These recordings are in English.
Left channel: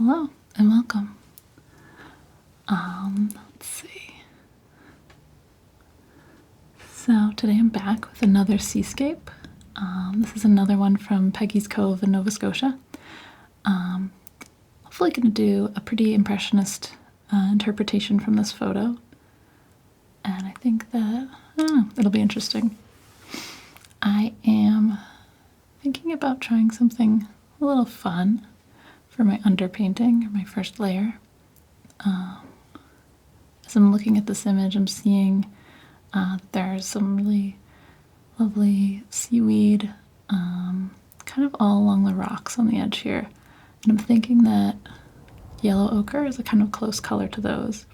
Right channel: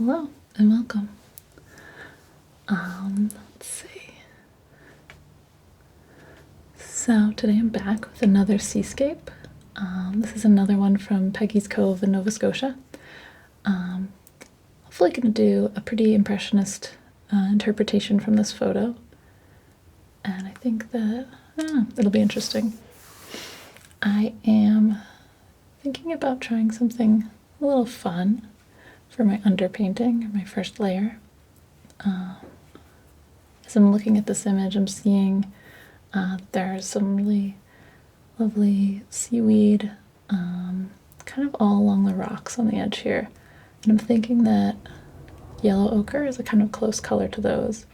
Well, hello and welcome. Let's see. So today I'm back with another seascape. This is another one from Peggy's Cove in Nova Scotia. Hopefully going to do a pretty impressionist interpretation from this photo. And I think that it'll be interesting. I am thinking about trying something a little fun for my underpainting, or my first layer. As I'm looking at this image, I'm seeing there's some really lovely seaweed kind of all along the rocks on the edge here. And I'm thinking that yellow ochre is a kind of close color to those.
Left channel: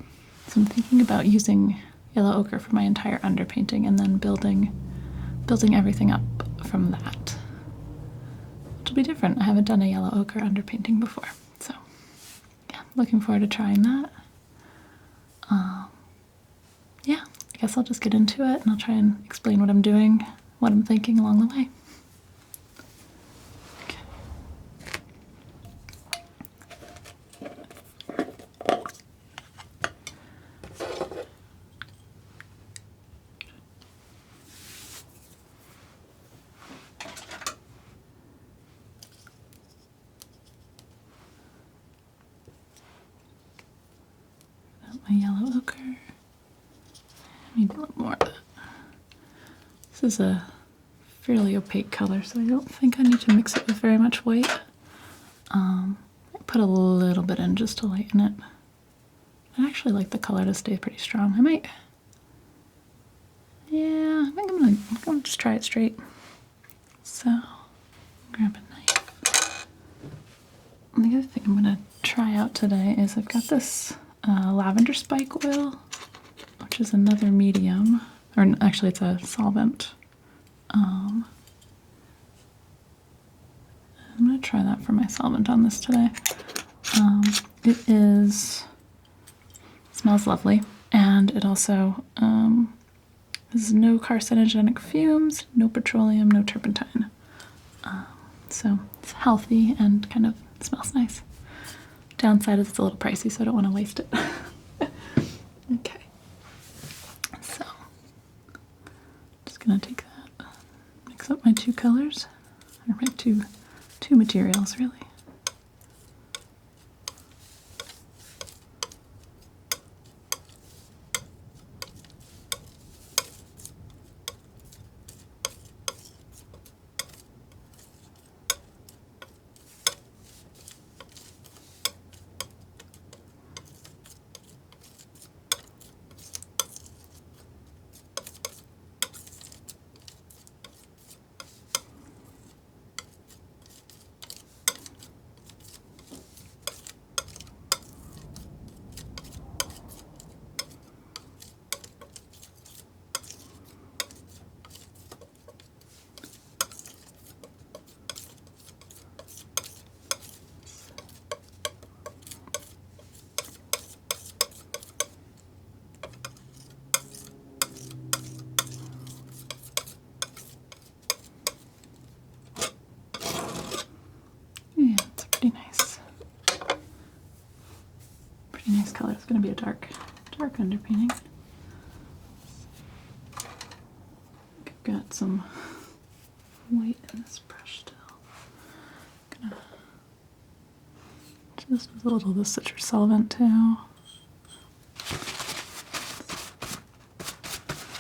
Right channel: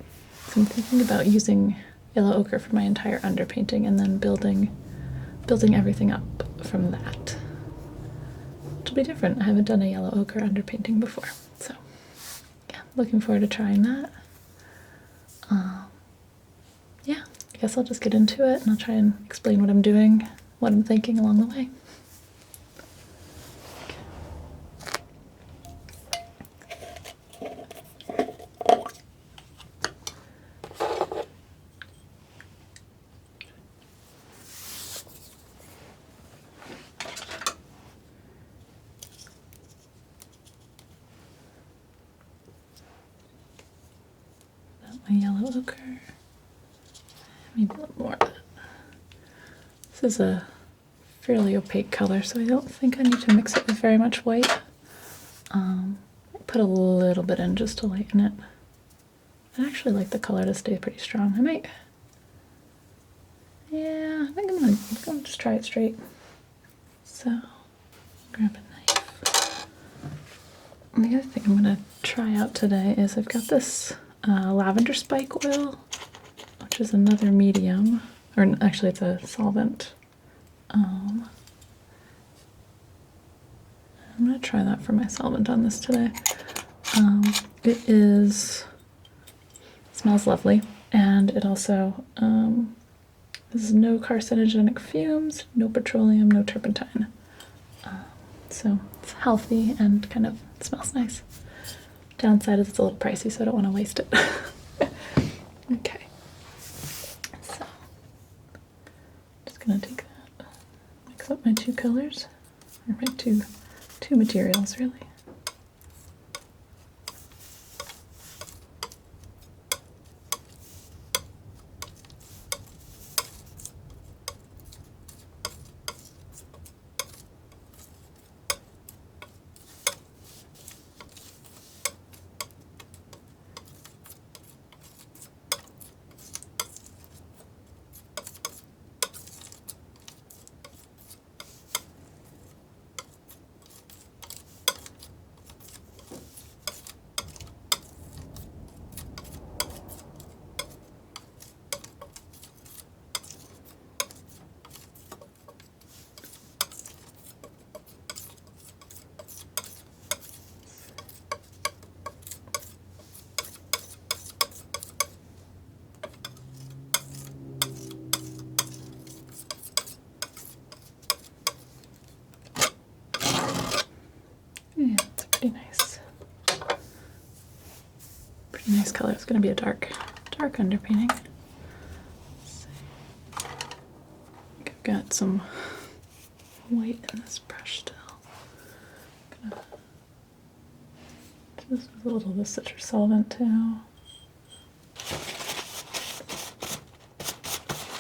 So I'm thinking about using yellow ochre for my entire underpainting and then building everything up from that. Which will be different. I haven't done a yellow ochre underpainting before. So yeah, looking forward to trying that. Yeah, I guess I'll just get into it and I'll try and explain what I'm doing, what I'm thinking along the way. My yellow ochre. I need a little more of that. This is a fairly opaque color, so I don't think I need to mix it with very much white. I put a little bit in just to lighten it. I actually like the color to stay pretty strong. I think I'm gonna just try it straight. So, grab a knife. And the other thing I'm gonna try out today is I've got this lavender spike oil, which is another medium, or actually it's a solvent. I'm going to try that for my solvent on this today. Smells lovely, and it also has no carcinogenic fumes, no petroleum, no turpentine. So it's healthy and kind of smells nice. Downside is it's a little pricey, so I don't want to waste it. Okay. So, just going to take that, mix up my two colors, or my two materials, really. It's pretty nice color. It's going to be a dark underpainting. I've got some white in this brush still. I'm gonna just a little of the citrus solvent too.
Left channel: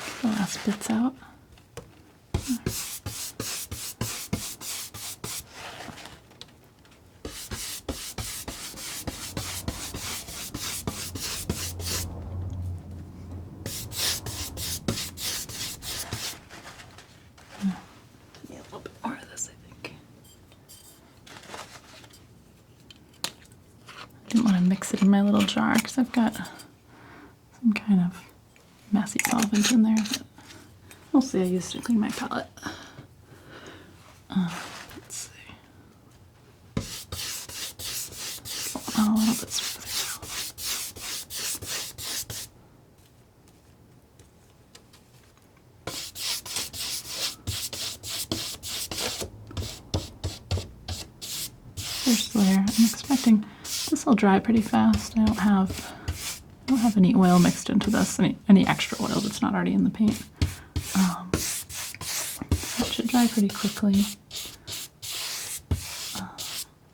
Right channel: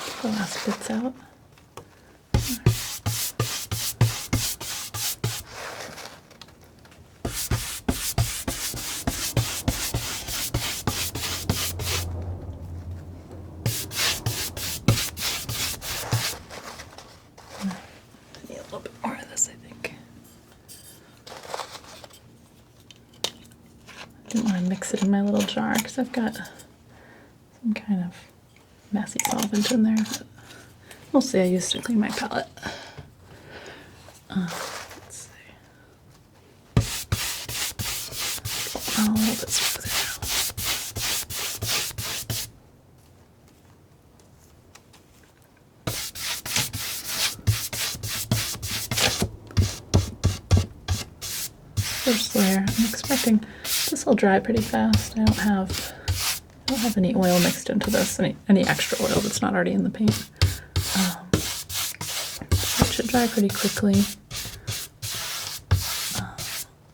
Get the last bits out. I didn't want to mix it in my little jar because I've got some kind of messy solvent in there, but mostly I used to clean my palette. Let's see. A little bit smoother now. First layer, I'm expecting expecting this will dry pretty fast. I don't have any oil mixed into this, any extra oil that's not already in the paint. So it should dry pretty quickly,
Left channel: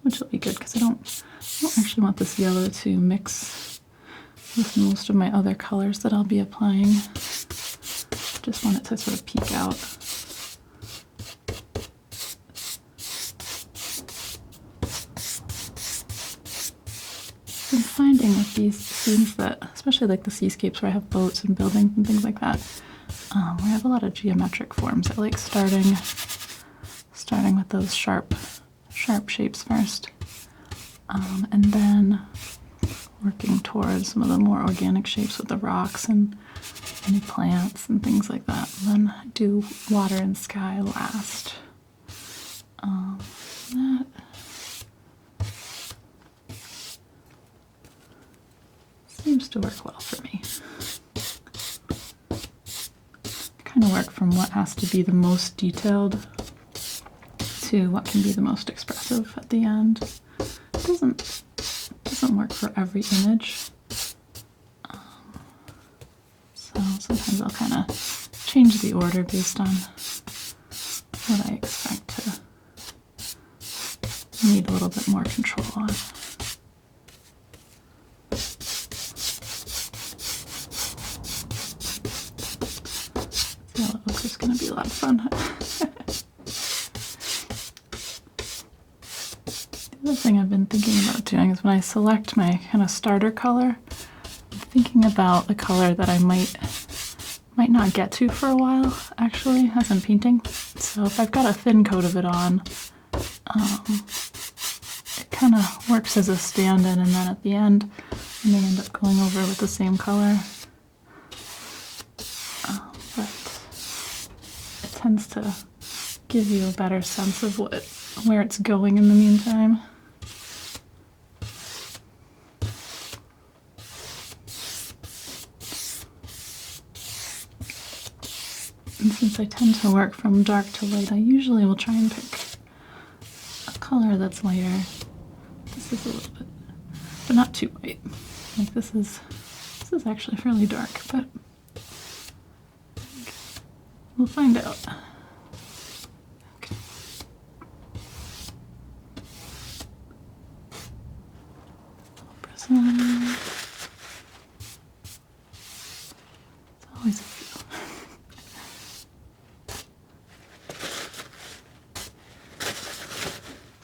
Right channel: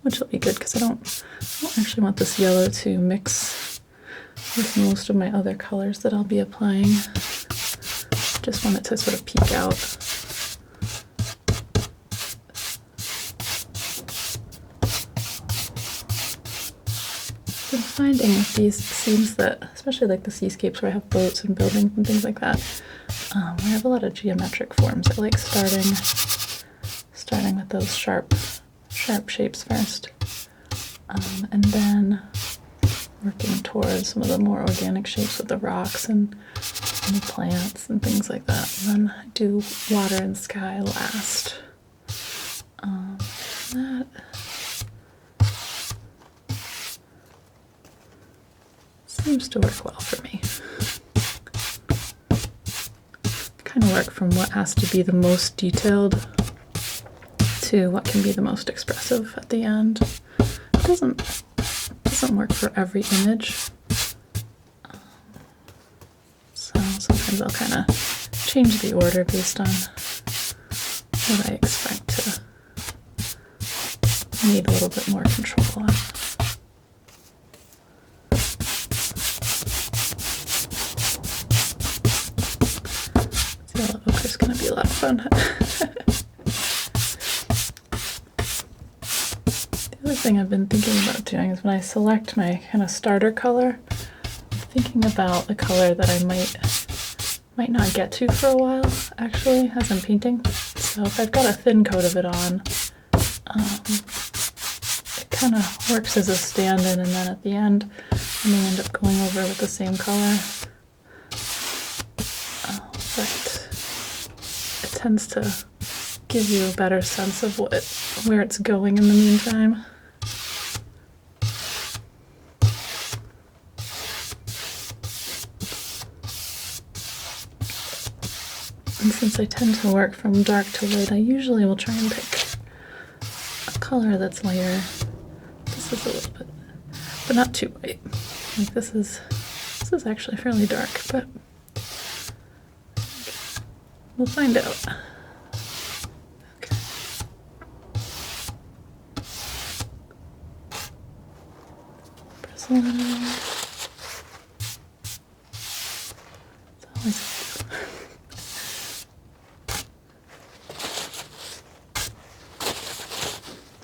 which will be good because I don't actually want this yellow to mix with most of my other colors that I'll be applying. Just want it to sort of peek out. I've been finding with these scenes that, especially like the seascapes where I have boats and buildings and things like that, where I have a lot of geometric forms, I like starting with those sharp shapes first, and then working towards some of the more organic shapes with the rocks and any plants and things like that. And then I do water and sky last. That seems to work well for me. Kind of work from what has to be the most detailed to what can be the most expressive at the end. It doesn't work for every image. So sometimes I'll kind of change the order based on what I expect to need a little bit more control on. Yellow ochre is going to be a lot of fun. The other thing I've been thinking about doing is when I select my kind of starter color, I'm thinking about a color that I might not get to for a while, actually, as I'm painting. So if I've got a thin coat of it on, it kind of works as a stand-in, and then at the end I may end up going over with the same color. But it tends to give you a better sense of where it's going in the meantime. And since I tend to work from dark to light, I usually will try and pick a color that's lighter. This is a little bit, but not too white. Like this is actually fairly dark, but we'll find out. Okay. Press a letter. It's always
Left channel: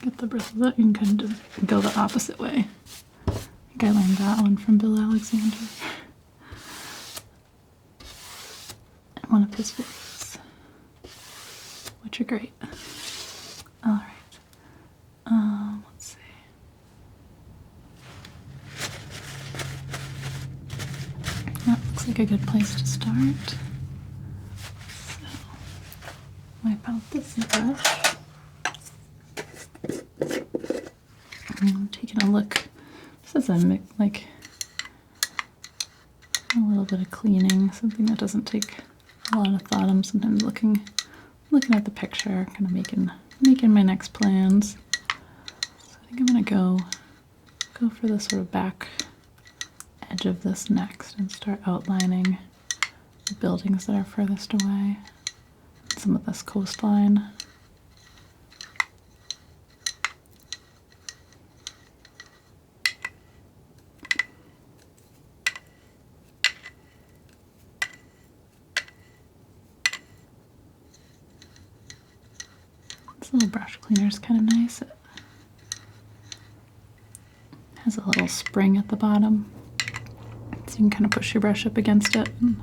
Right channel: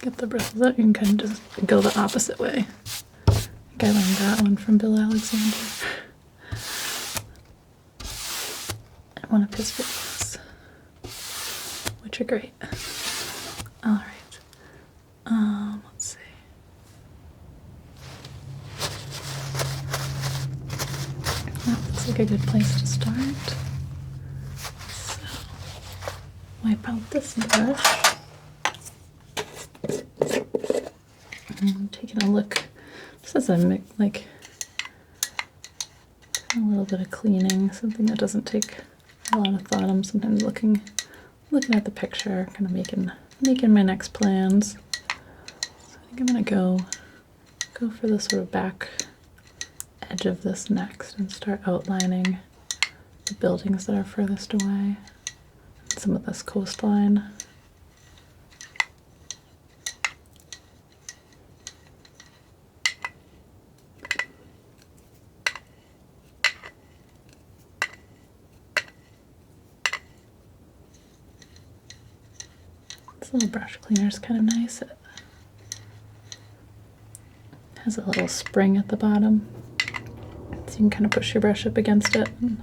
get the bristles out. You can kind of just go the opposite way. I think I learned that one from Bill Alexander. And one of his videos, which are great. All right. Let's see. That looks like a good place to start. So, wipe out this brush. I'm taking a look, just as a like a little bit of cleaning, something that doesn't take a lot of thought. I'm sometimes looking at the picture, kind of making my next plans. So I think I'm gonna go for the sort of back edge of this next and start outlining the buildings that are furthest away, and some of this coastline. This little brush cleaner is kind of nice. It has a little spring at the bottom, so you can kind of push your brush up against it and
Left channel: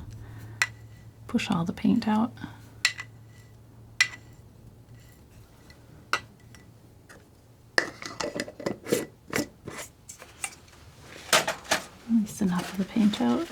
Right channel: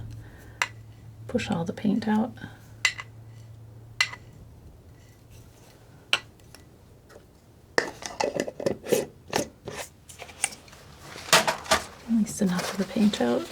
push all the paint out. At least enough of the paint out.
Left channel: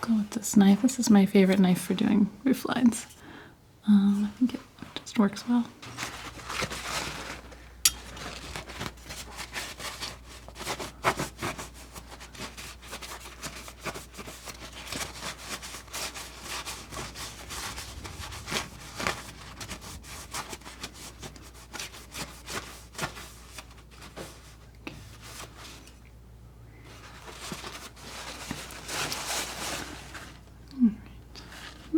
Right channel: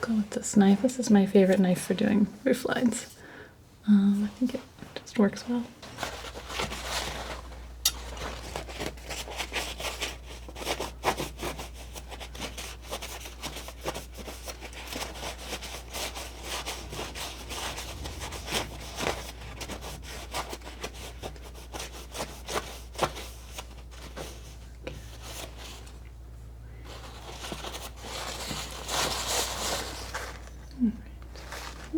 Go with this knife. This is my favorite knife for doing roof lines. I think it just works well.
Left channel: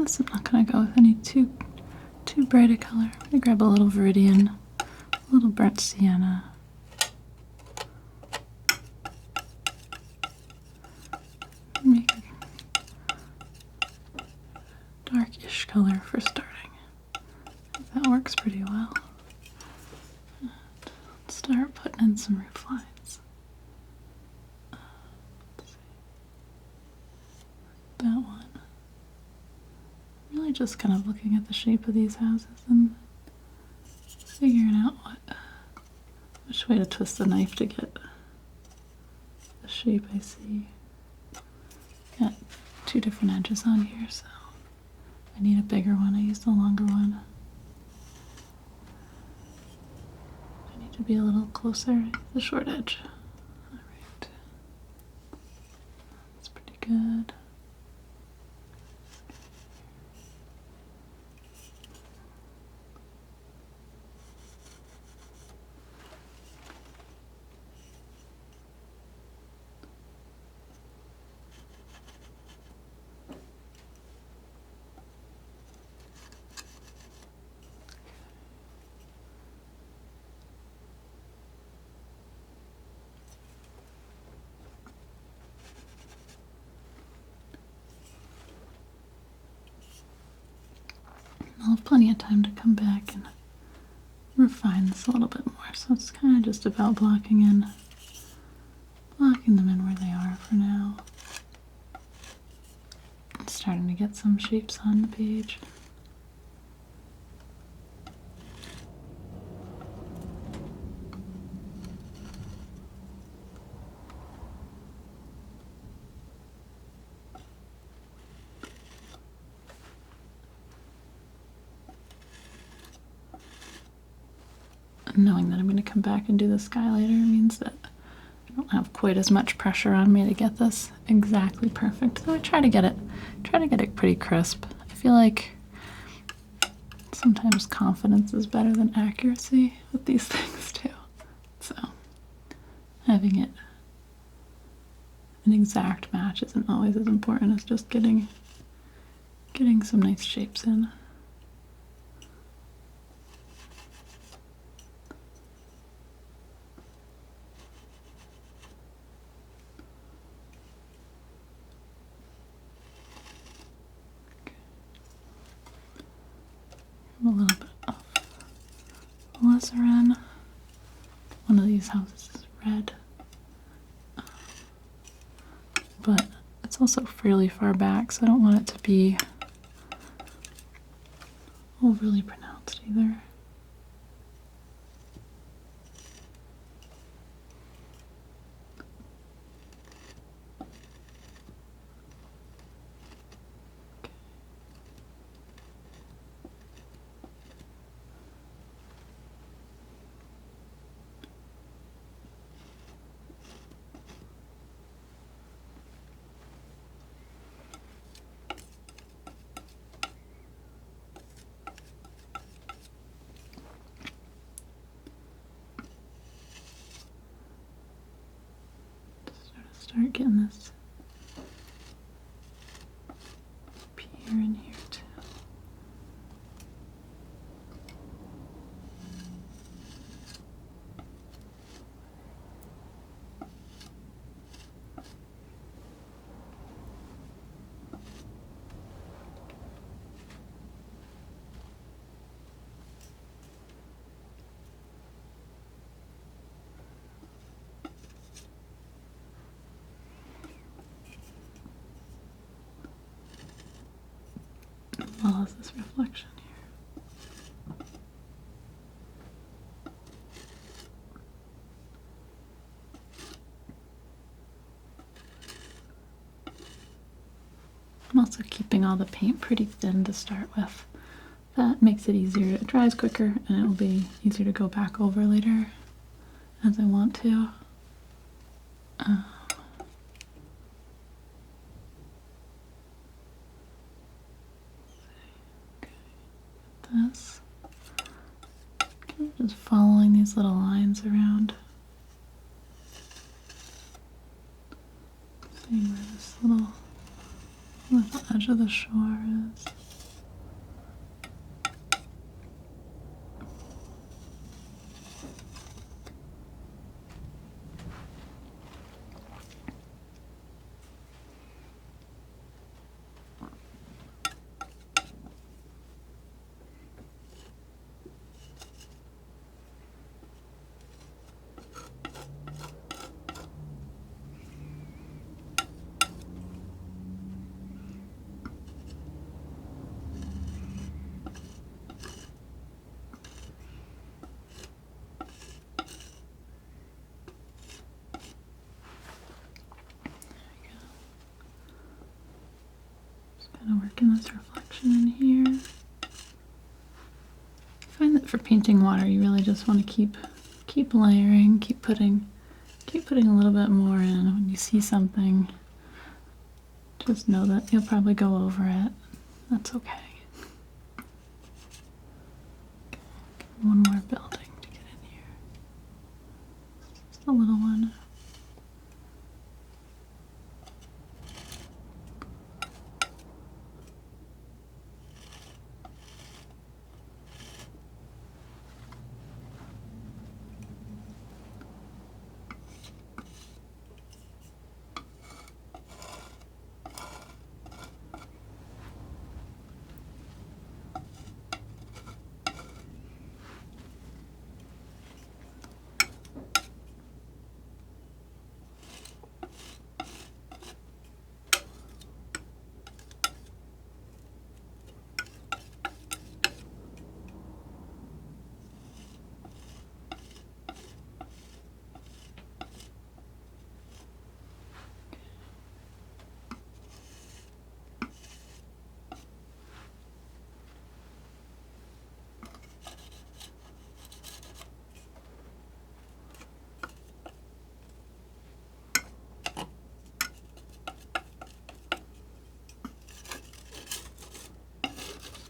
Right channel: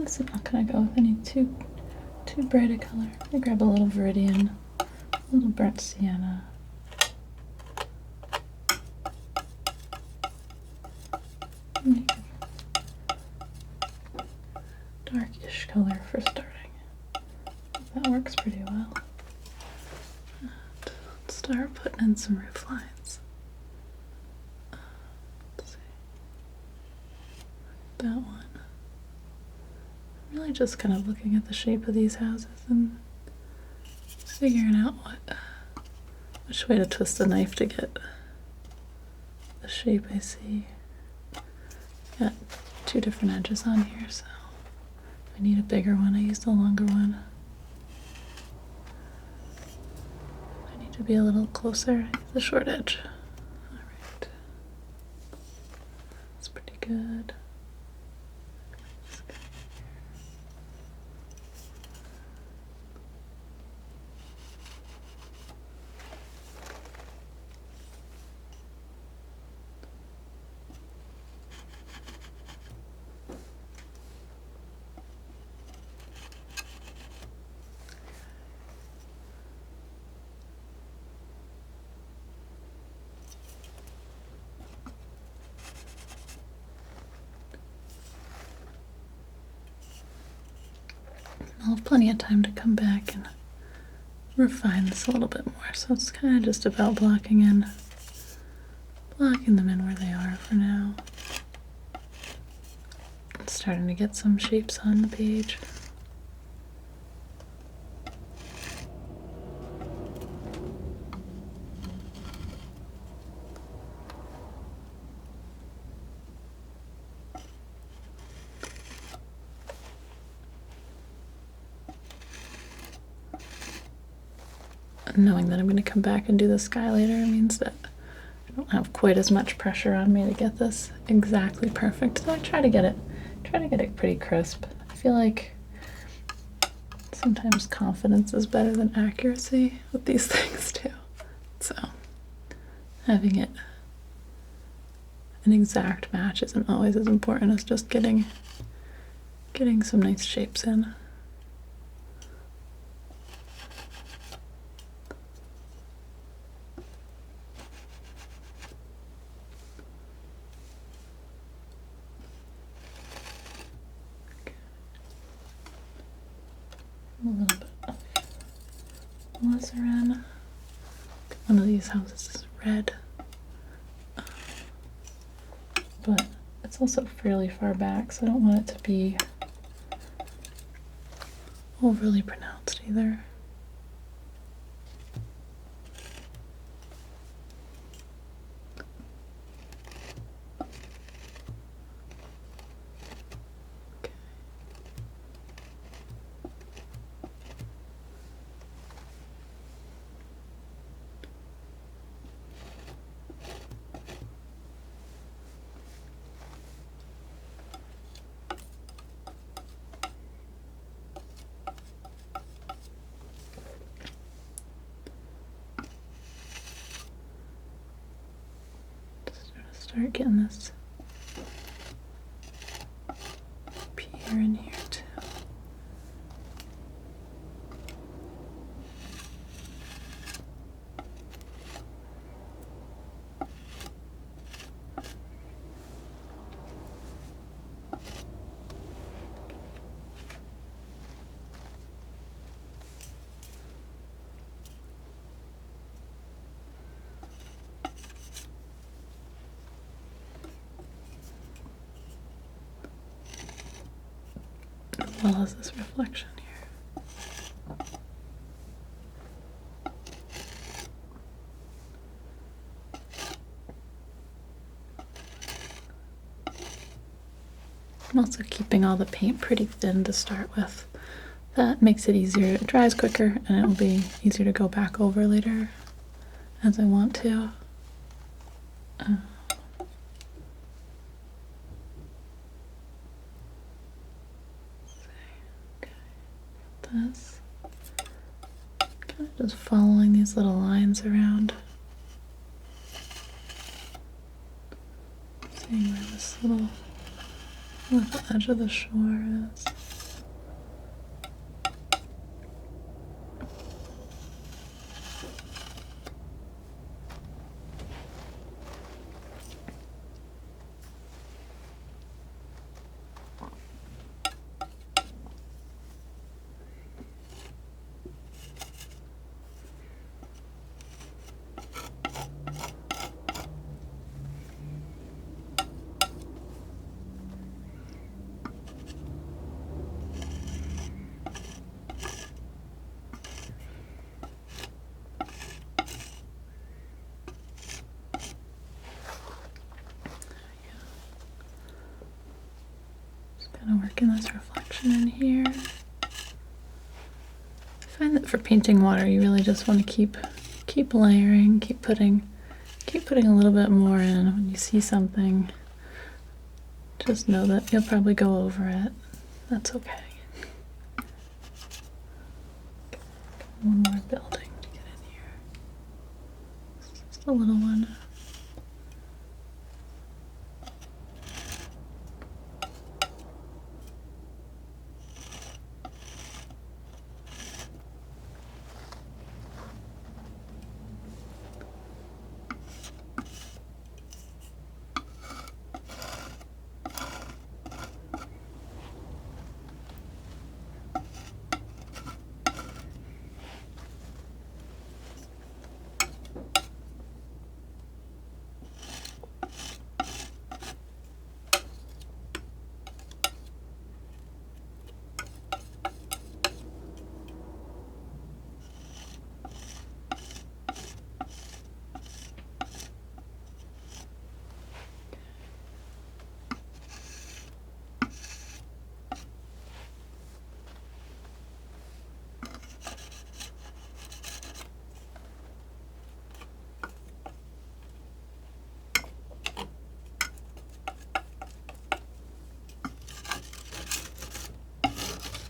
I'm not gonna go with any too bright a color. I'm gonna grab a little Viridian, a little burnt sienna. Make a darkish color for starting. That works pretty well. And start putting in some roof lines. Let's see. That one. Really just kind of looking at the shape of these houses and figuring out which way to twist the knife to get the shape I see. Got two different edges on here, so if I need a bigger one, I use the longer one. I need to be a little closer, I use the short edge. Alright. That's pretty good. I'll have plenty of time to come back and refine this a little bit more. So it's kind of just about blocking them in where they are for now. I'm starting to get some shapes on the page. Knowing that I'm going to come back and do the sky later means that I don't have quite as much pressure on me to get this exactly perfect. So I try to get it pretty crisp. I feel like sometimes confidence is better than accuracy with these things too. So having it an exact match isn't always as important as just getting some nice shapes in. A little bit of alizarin. One of these houses is red, but it's also fairly far back, so I don't want it to be overly pronounced either. Start getting this pier in here too. As well as this reflection here. I'm also keeping all the paint pretty thin to start with, that makes it easier. It dries quicker and it will be easier to go back over later as I want to. This. Kind of just following these little lines around. Seeing where this little edge of the shore is. Kind of working this reflection in here. I find that for painting water, you really just want to keep layering, keep putting a little bit more in. When you see something, just know that you'll probably go over it. That's okay. One more building. Get in here. Just a little one.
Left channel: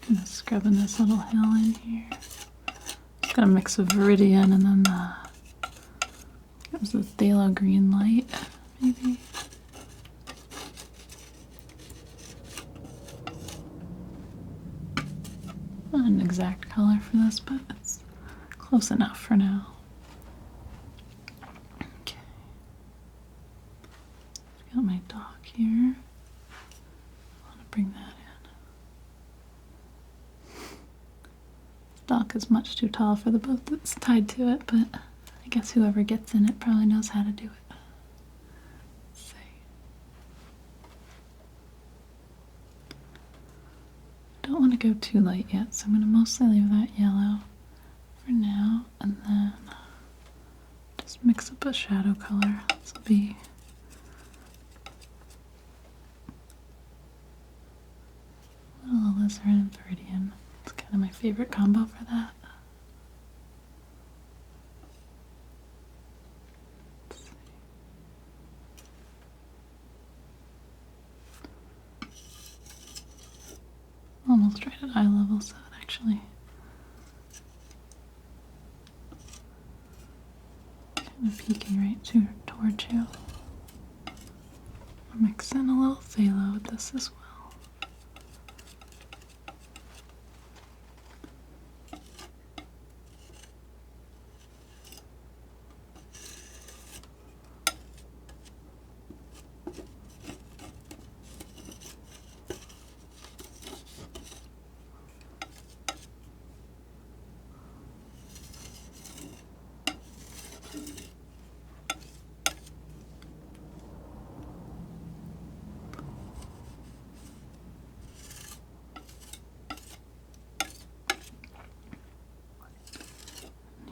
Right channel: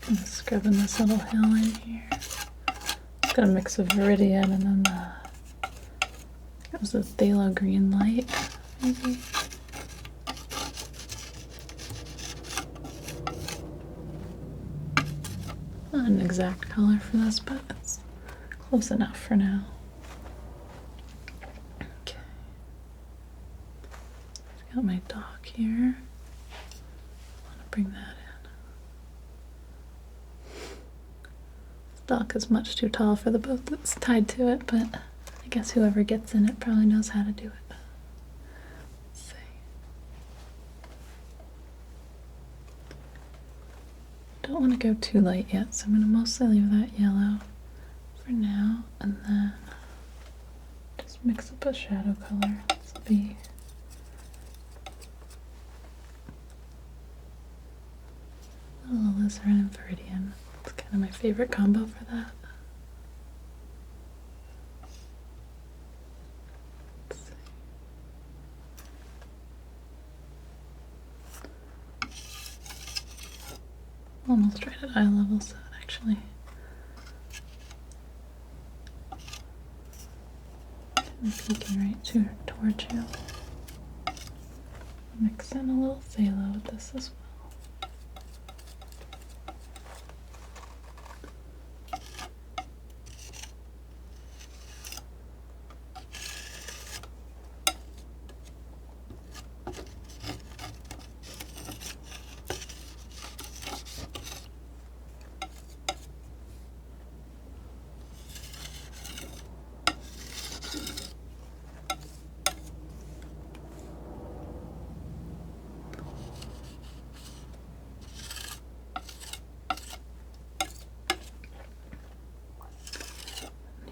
I'm just scrubbing this little hill in here. It's got a mix of Viridian and then it was the phthalo green light, maybe. Not an exact color for this, but it's close enough for now. Okay. I've got my dock here. I want to bring that in. Dock is much too tall for the boat that's tied to it, but I guess whoever gets in it probably knows how to do it. Let's see. Don't want to go too light yet, so I'm going to mostly leave that yellow for now, and then just mix up a shadow color. This will be a little alizarin and Viridian. It's kind of my favorite combo for that. Almost right at eye level, so it actually kind of peeking right towards you. I'll mix in a little phthalo with this as well.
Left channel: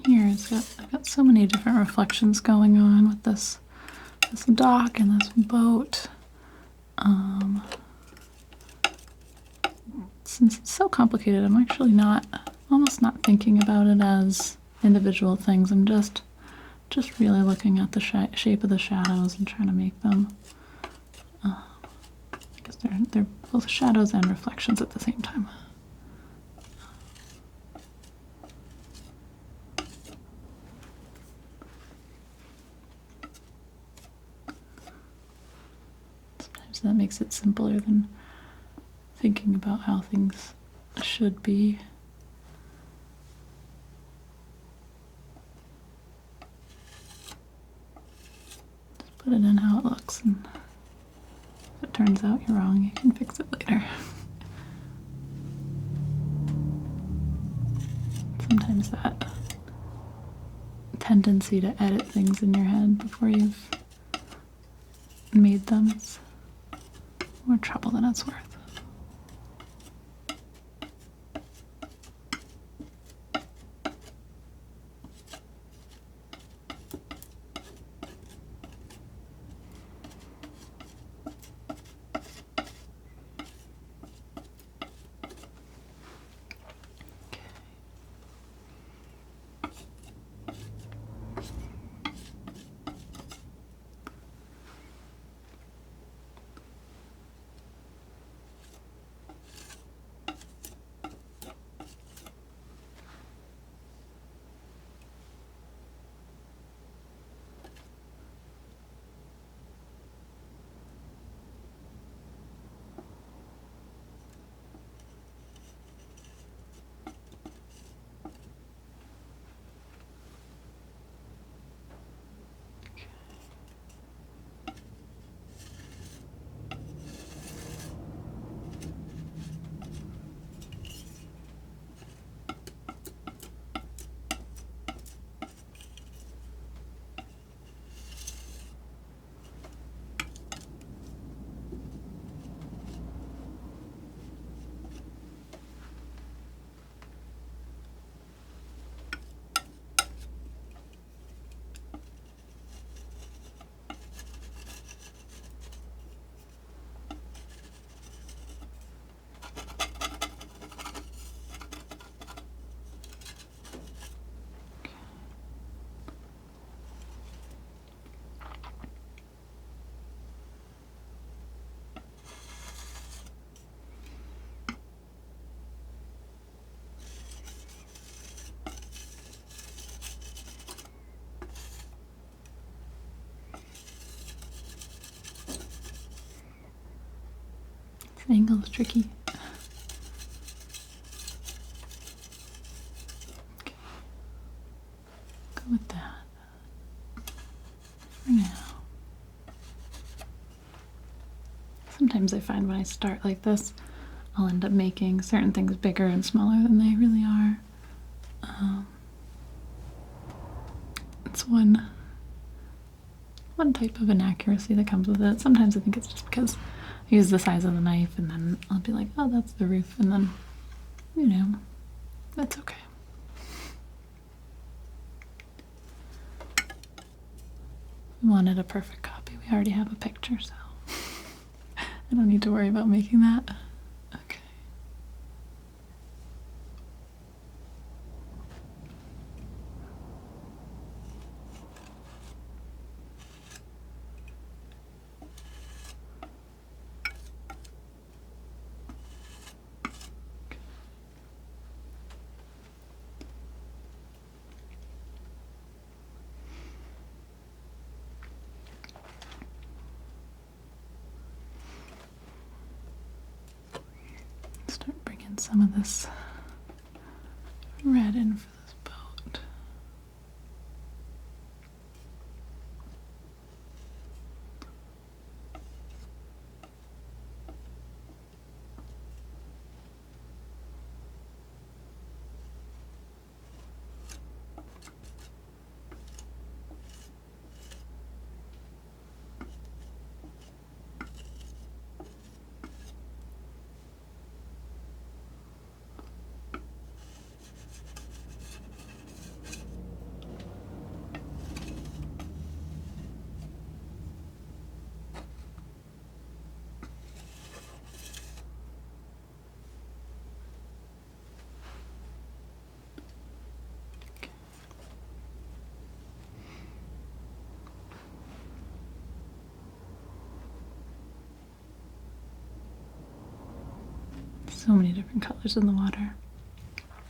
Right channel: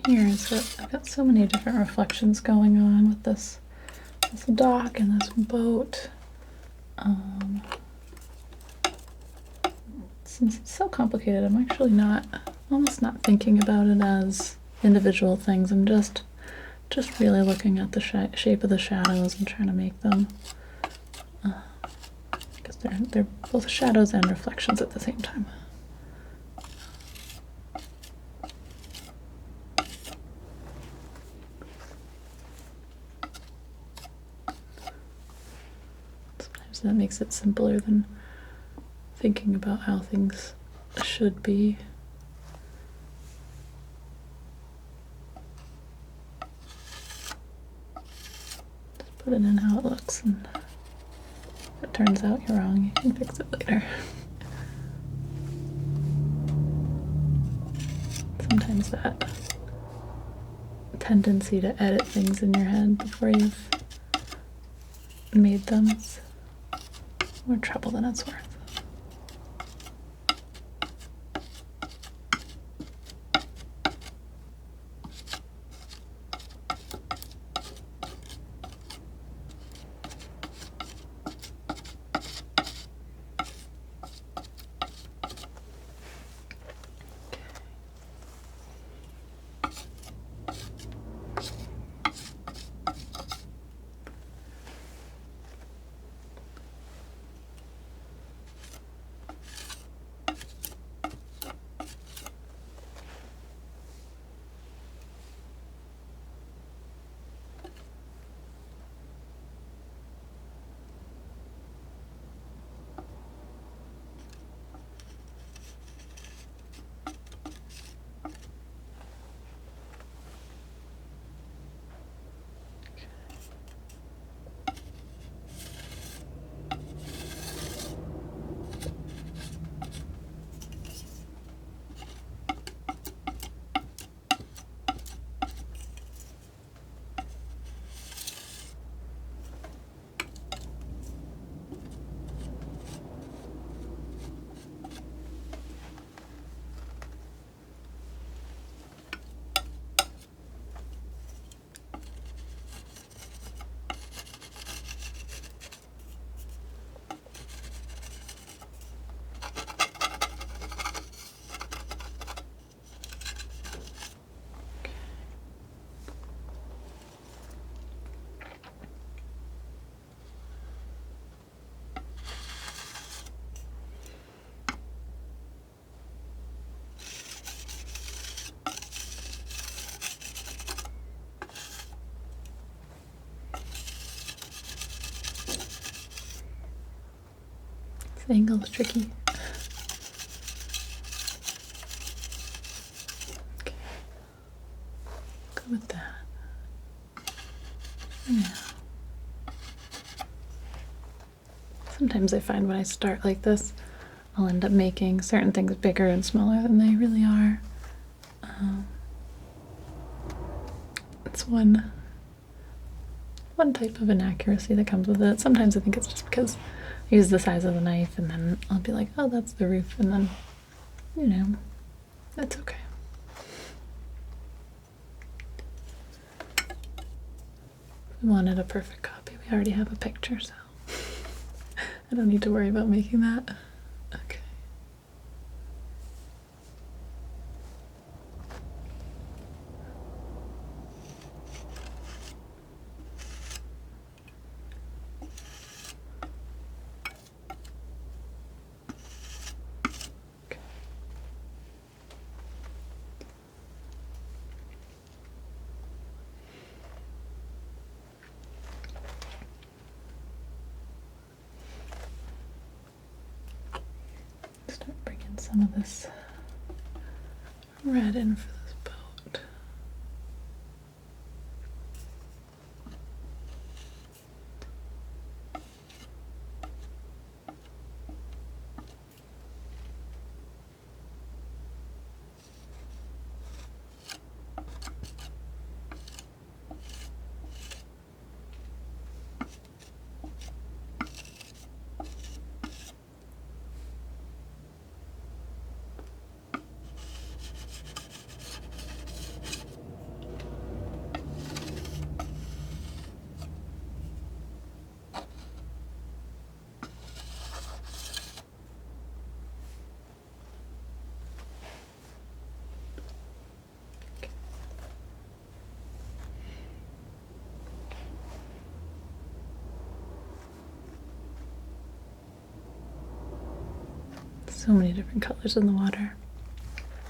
Here is that I've got so many different reflections going on with this dock and this boat. It's since it's so complicated, I'm actually almost not thinking about it as individual things. I'm just really looking at the shape of the shadows and trying to make them, because they're both shadows and reflections at the same time. Sometimes that makes it simpler than thinking about how things should be. Just put it in how it looks, and if it turns out you're wrong, you can fix it later. Sometimes that tendency to edit things in your head before you've made them is more trouble than it's worth. The angle is tricky. Okay. Go with that for now. Sometimes I find when I start like this, I'll end up making certain things bigger and smaller than they really are. It's one type of inaccuracy that comes with it. Sometimes I think it's just because I use the size of the knife, and then I'll be like, oh, that's the roof, and then, you know, that's okay. We wanted a perfect copy. We already have a picture, so I don't need to worry about making that. Okay. Start bringing some of this red in for this boat. So many different colors in the water.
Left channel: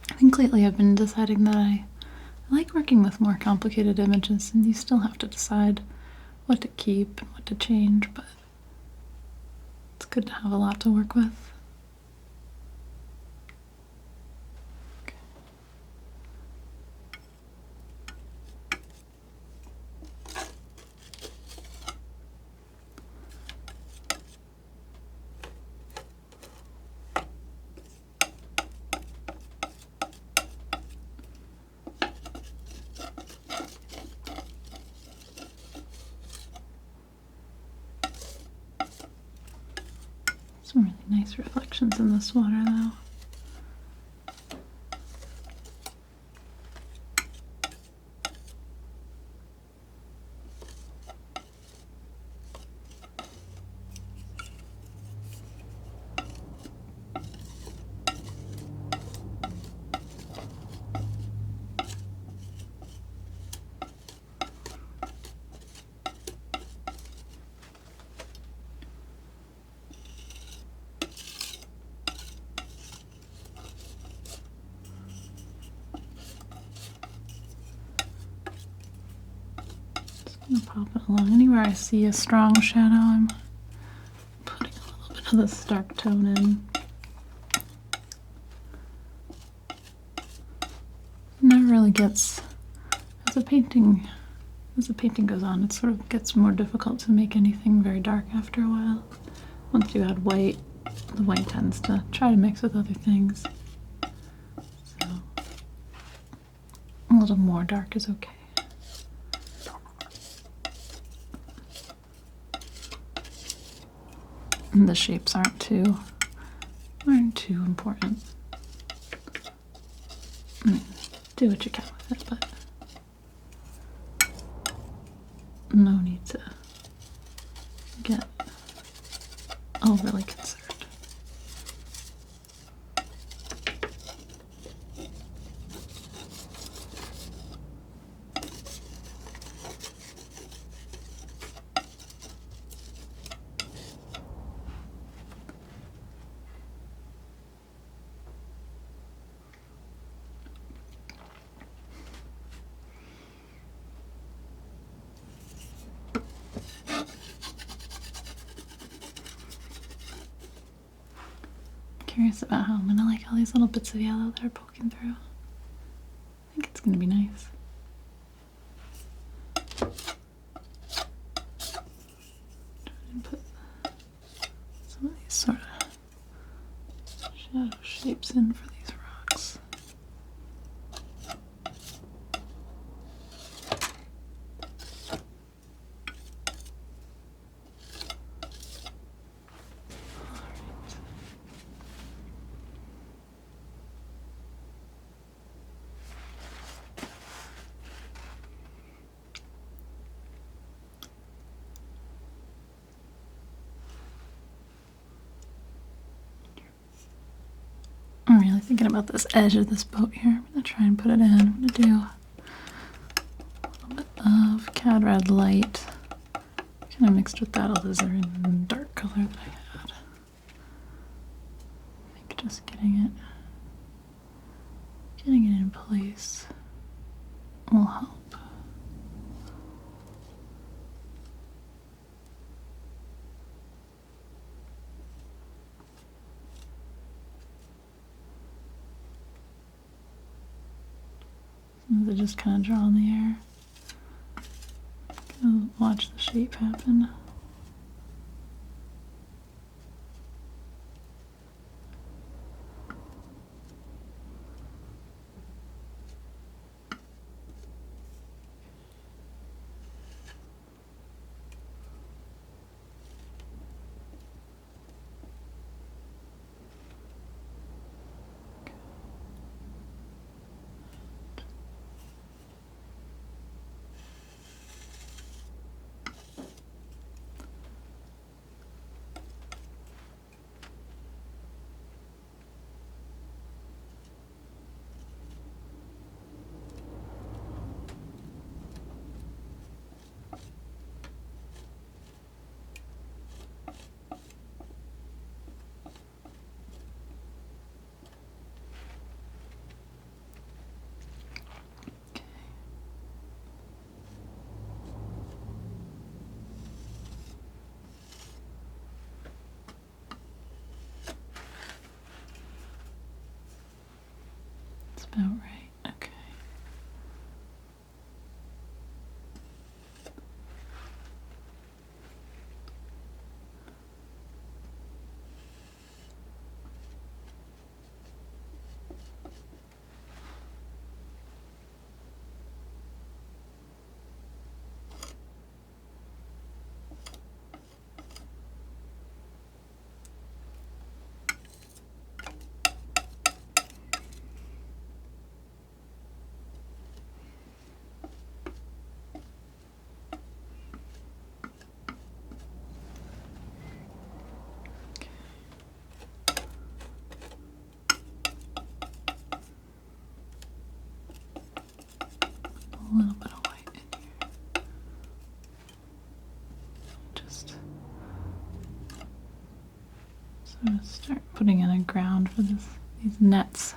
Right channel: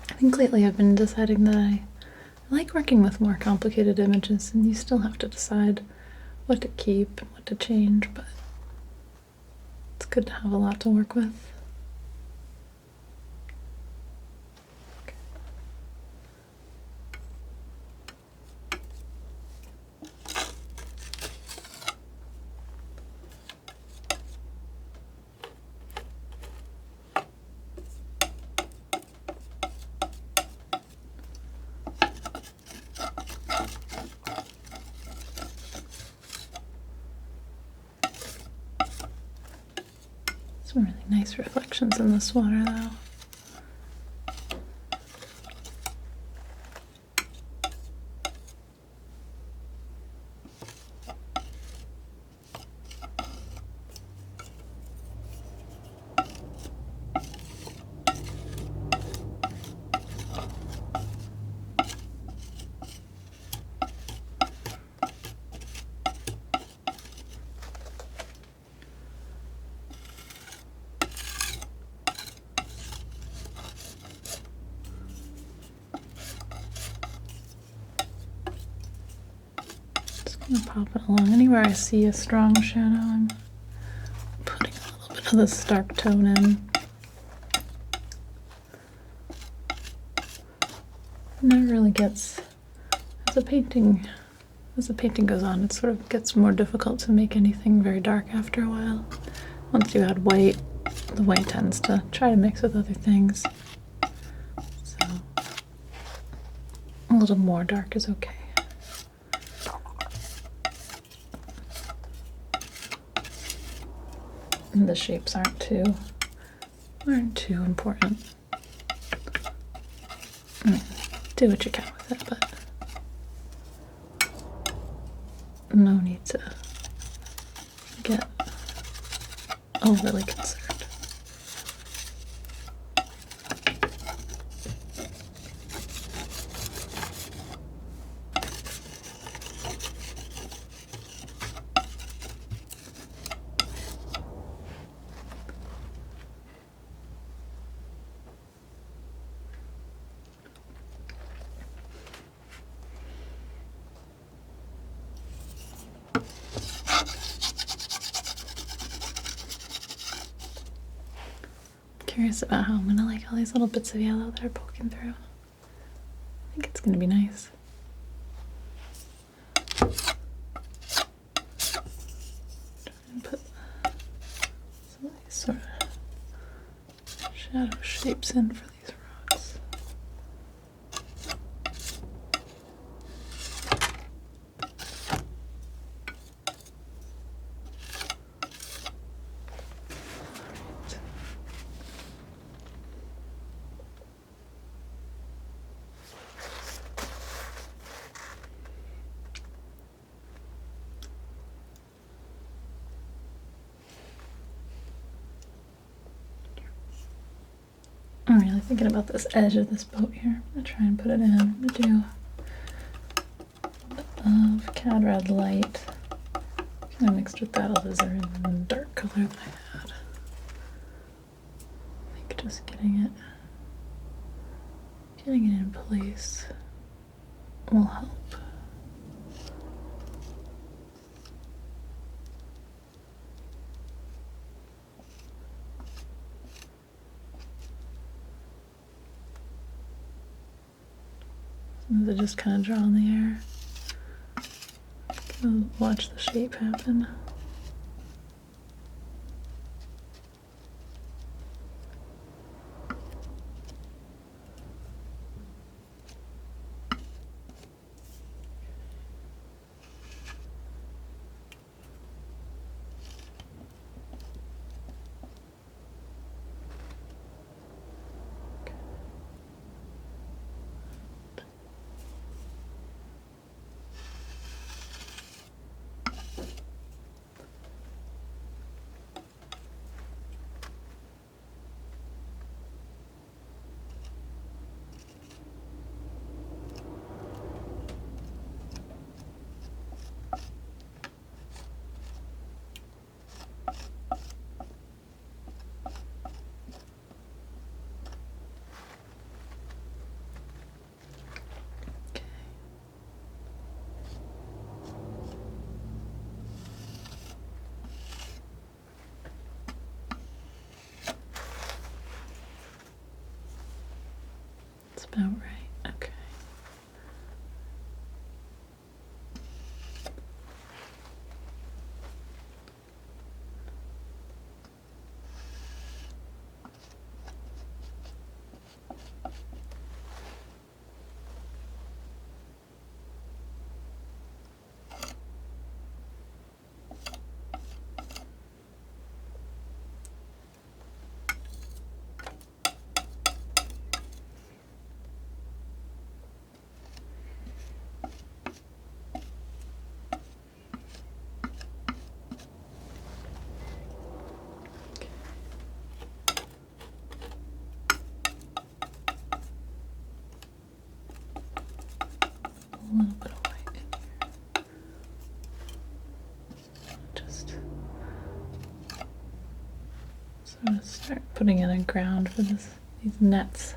I think lately I've been deciding that I like working with more complicated images, and you still have to decide what to keep and what to change, but it's good to have a lot to work with. Some really nice reflections in this water, though. Just gonna pop it along. Anywhere I see a strong shadow, I'm putting a little bit of this dark tone in. And it really gets, as the painting goes on, it sort of gets more difficult to make anything very dark after a while. Once you add white, the white tends to try to mix with other things. So a little more dark is okay. And the shapes aren't too important. Do what you can with it, but no need to get overly concerned. Curious about how I'm gonna like all these little bits of yellow that are poking through. I think it's gonna be nice. And put some of these sort of shadow shapes in for these rocks. I'm really thinking about this edge of this boat here. I'm gonna try and put it in. I'm gonna do a little bit of Cad Red light, kind of mixed with that alizarin dark color that I had. I think just getting it in place will help. Sometimes I just kind of draw in the air. Watch the shape happen. about right. Okay. A little bit of white. Just sort of start putting in a ground for these nets.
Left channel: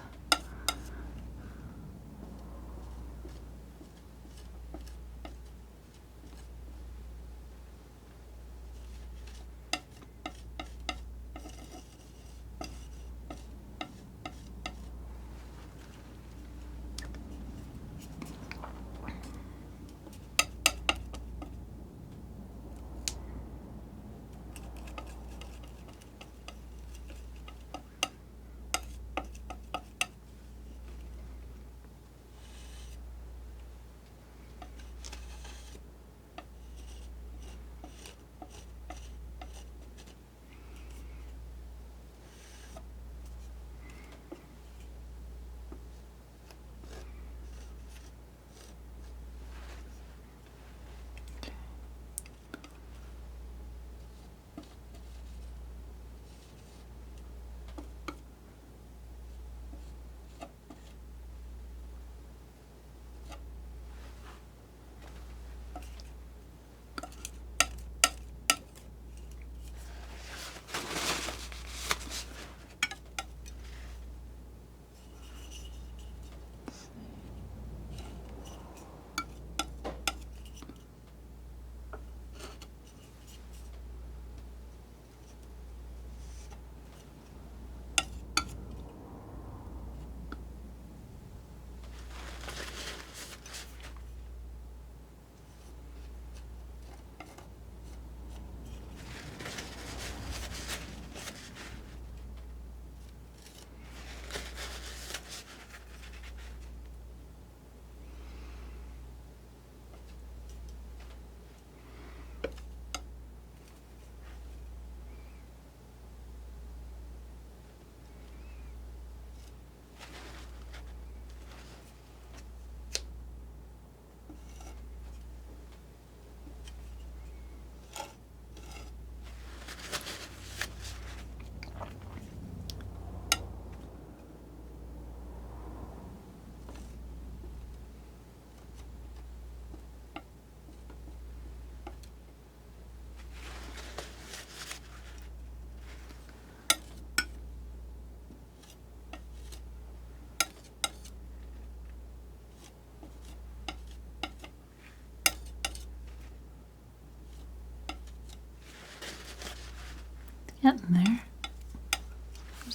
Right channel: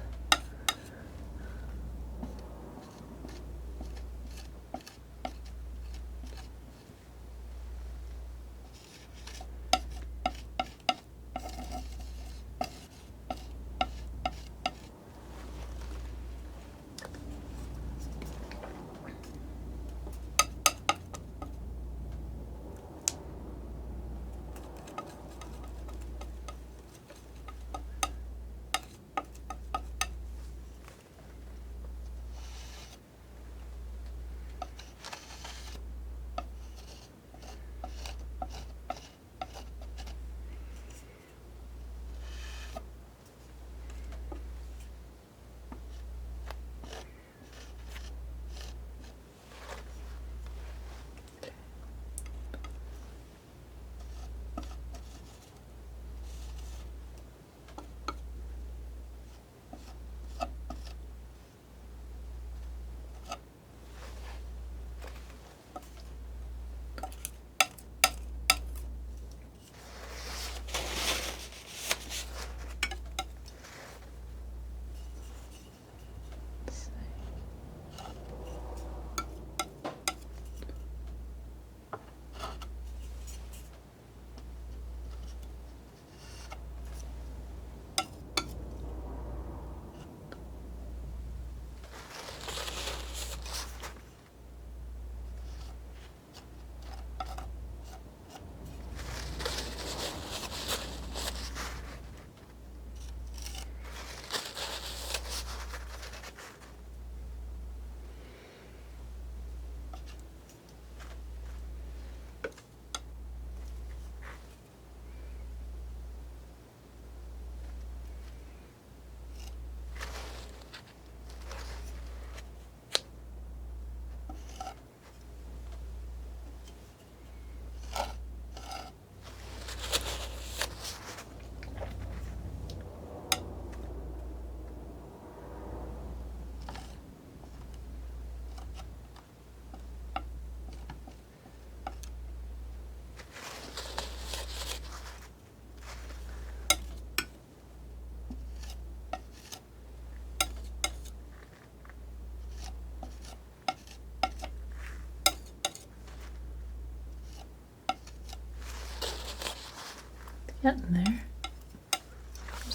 Getting there.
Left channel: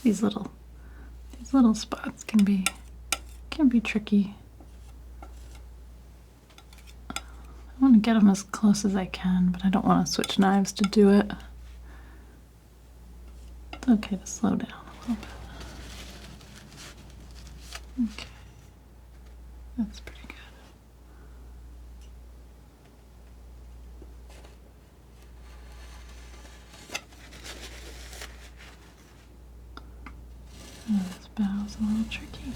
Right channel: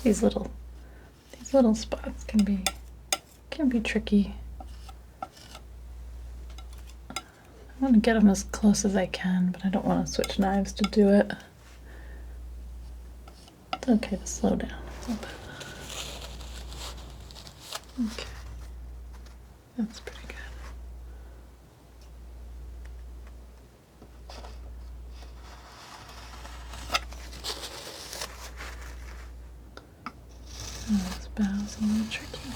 These little spots can be tricky. I want to get them as close as I can, but I don't want to switch knives to do it. It's okay to slow down a little bit. Okay, that's pretty good. This bow's a little tricky.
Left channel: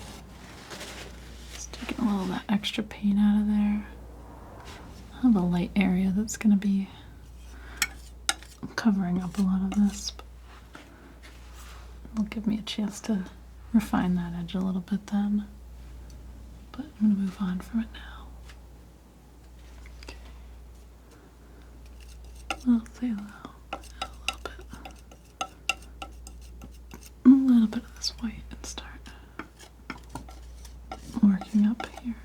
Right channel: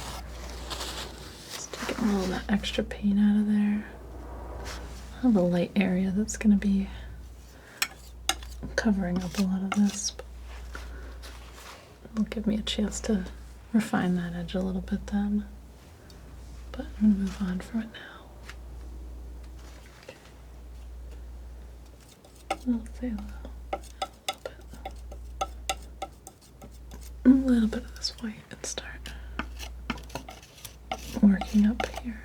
Just taking all that extra paint out of there. I have a light area that's going to be covering up a lot of this. But it'll give me a chance to refine that edge a little bit then. But I'm going to move on from it now. Okay. I'll say a little bit of this white and start working up here.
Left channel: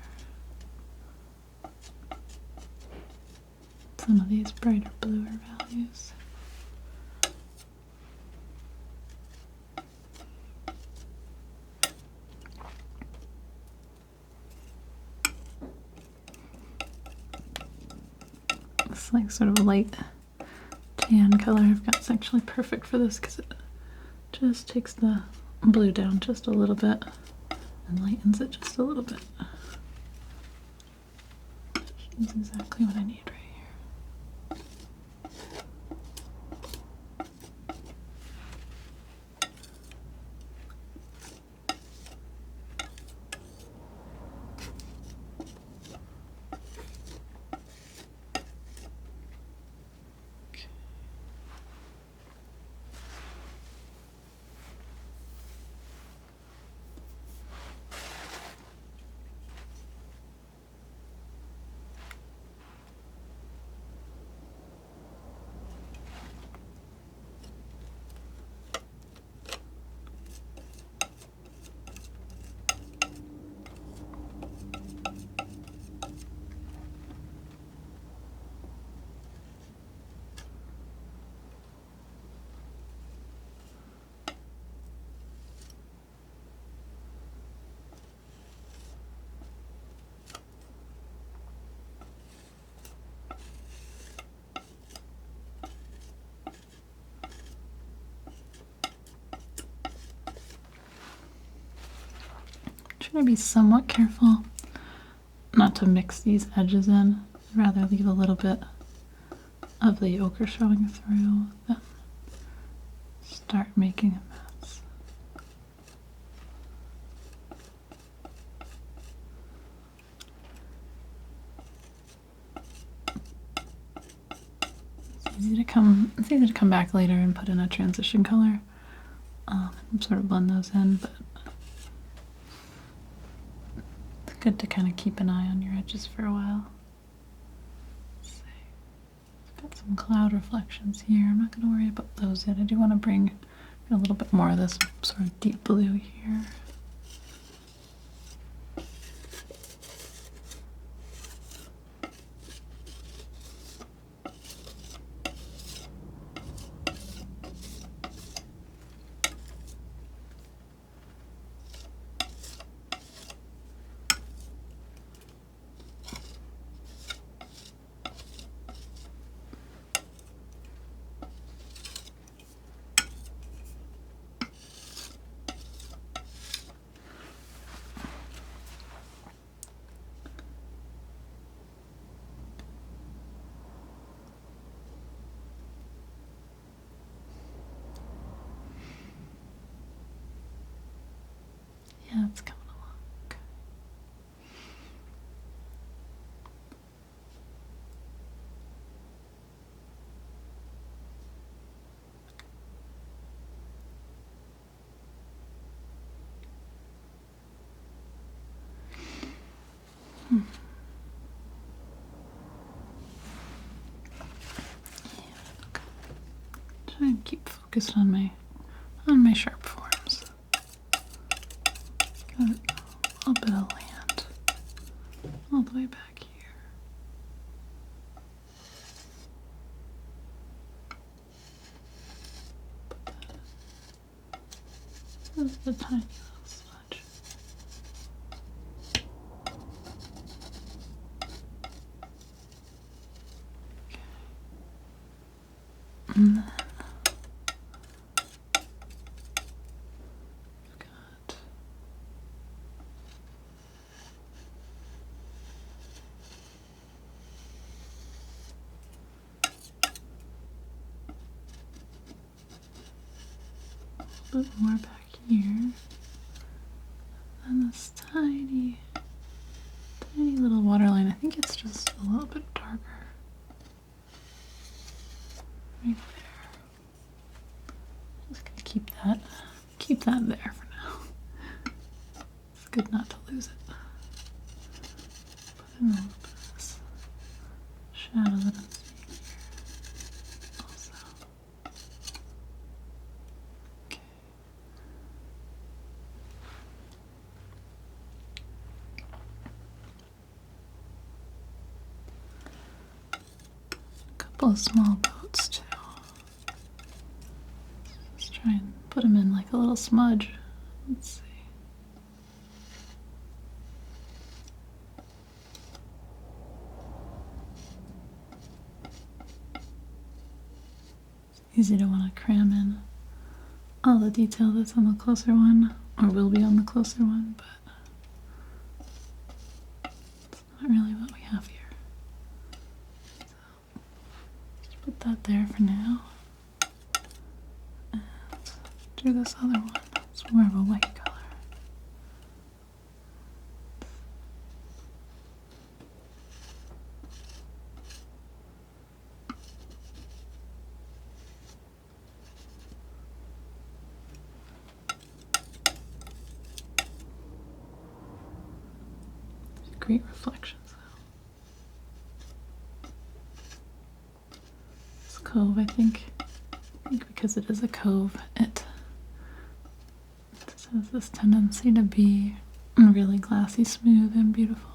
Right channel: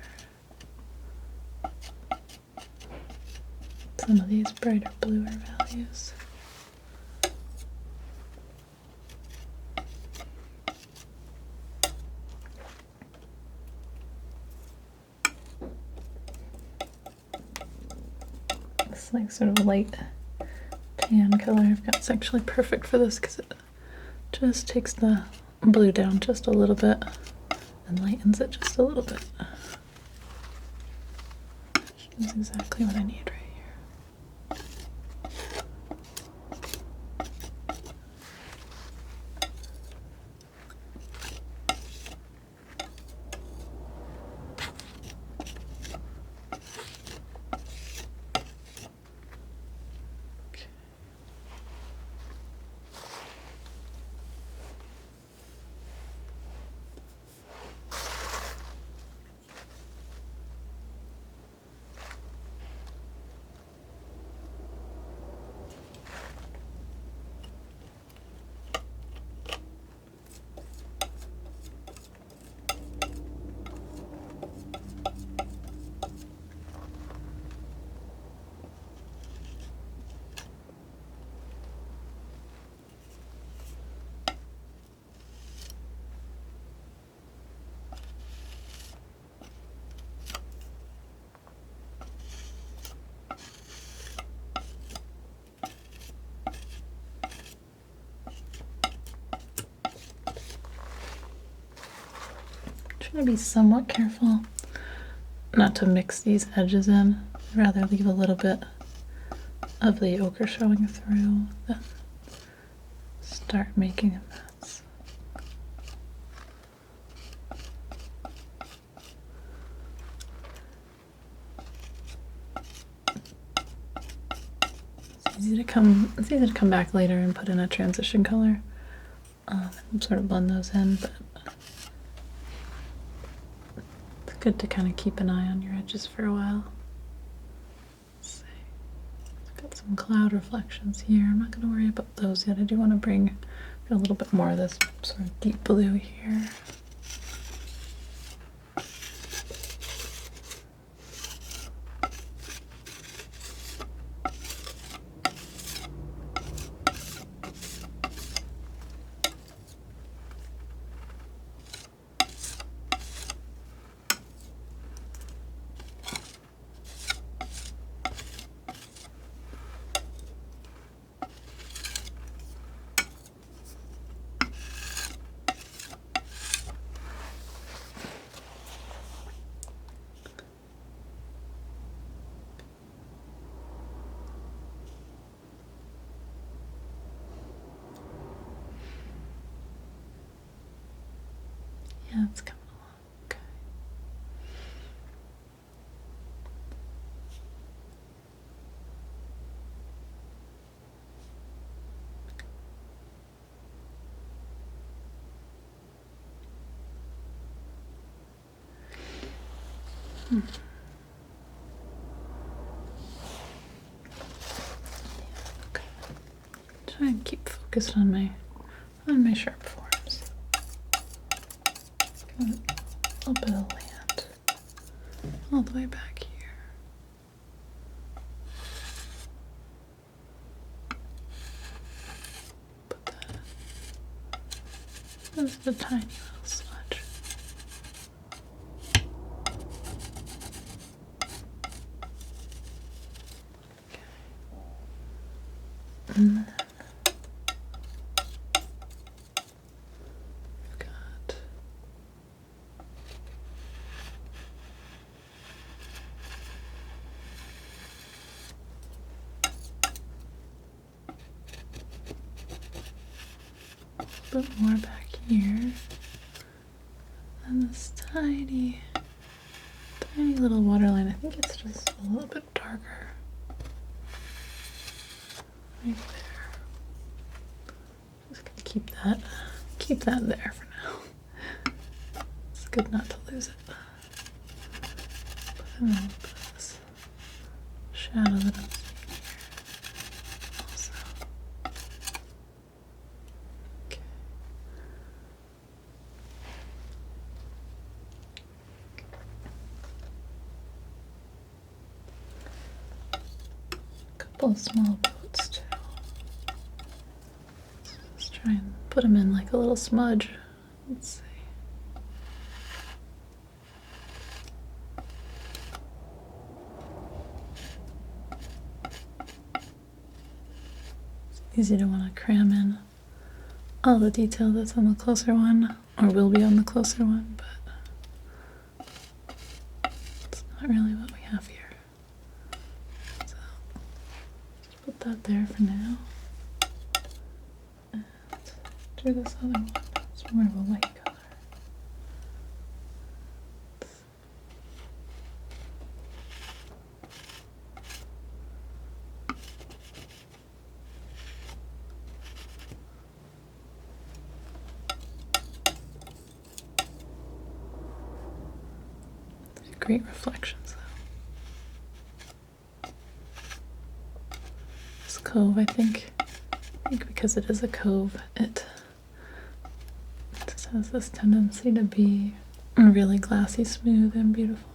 Some of these brighter bluer values. this like sort of light tan color I've got. It's actually perfect for this because it just takes the blue down just a little bit and lightens it just a little bit. That's exactly what I need right here. Okay. Try to be somewhat careful not to mix these edges in. I'd rather leave a little bit of the ochre showing through than start making a mess. It's easy to come back later and put in a transition color and sort of blend those in, but it's good to kind of keep an eye on your edges for a while. Let's see. Got some cloud reflections here. I'm not going to worry about those yet. I do want to bring a little bit more of this sort of deep blue here. Yeah, it's coming along. Okay. Okay. Try and keep focused on my sharp forms. Got a little bit of land all the way back here. Put that just a tiny little smudge. Okay. Got a bit more back here, and this tiny little waterline. I think it's just a little bit darker right there. Just gonna keep that there for now. It's good not to lose it. And then put this shadow that I'm seeing here also. Okay. A couple of small boats too. Let's try and put them in like a little smudge. Let's see. easy to want to cram in all the detail that's on the closer one, or will be on the closer one, but it's not really what we have here. So let's put that there for now. And do this other one. It's more of a white color. Great reflections though. This cove, I think because it is a cove, it has this tendency to be really glassy smooth and beautiful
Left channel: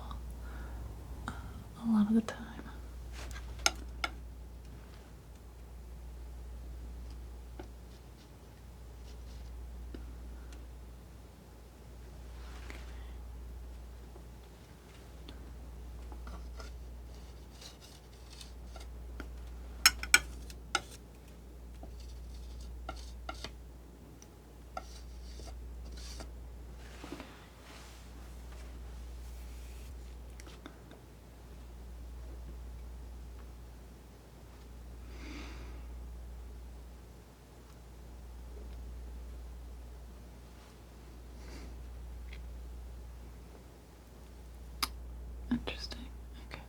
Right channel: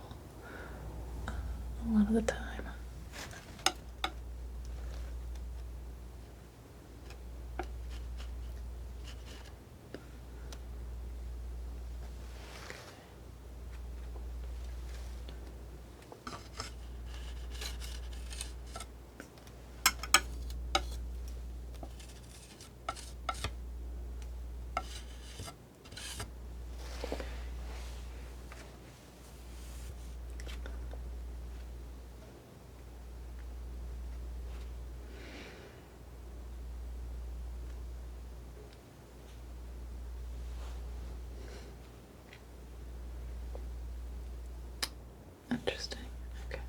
a lot of the time. Interesting. Okay.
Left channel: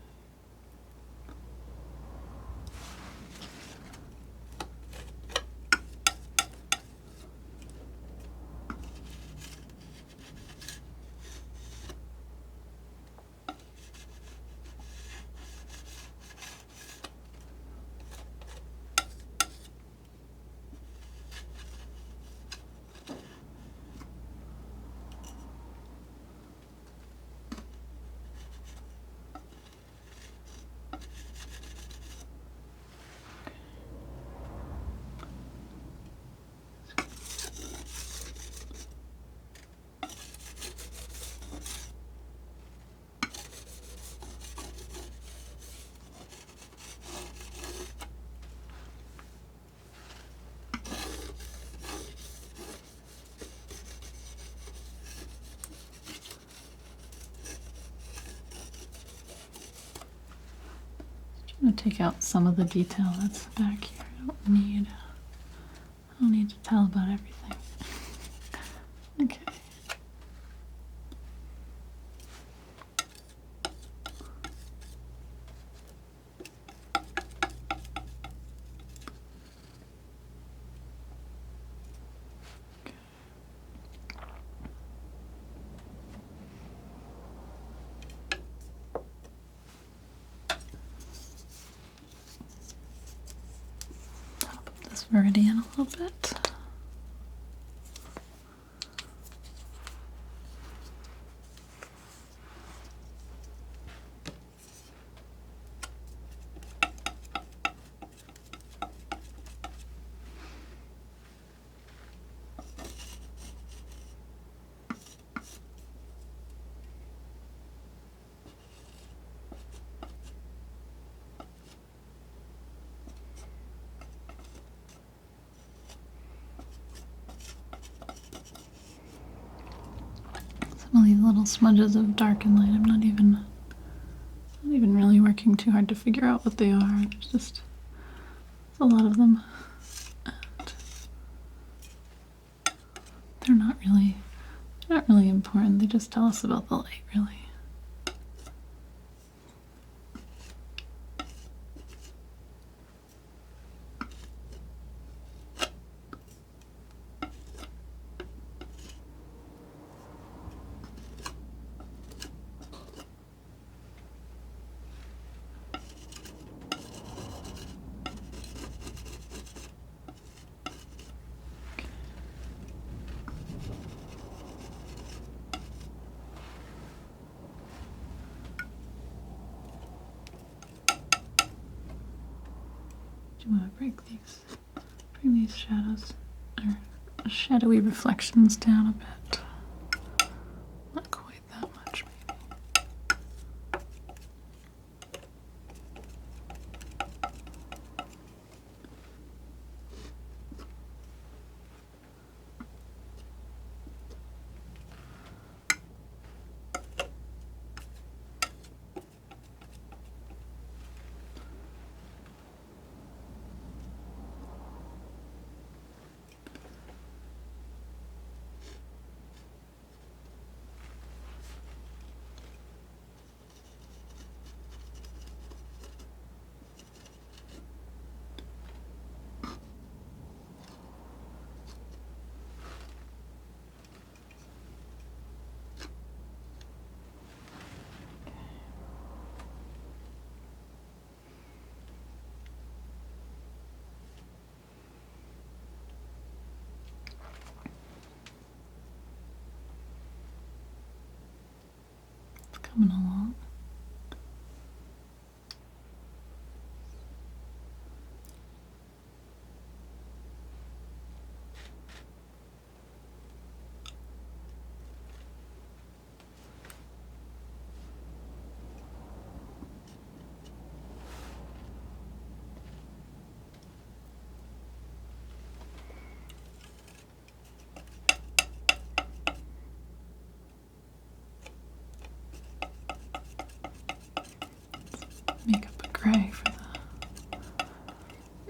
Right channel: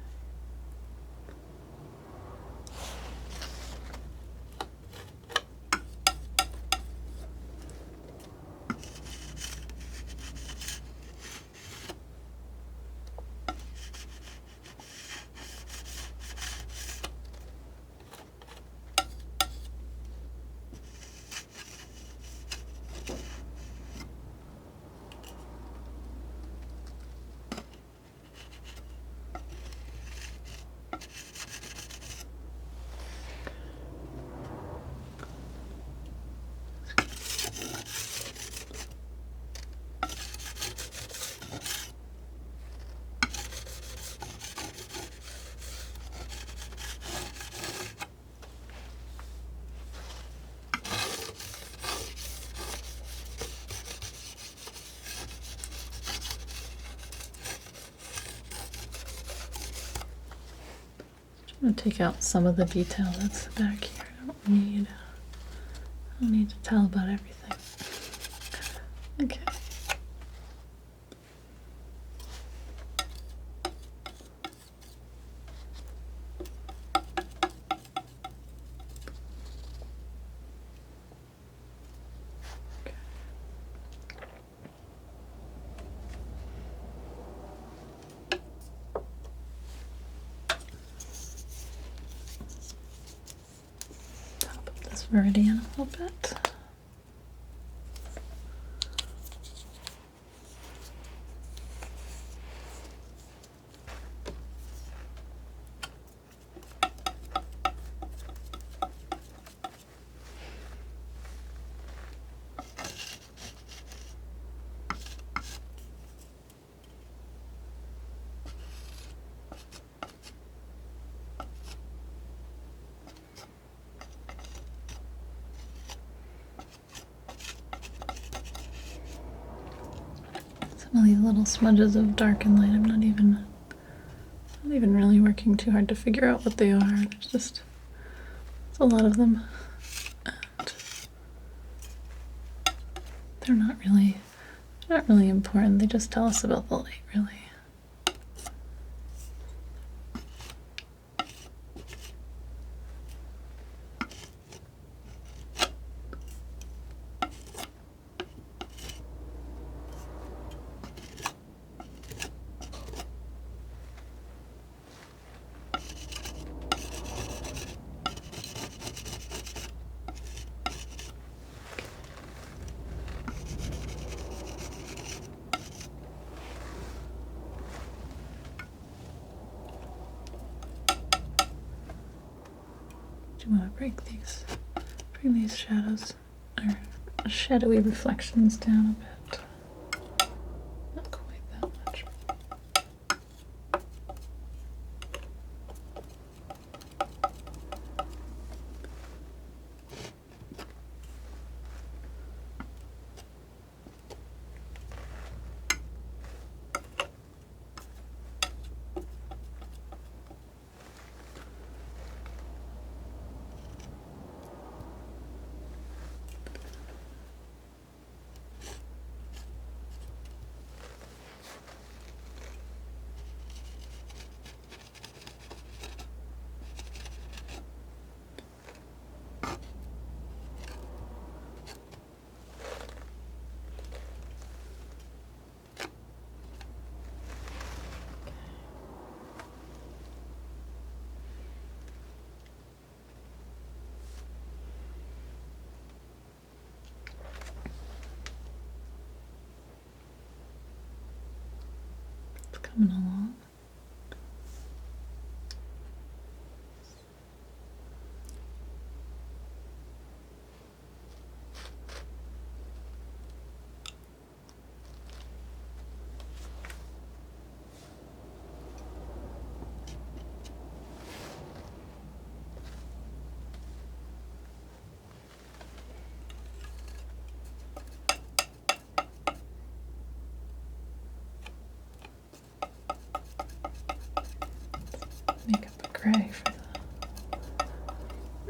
I'm gonna take out some of the detail that's back here. I don't need to tell about everything. Okay. Top up this Viridian a little bit. Some of these little smudges of dark and light, I'm not even really working too hard to figure out what they are. There's a lot of them. And they're not really important. They just tell us about the light, really. Do you want to bring these shadows or shadowy reflections down a bit? Not quite that much. coming along. Make up a gray for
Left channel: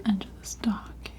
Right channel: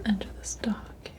the edge of this dock here.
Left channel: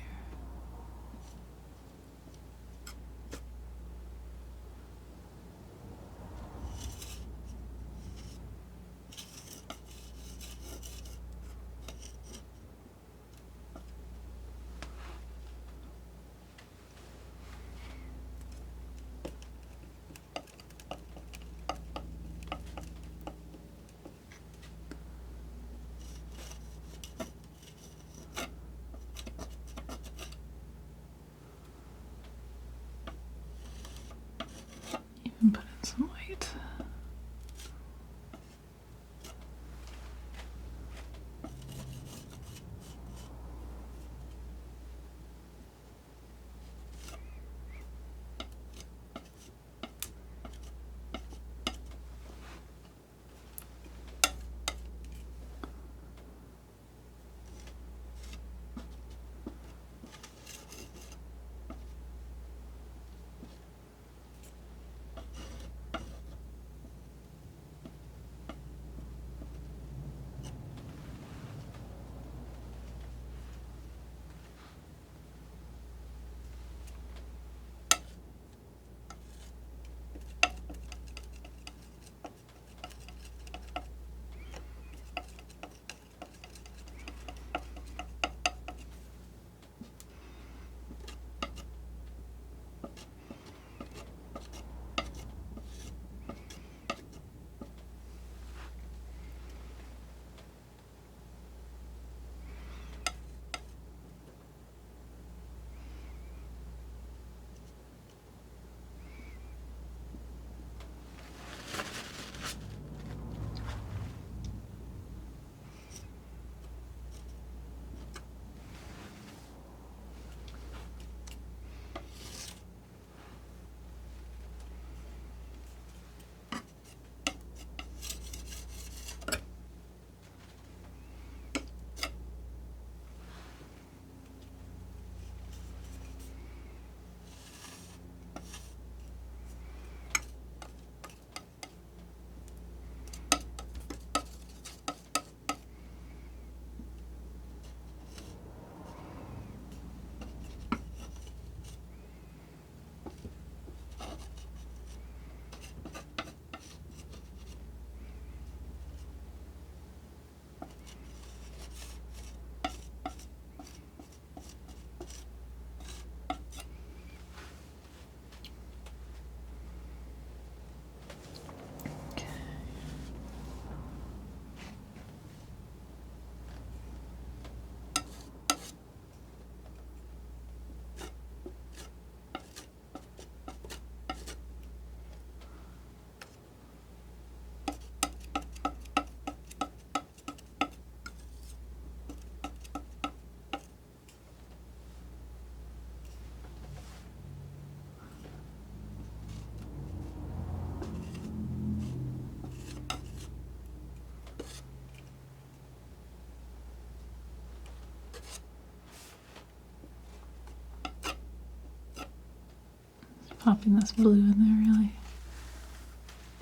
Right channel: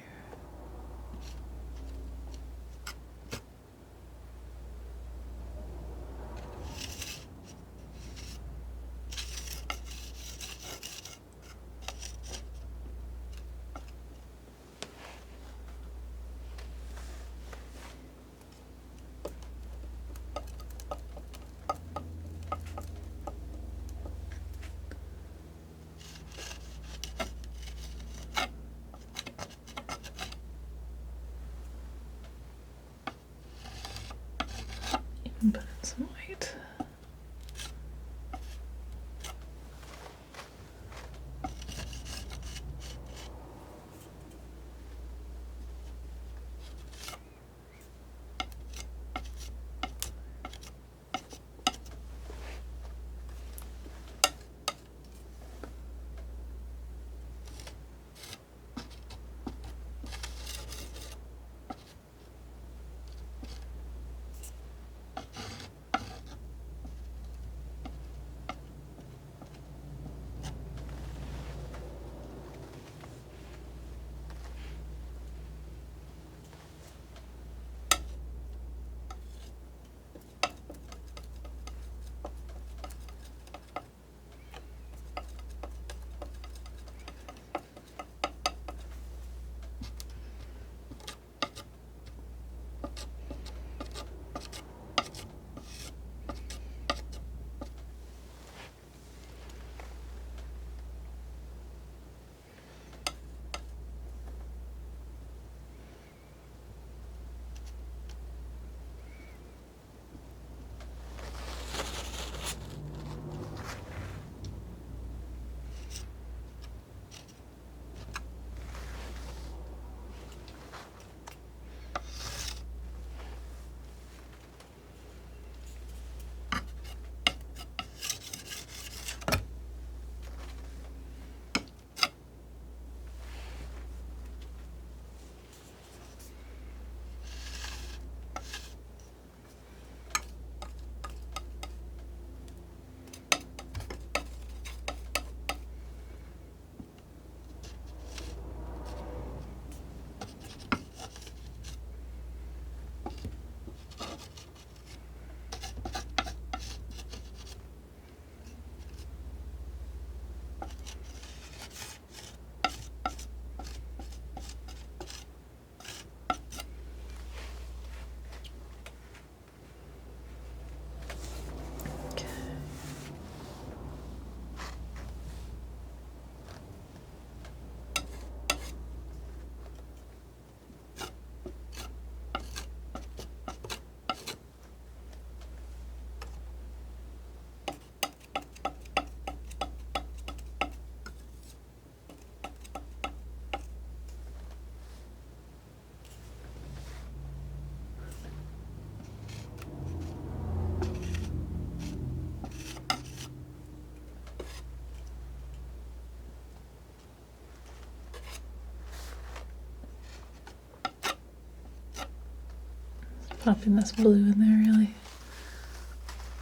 Even put in some white. Popping this blue in there really.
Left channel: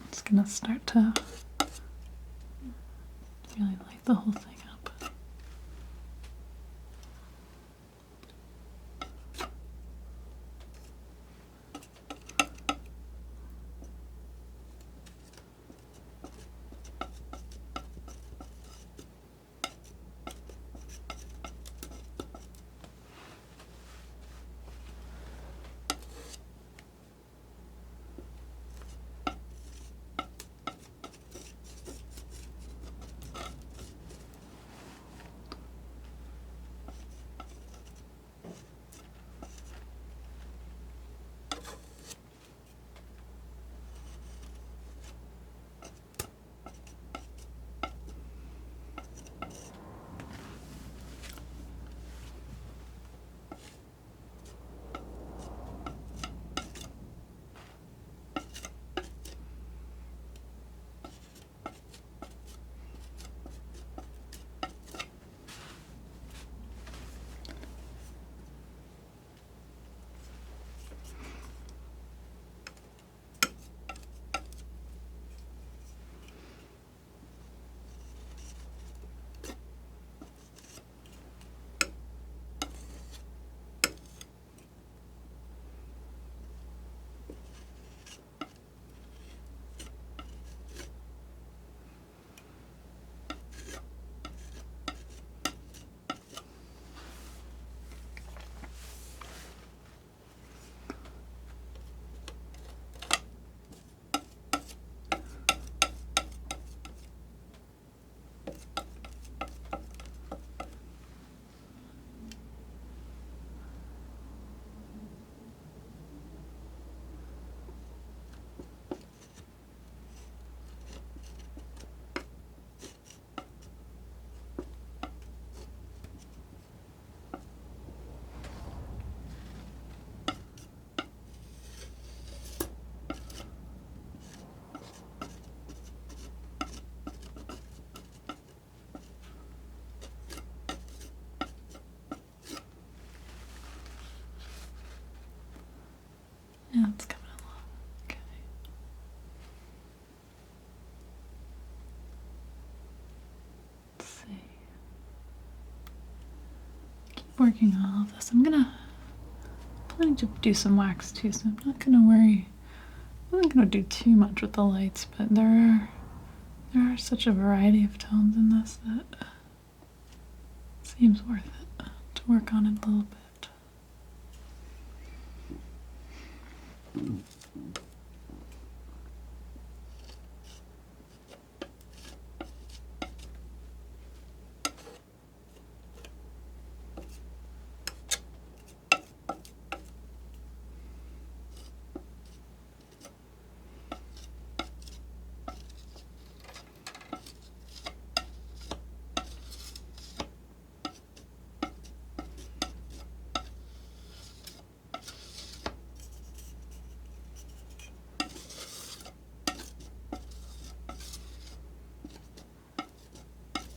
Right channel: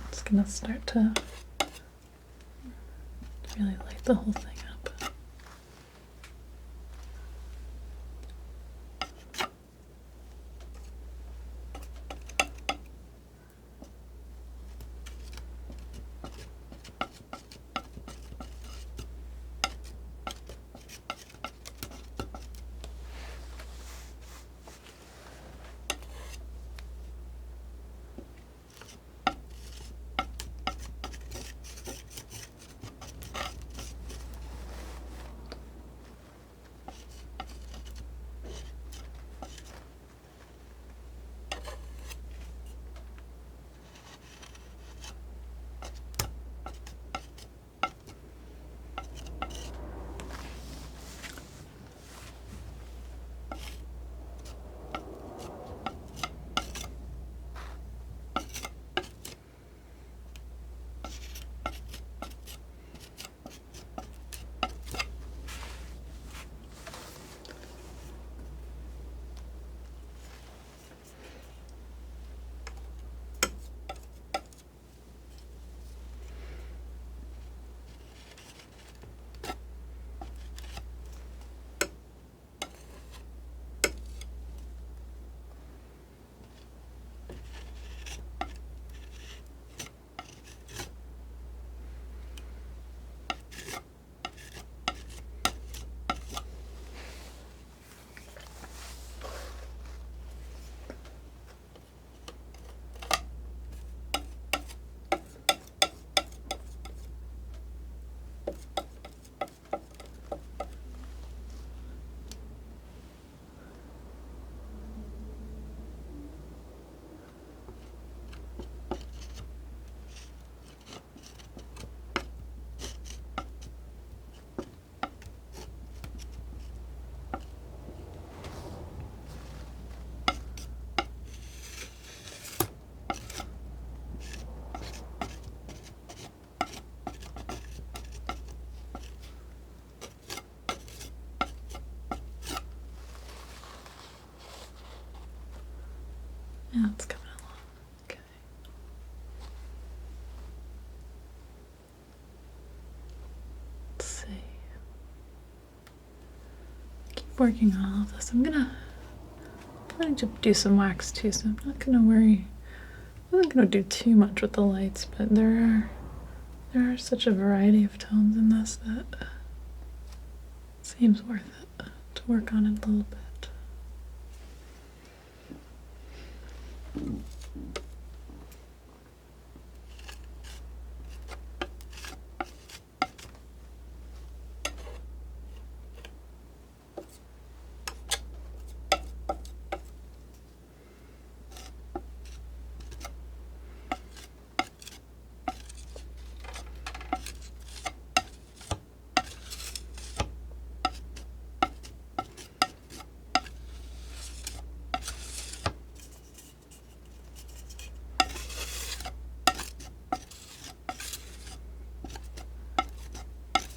It's gonna start to really light the whole thing up. Yeah, it's coming along. Okay. Let's see. Keep working on all of this. I'm gonna do some wax too, so I'm not gonna worry. I'm not gonna do too much with the lights, but there are such a variety of tones in this that it seems worth it to work on it a little bit.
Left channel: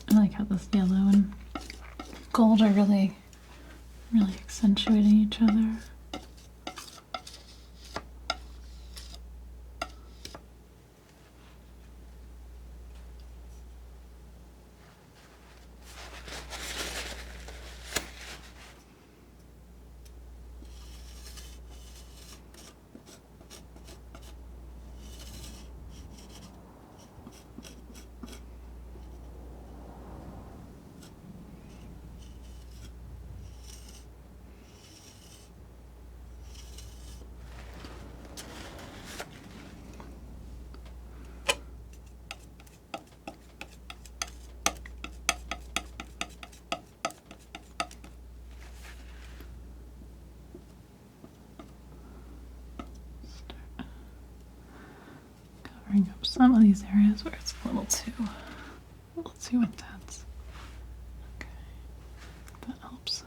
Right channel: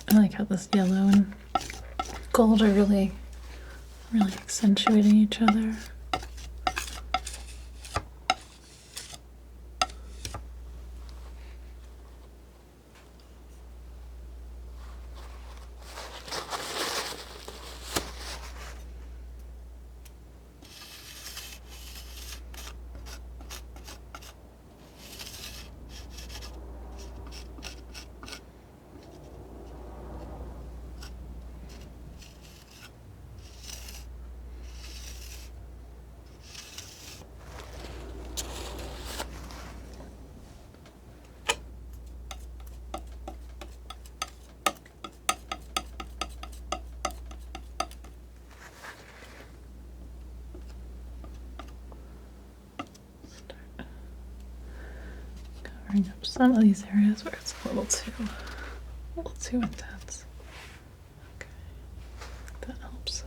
I like how this yellow and gold are really accentuating each other. Covering up some of these areas where it's a little too intense. Okay, that helps.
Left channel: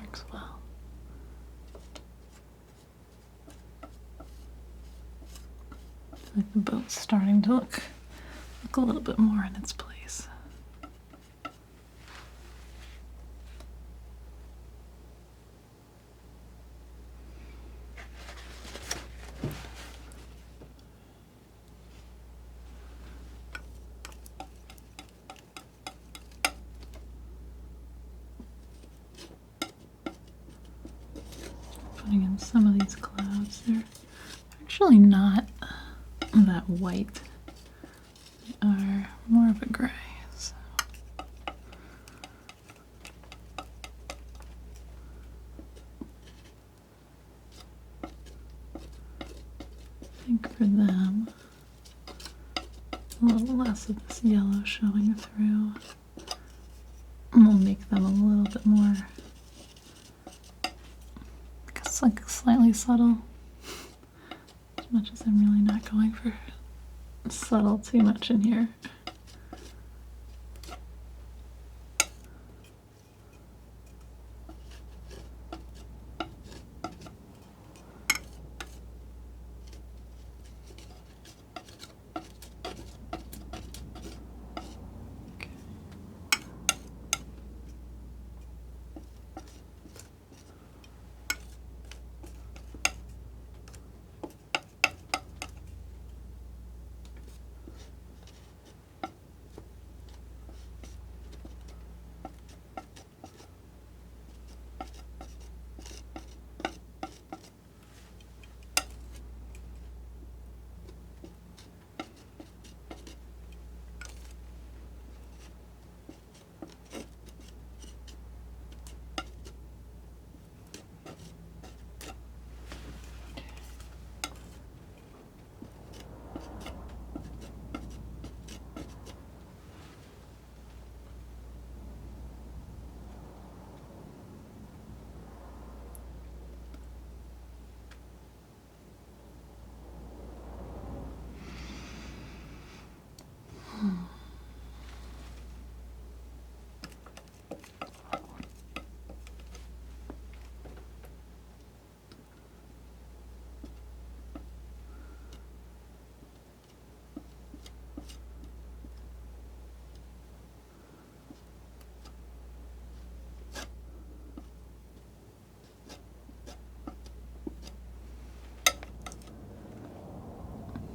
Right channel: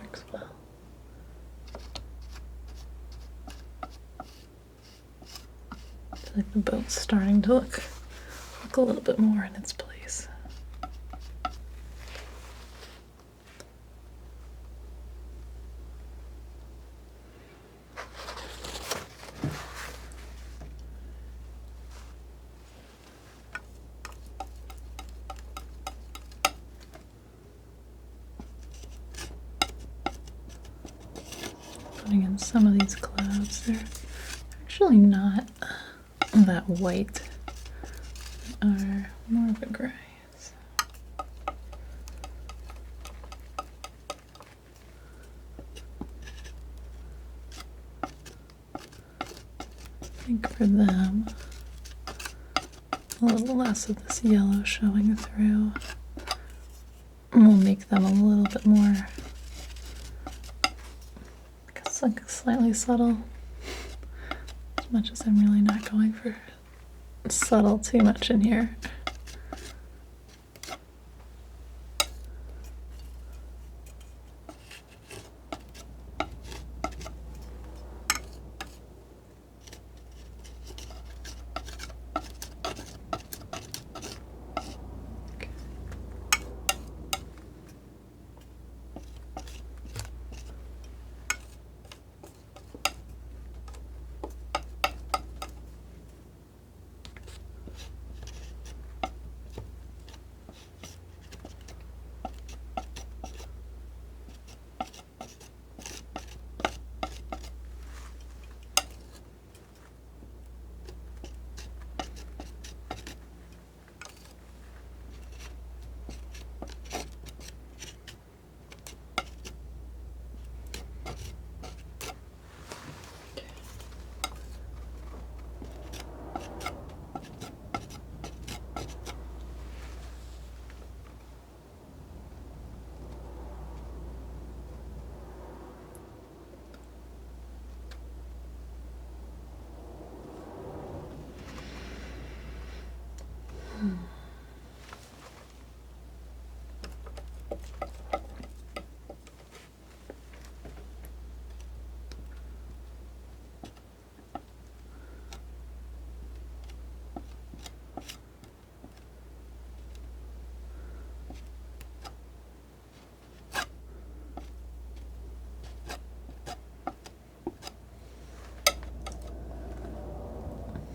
Works well. I feel like the boat's starting to look a little bit more in its place. Putting in some of these clouds, they're actually not that white, they are more of a gray. So. I think for them, a little less of this yellow showing through will make them a little bit more, I guess, like slightly subtle. As much as I'm really not going for subtle too much in here.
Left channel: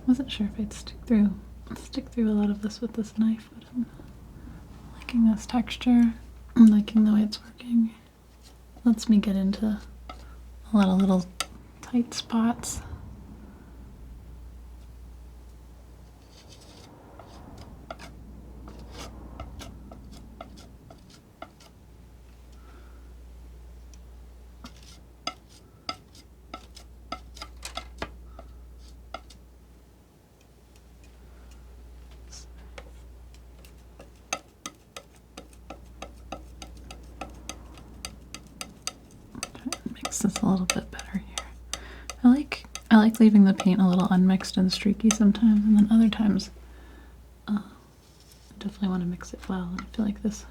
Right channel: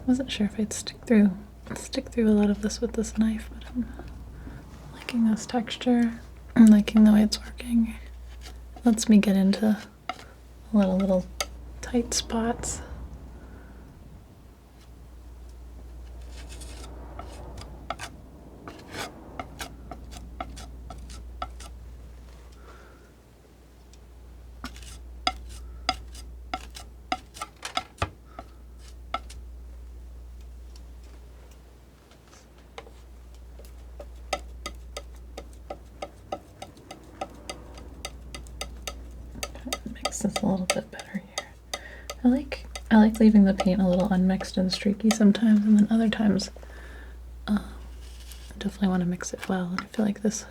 wasn't sure if I'd stick through a lot of this with this knife, but I'm liking this texture. I'm liking the way it's working. Lets me get into a lot of little tight spots. Mix this a little bit better here. I like leaving the paint a little unmixed and streaky sometimes, and then other times I definitely want to mix it well. And I feel like this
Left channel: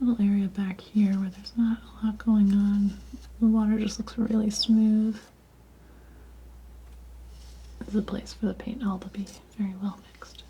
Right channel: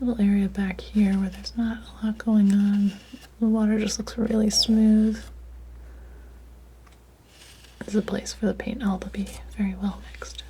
little area back here where there's not a lot going on, the water just looks really smooth. This is a place for the paint all to be very well mixed.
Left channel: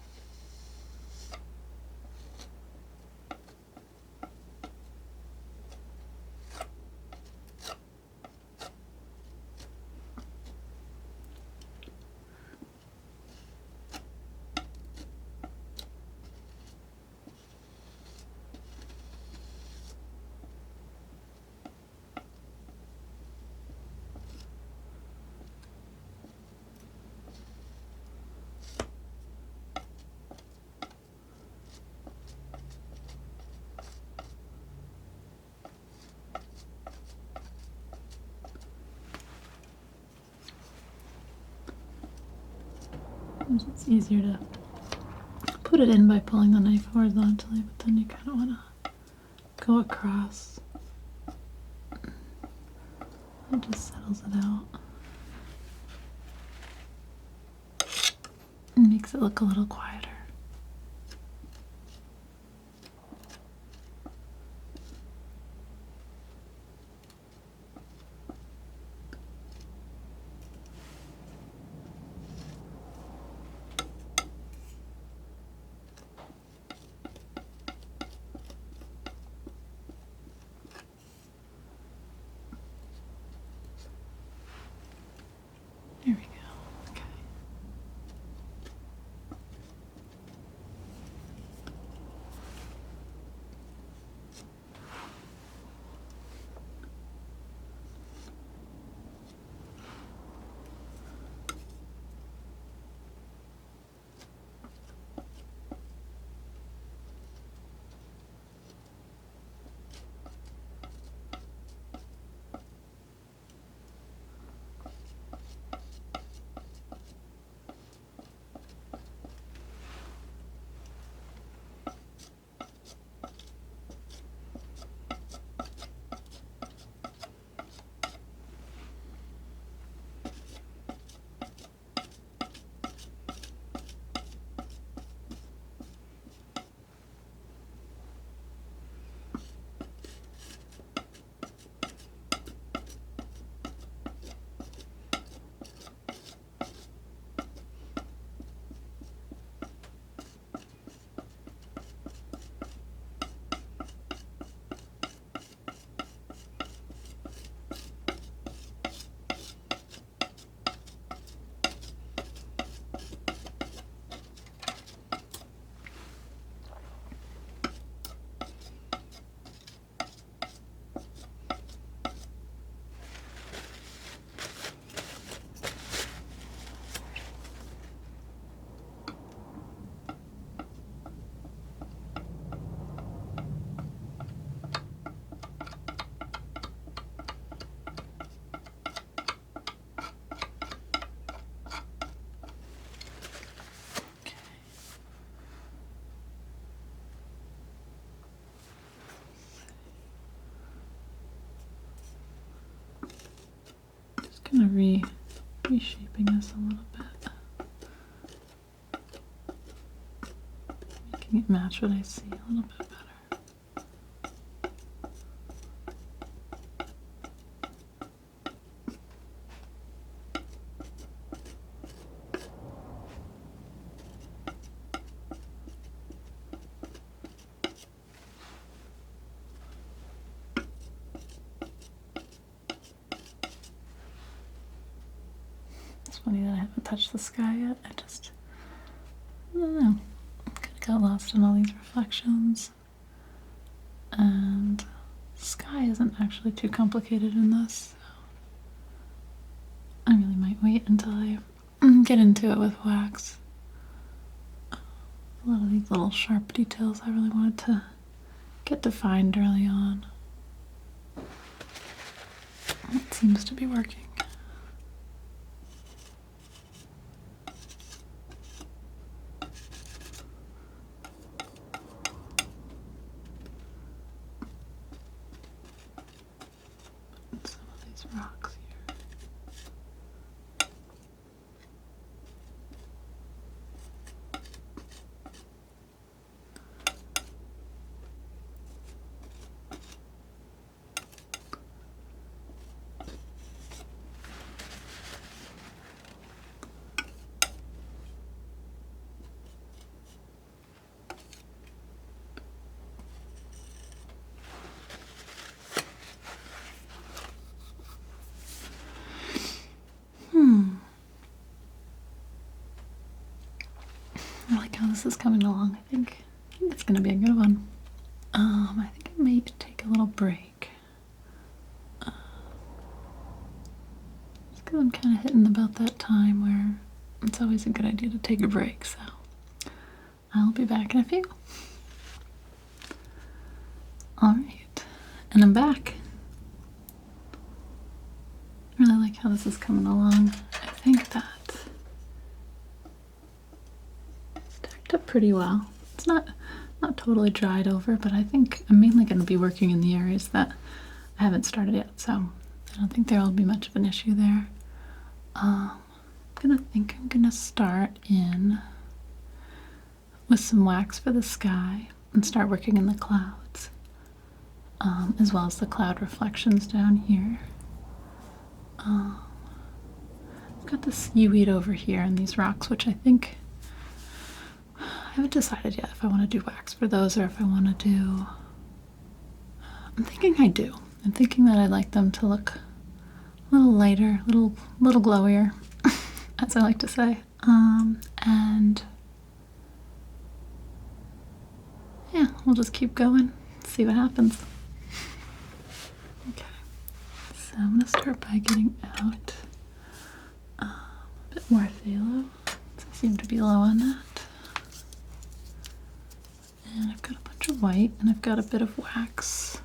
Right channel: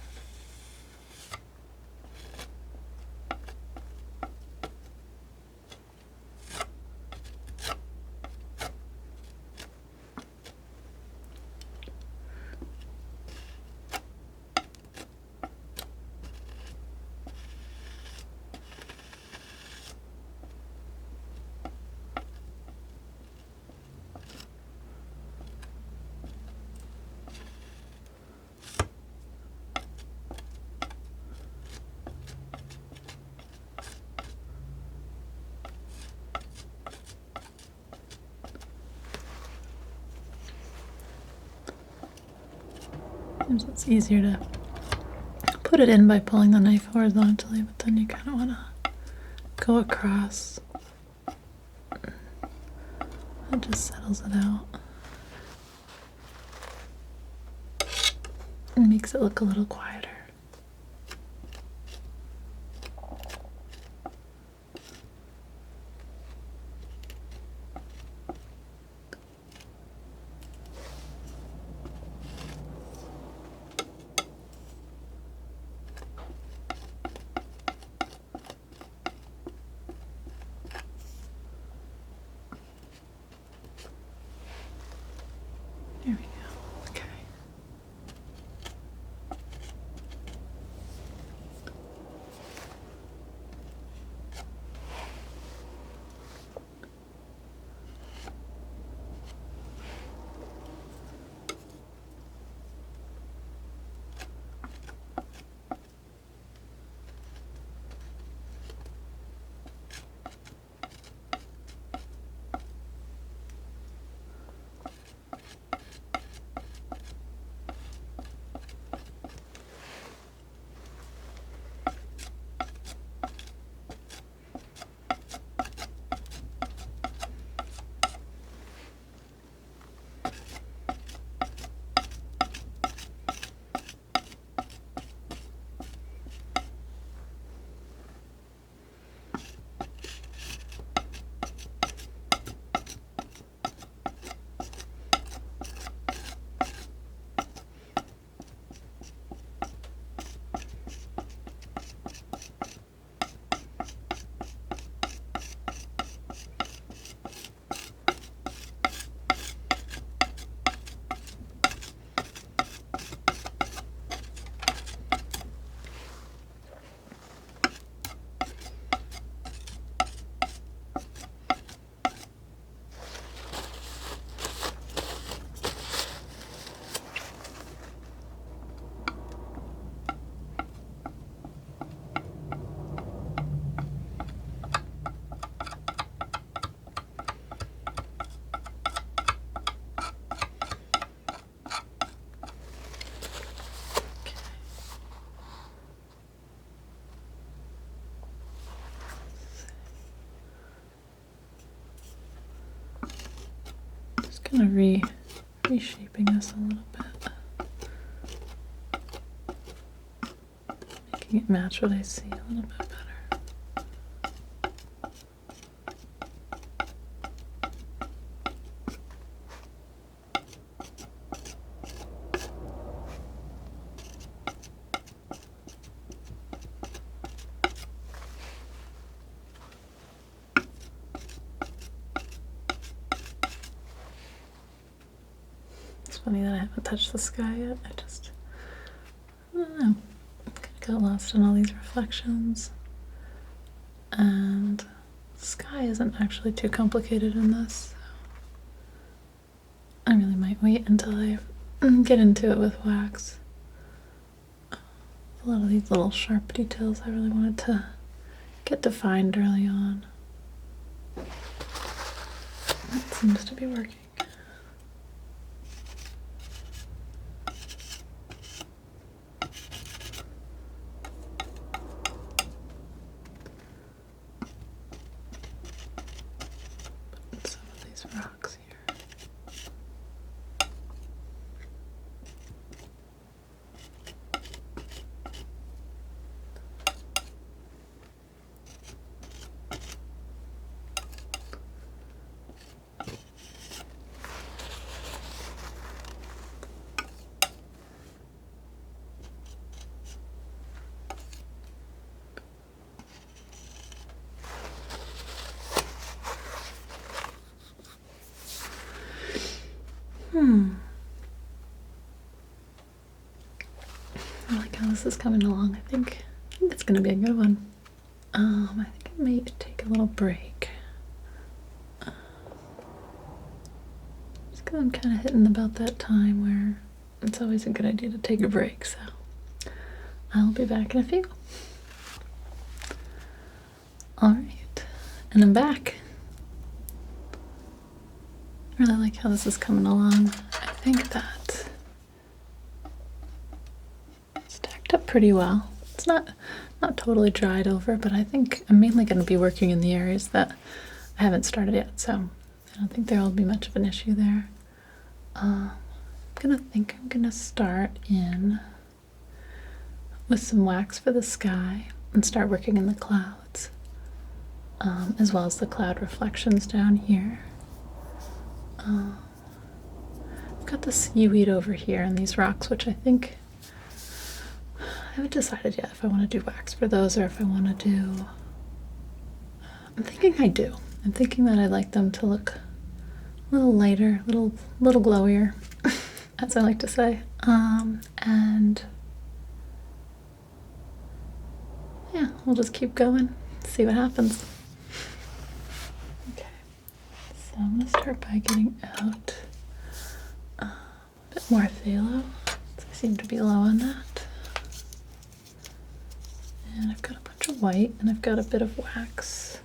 Sometimes it's easier to put it in by pulling the knife horizontally, but then you kind of want to go across. It just settles it out. And makes it look a little quieter. There we go. Okay. Kind of reshaping this a little bit, making it match what I see a little bit better. funny that I haven't touched the sky yet. I don't know. Got lost in all these reflections. And the sky isn't actually too complicated in this. So I really might wait until I get into it with wax. A lot of these little sharp details I really wanted to get defined early on. That seems to be working. Some of these rocks here. I like how this is coming along. I think it's gonna be a good one. I think I might take a little break. Just because I'm kind of hitting about that time where it's always a good idea to take a break, so I'll be back in a few. Alright, and I'm back. I really like how this is coming along. I think that stacked up pretty well. It's not totally dried over, but I think I'm mainly going to be working in the areas that I haven't started yet, so I don't think there will be much of an issue there. I'm gonna start in with some wax for the sky and start working in the clouds, as well as the cloud reflections down here. I've got the seaweed over here and these rocks, which I think I haven't decided yet if I want to do wax for those or if I want to do. I'm thinking I do. I'm thinking that I'd like them to look a little lighter, little glowier, as I like to say. And yeah, we'll just keep going, see what happens. Okay, so I'm gonna start by getting out a bit more phthalo. I seem to be low on it. And I've got a bunch of white, and I've got a bit of wax.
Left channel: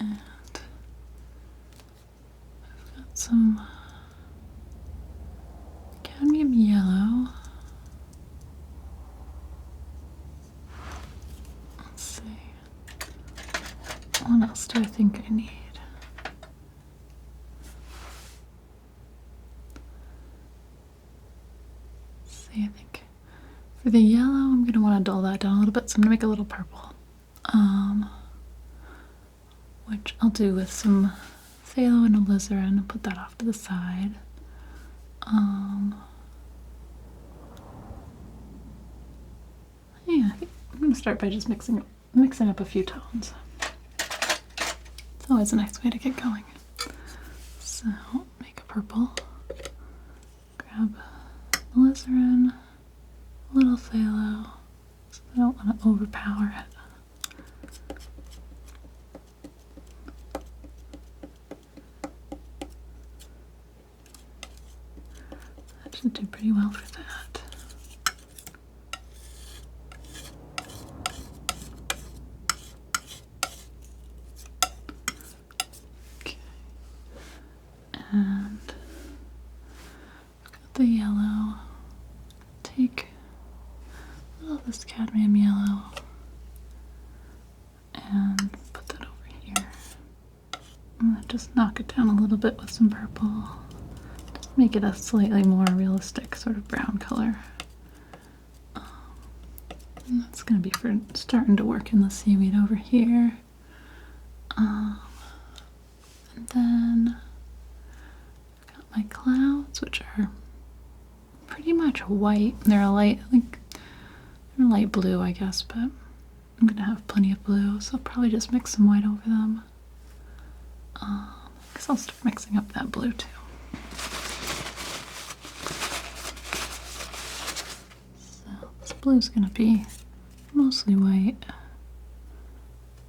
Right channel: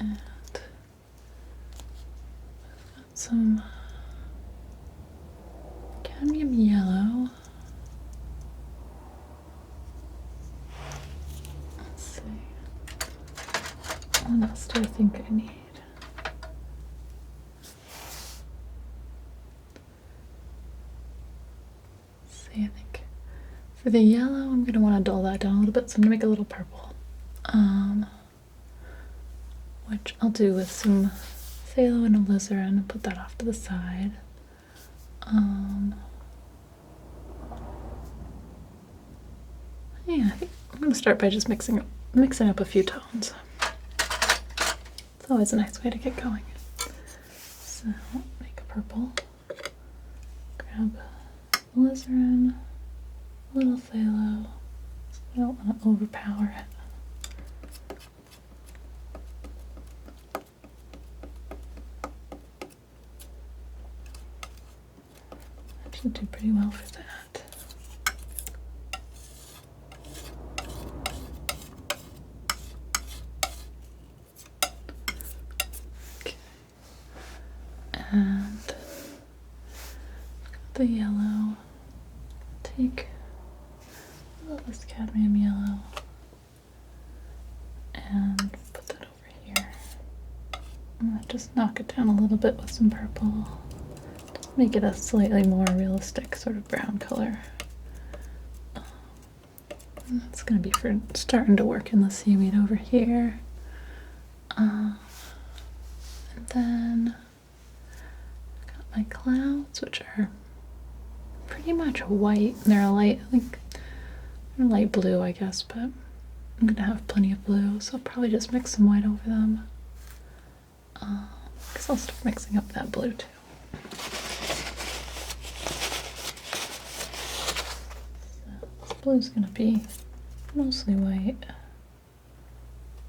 And I've got some cadmium yellow. Let's see. What else do I think I need? I think for the yellow, I'm going to want to dull that down a little bit, so I'm going to make a little purple, which I'll do with some phthalo and alizarin and put that off to the side. Yeah, I think I'm going to start by just mixing up a few tones. It's always a nice way to get going. So, make a purple, grab alizarin, a little phthalo, so I don't want to overpower it. That should do pretty well for that. Okay. And got the yellow. Take all this cadmium yellow and put that over here. I'm gonna just knock it down a little bit with some purple. Just make it a slightly more realistic sort of brown color. And that's gonna be for starting to work in the seaweed over here. And then I've got my clouds, which are pretty much white. They're a light, they're light blue, I guess, but I'm gonna have plenty of blue, so I'll probably just mix some white over them. I guess I'll start mixing up that blue too. So this blue's gonna be mostly white.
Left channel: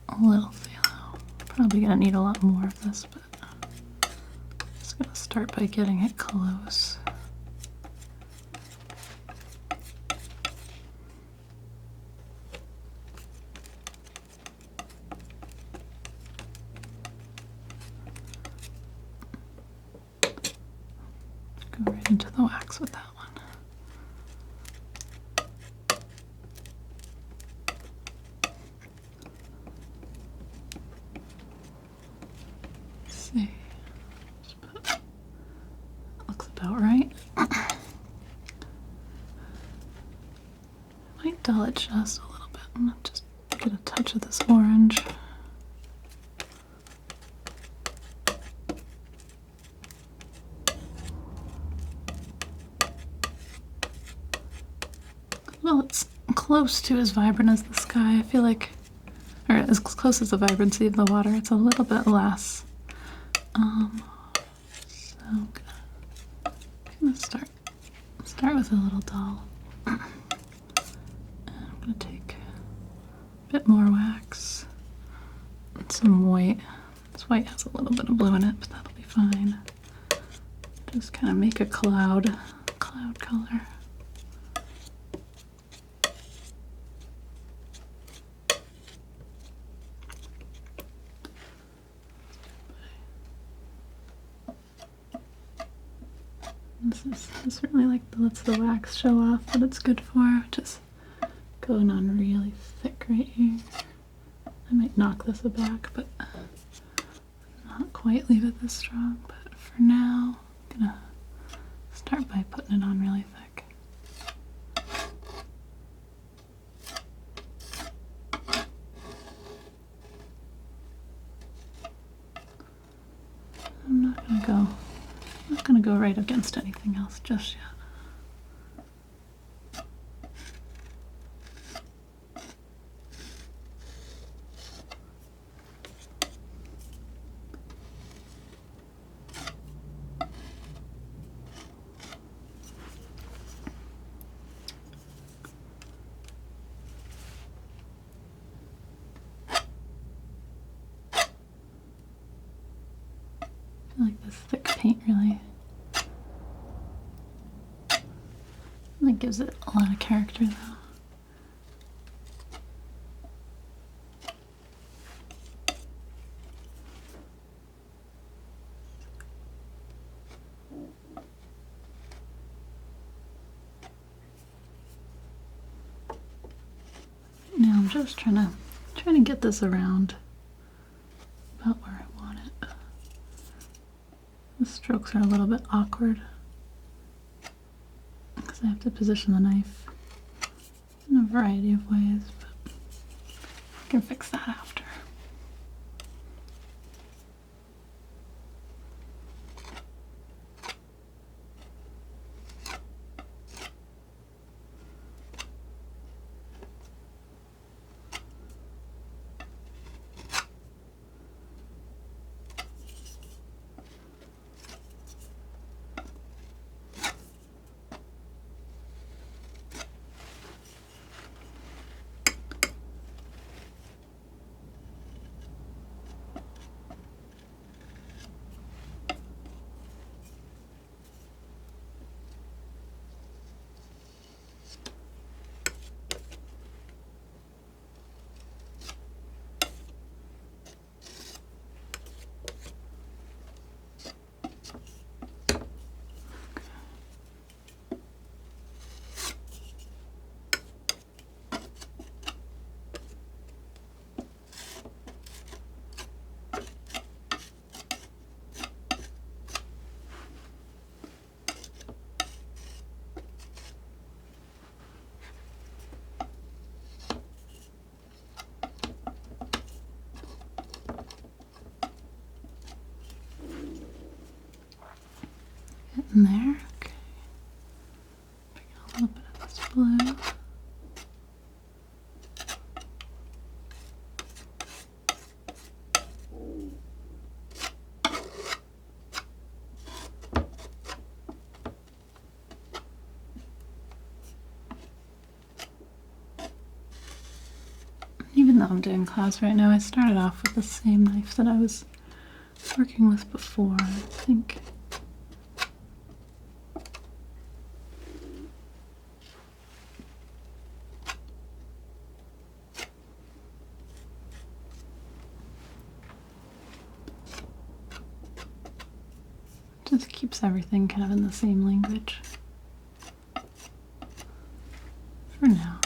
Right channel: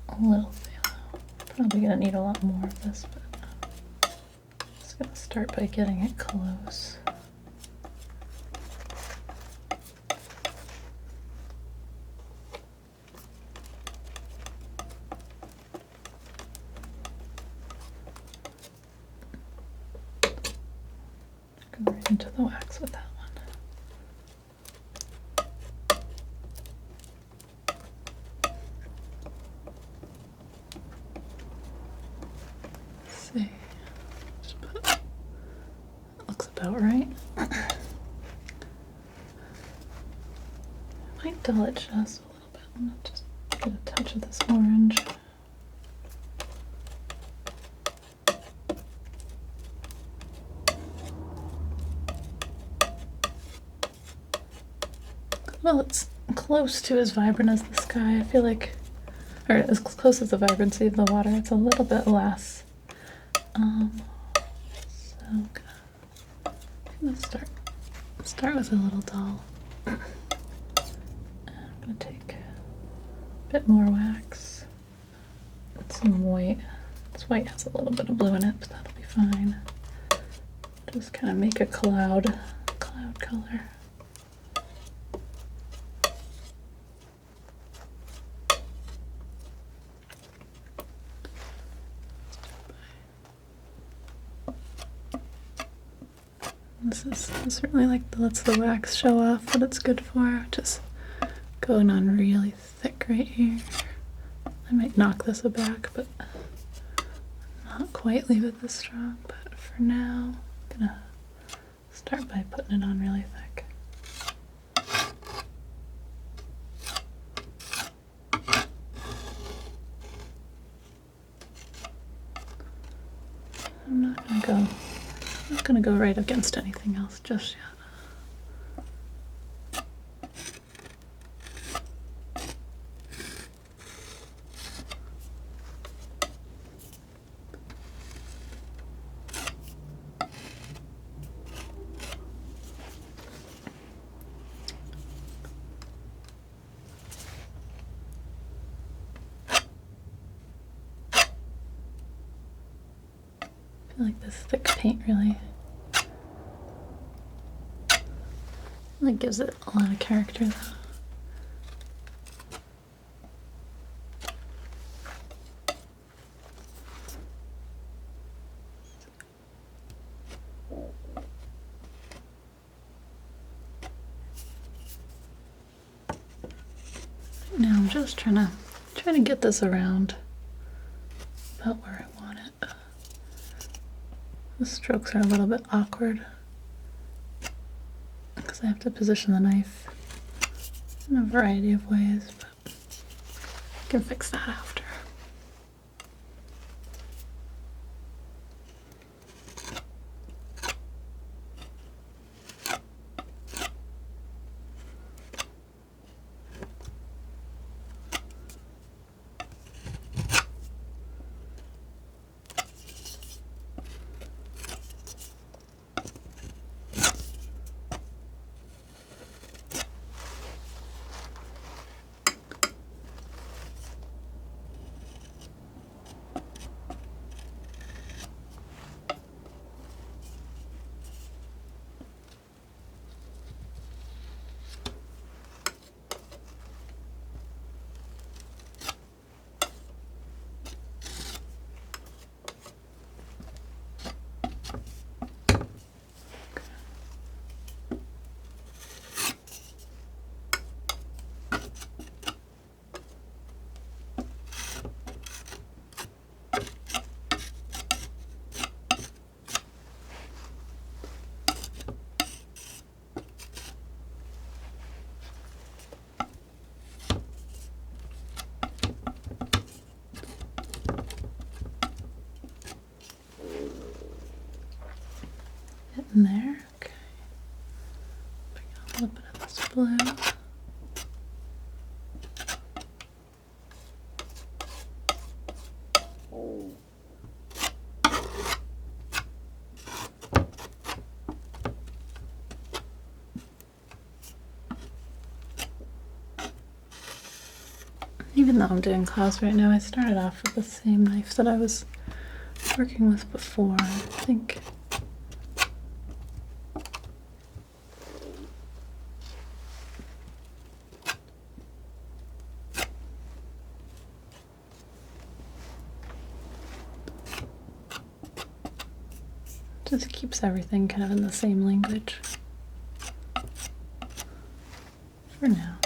A little phthalo. Probably gonna need a lot more of this, but I'm just gonna start by getting it close. Go right into the wax with that one. Let's see. That looks about right. Might dull it just a little bit. I'm gonna just get a touch of this orange. Well, it's close to as vibrant as the sky. I feel like, or as close as the vibrancy of the water. It's a little bit less. So I'm gonna start with a little dull. I'm gonna take a bit more wax and some white. This white has a little bit of blue in it, but that'll be fine. Just kind of make a cloud color. This really lets the wax show off what it's good for. Just going on really thick right here. I might knock this back, but not quite leave it this strong. But for now, I'm gonna start by putting it on really thick. I'm not gonna go right against anything else just yet. I feel like this thick paint really gives it a lot of character though. Right now I'm just trying to get this around about where I want it. The strokes are a little bit awkward because I have to position the knife in a variety of ways, but I can fix that after. In there, okay. Bring out a little bit of this blue. though I'm doing clouds right now, I started off with the same knife that I was working with before, I think. Just keeps everything kind of in the same language for now.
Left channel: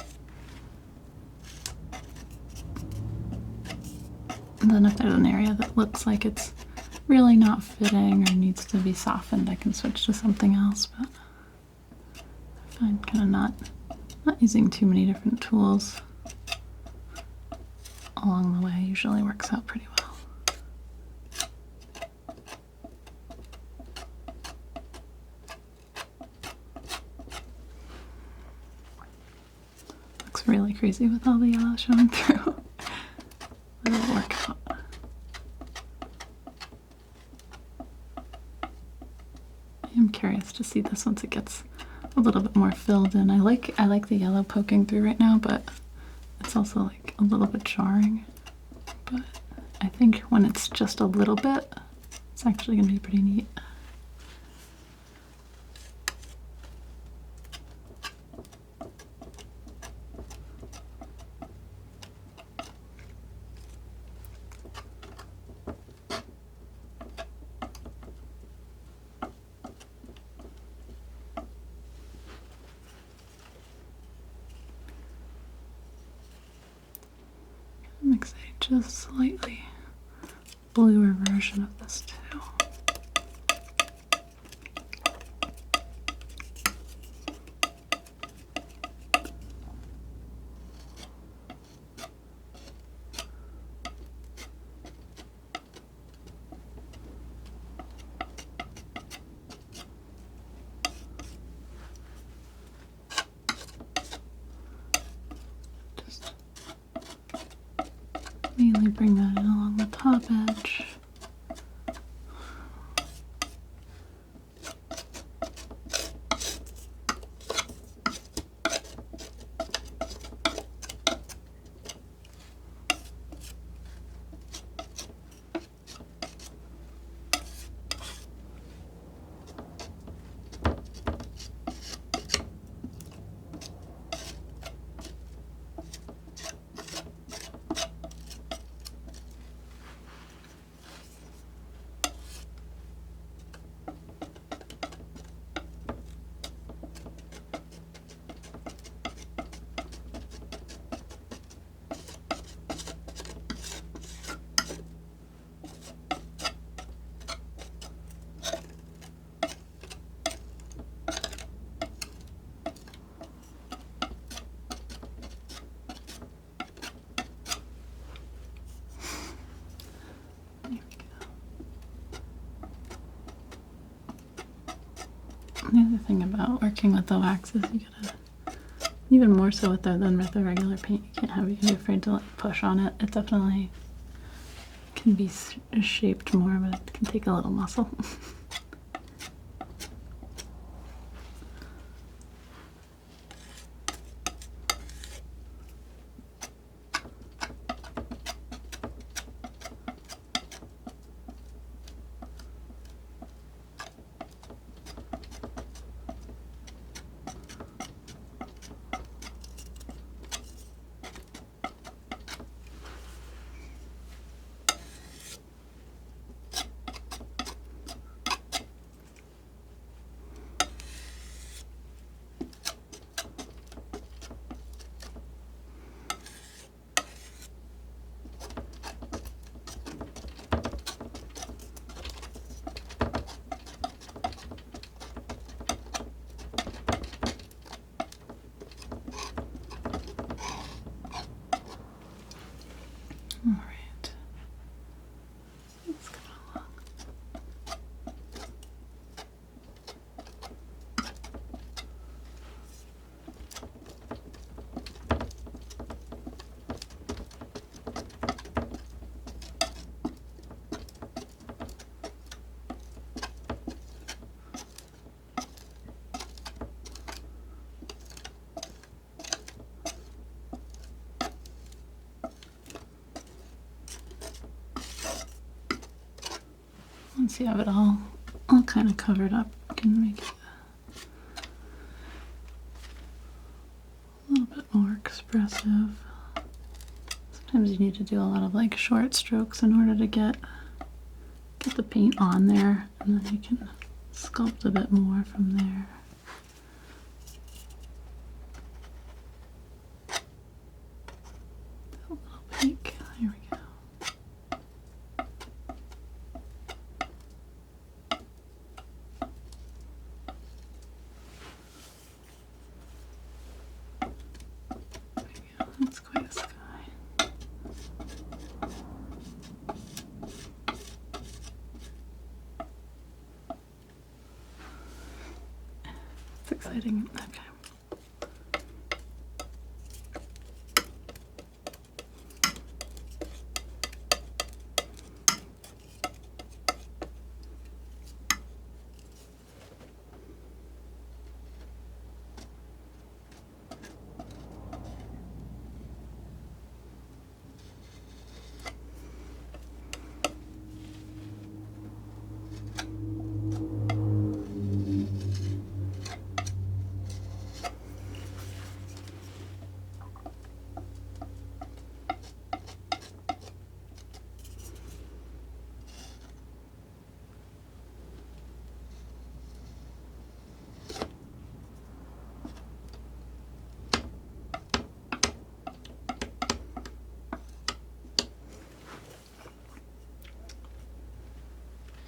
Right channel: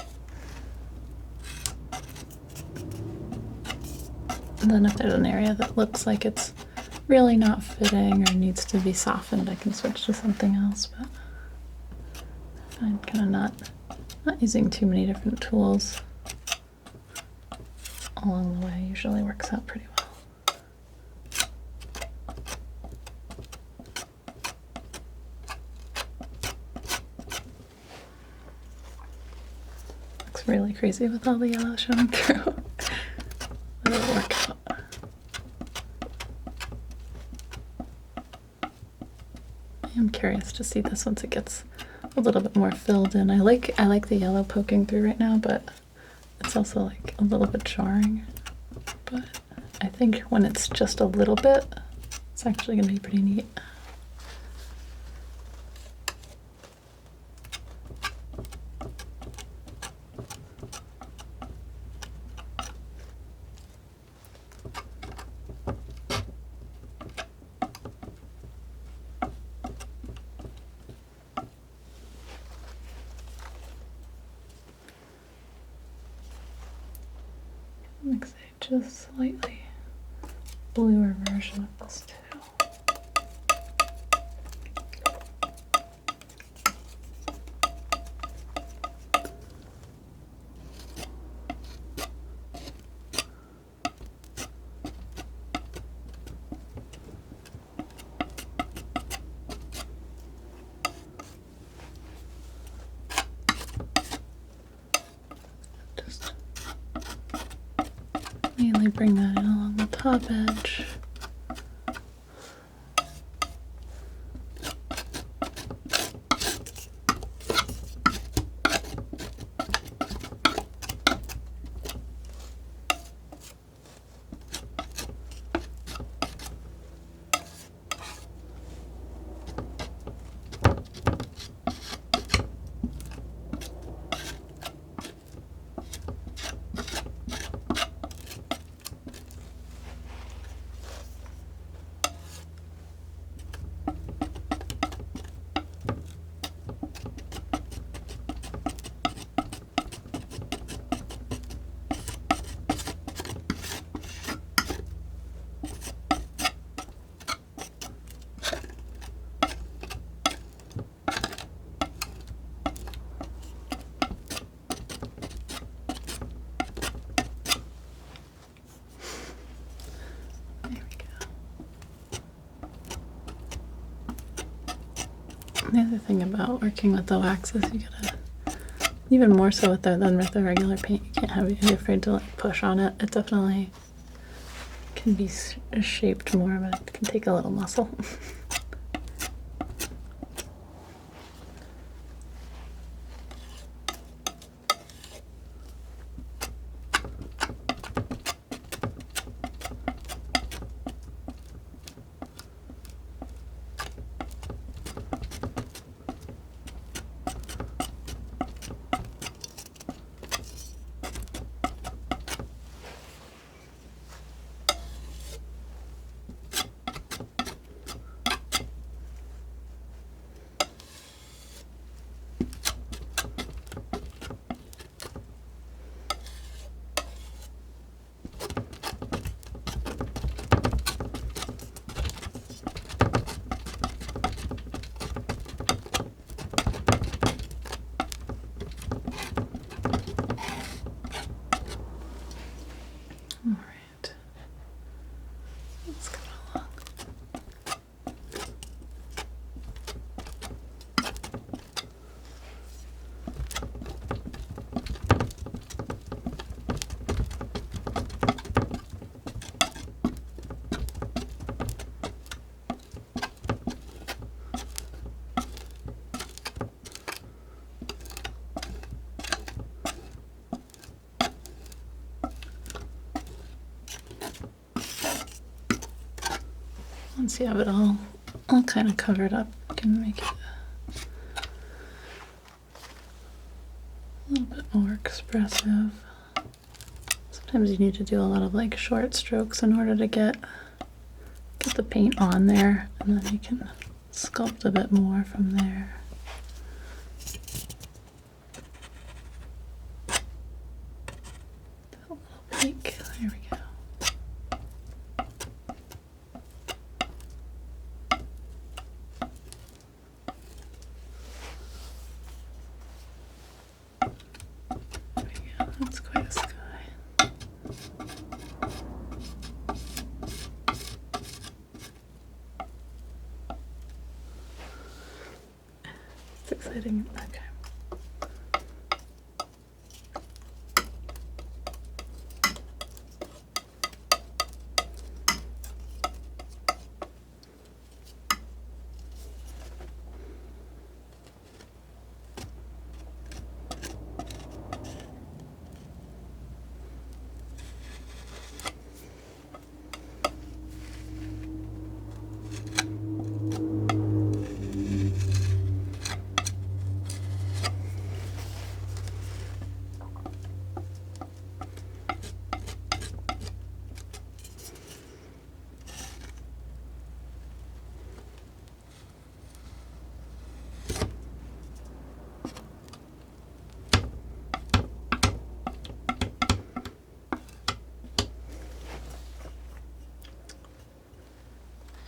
And then if there's an area that looks like it's really not fitting or needs to be softened, I can switch to something else, but I find kind of not using too many different tools along the way usually works out pretty well. Looks really crazy with all the yellow showing through. But it'll work out. I am curious to see this once it gets a little bit more filled in. I like the yellow poking through right now, but it's also like a little bit jarring. But I think when it's just a little bit, it's actually going to be pretty neat. Makes a just slightly bluer version of this too. Just mainly bring that in along the top edge. The other thing about working with the wax is you gotta, even more so with than with the regular paint, you can't be afraid to like push on it. It definitely can be shaped more, but it can take a little muscle. Since you have it all kind of covered up, you can make it a little bit more expressive. Sometimes you need to do a lot of like short strokes in order to get the paint on there, and then you can sculpt a bit more from there. That little peak. There we go. There we go. That's quite a sky. It's exciting. Okay.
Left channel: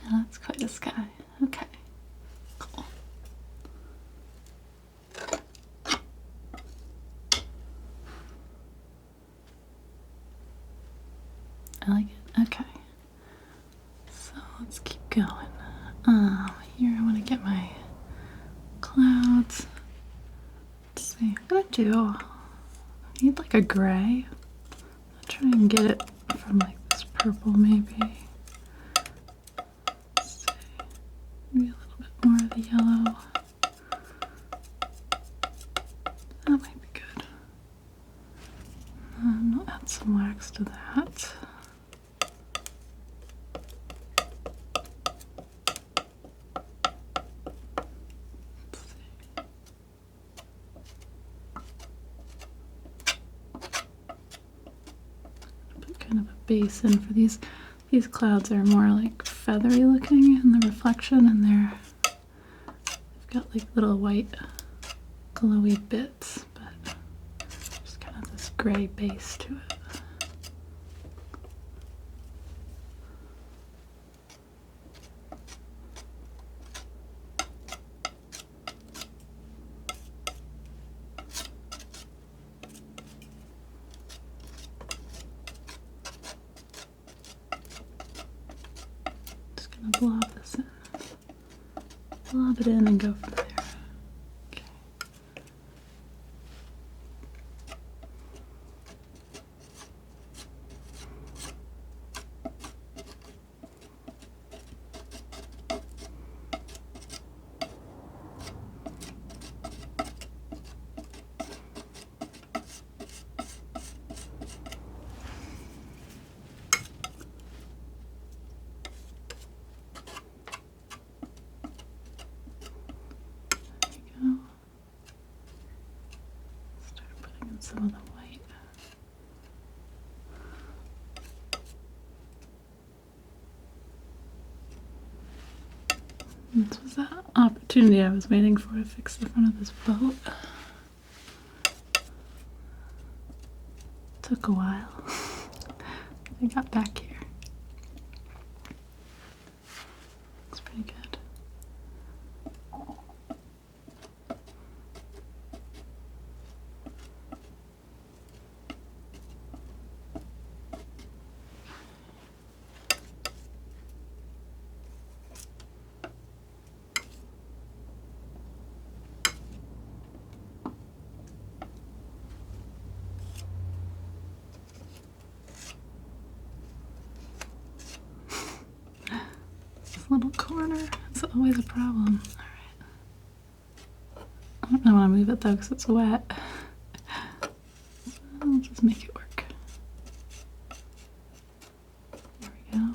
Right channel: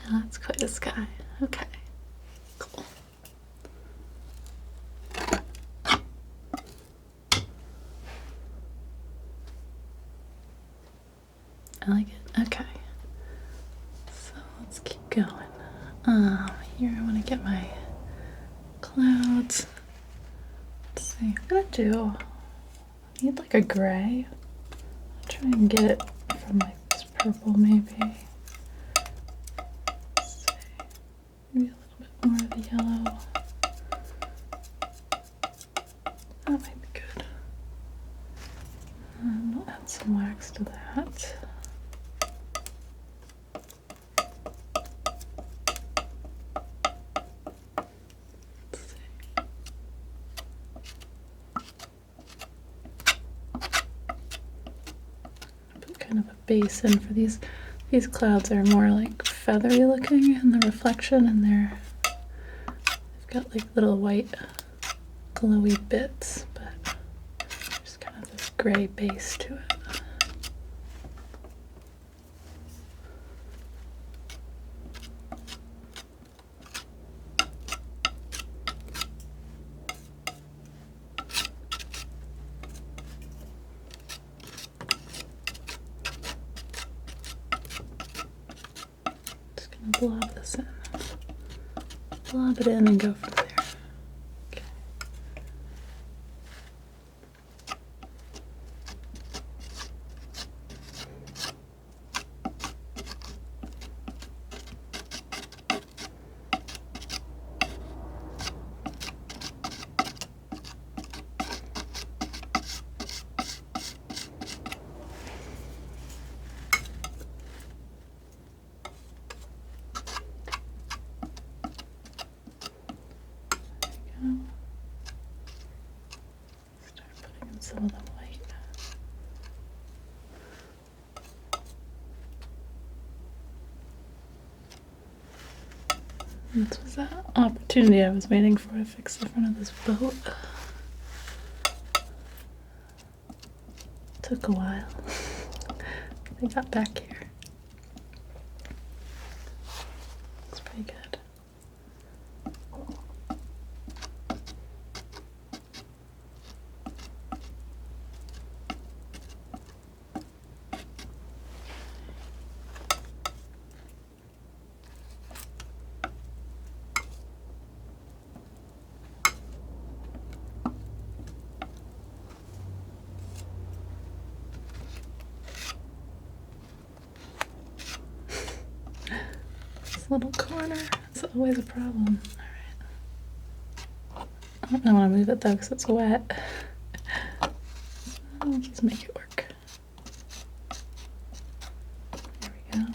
Yeah, that's quite a sky. Okay, cool. I like it. Okay, so let's keep going. Here I want to get my clouds. Let's see. I'm gonna do. I need like a gray. I'll try and get it from like this purple maybe. Let's see. Maybe a little bit more of the yellow. That might be good. I'll add some wax to that. Kind of a base in for these clouds are more like feathery looking in the reflection, and they've got like little white glowy bits, but there's kind of this gray base to it. Blob this in. Blob it in and go from there. Okay. Start putting in some of the white. This was that opportunity I was waiting for to fix the front of this boat. Took a while. They got back here. Looks pretty good. Little corner. It's always a problem. Alright. I don't really want to move it though because it's wet. I'll just make it work. There we go.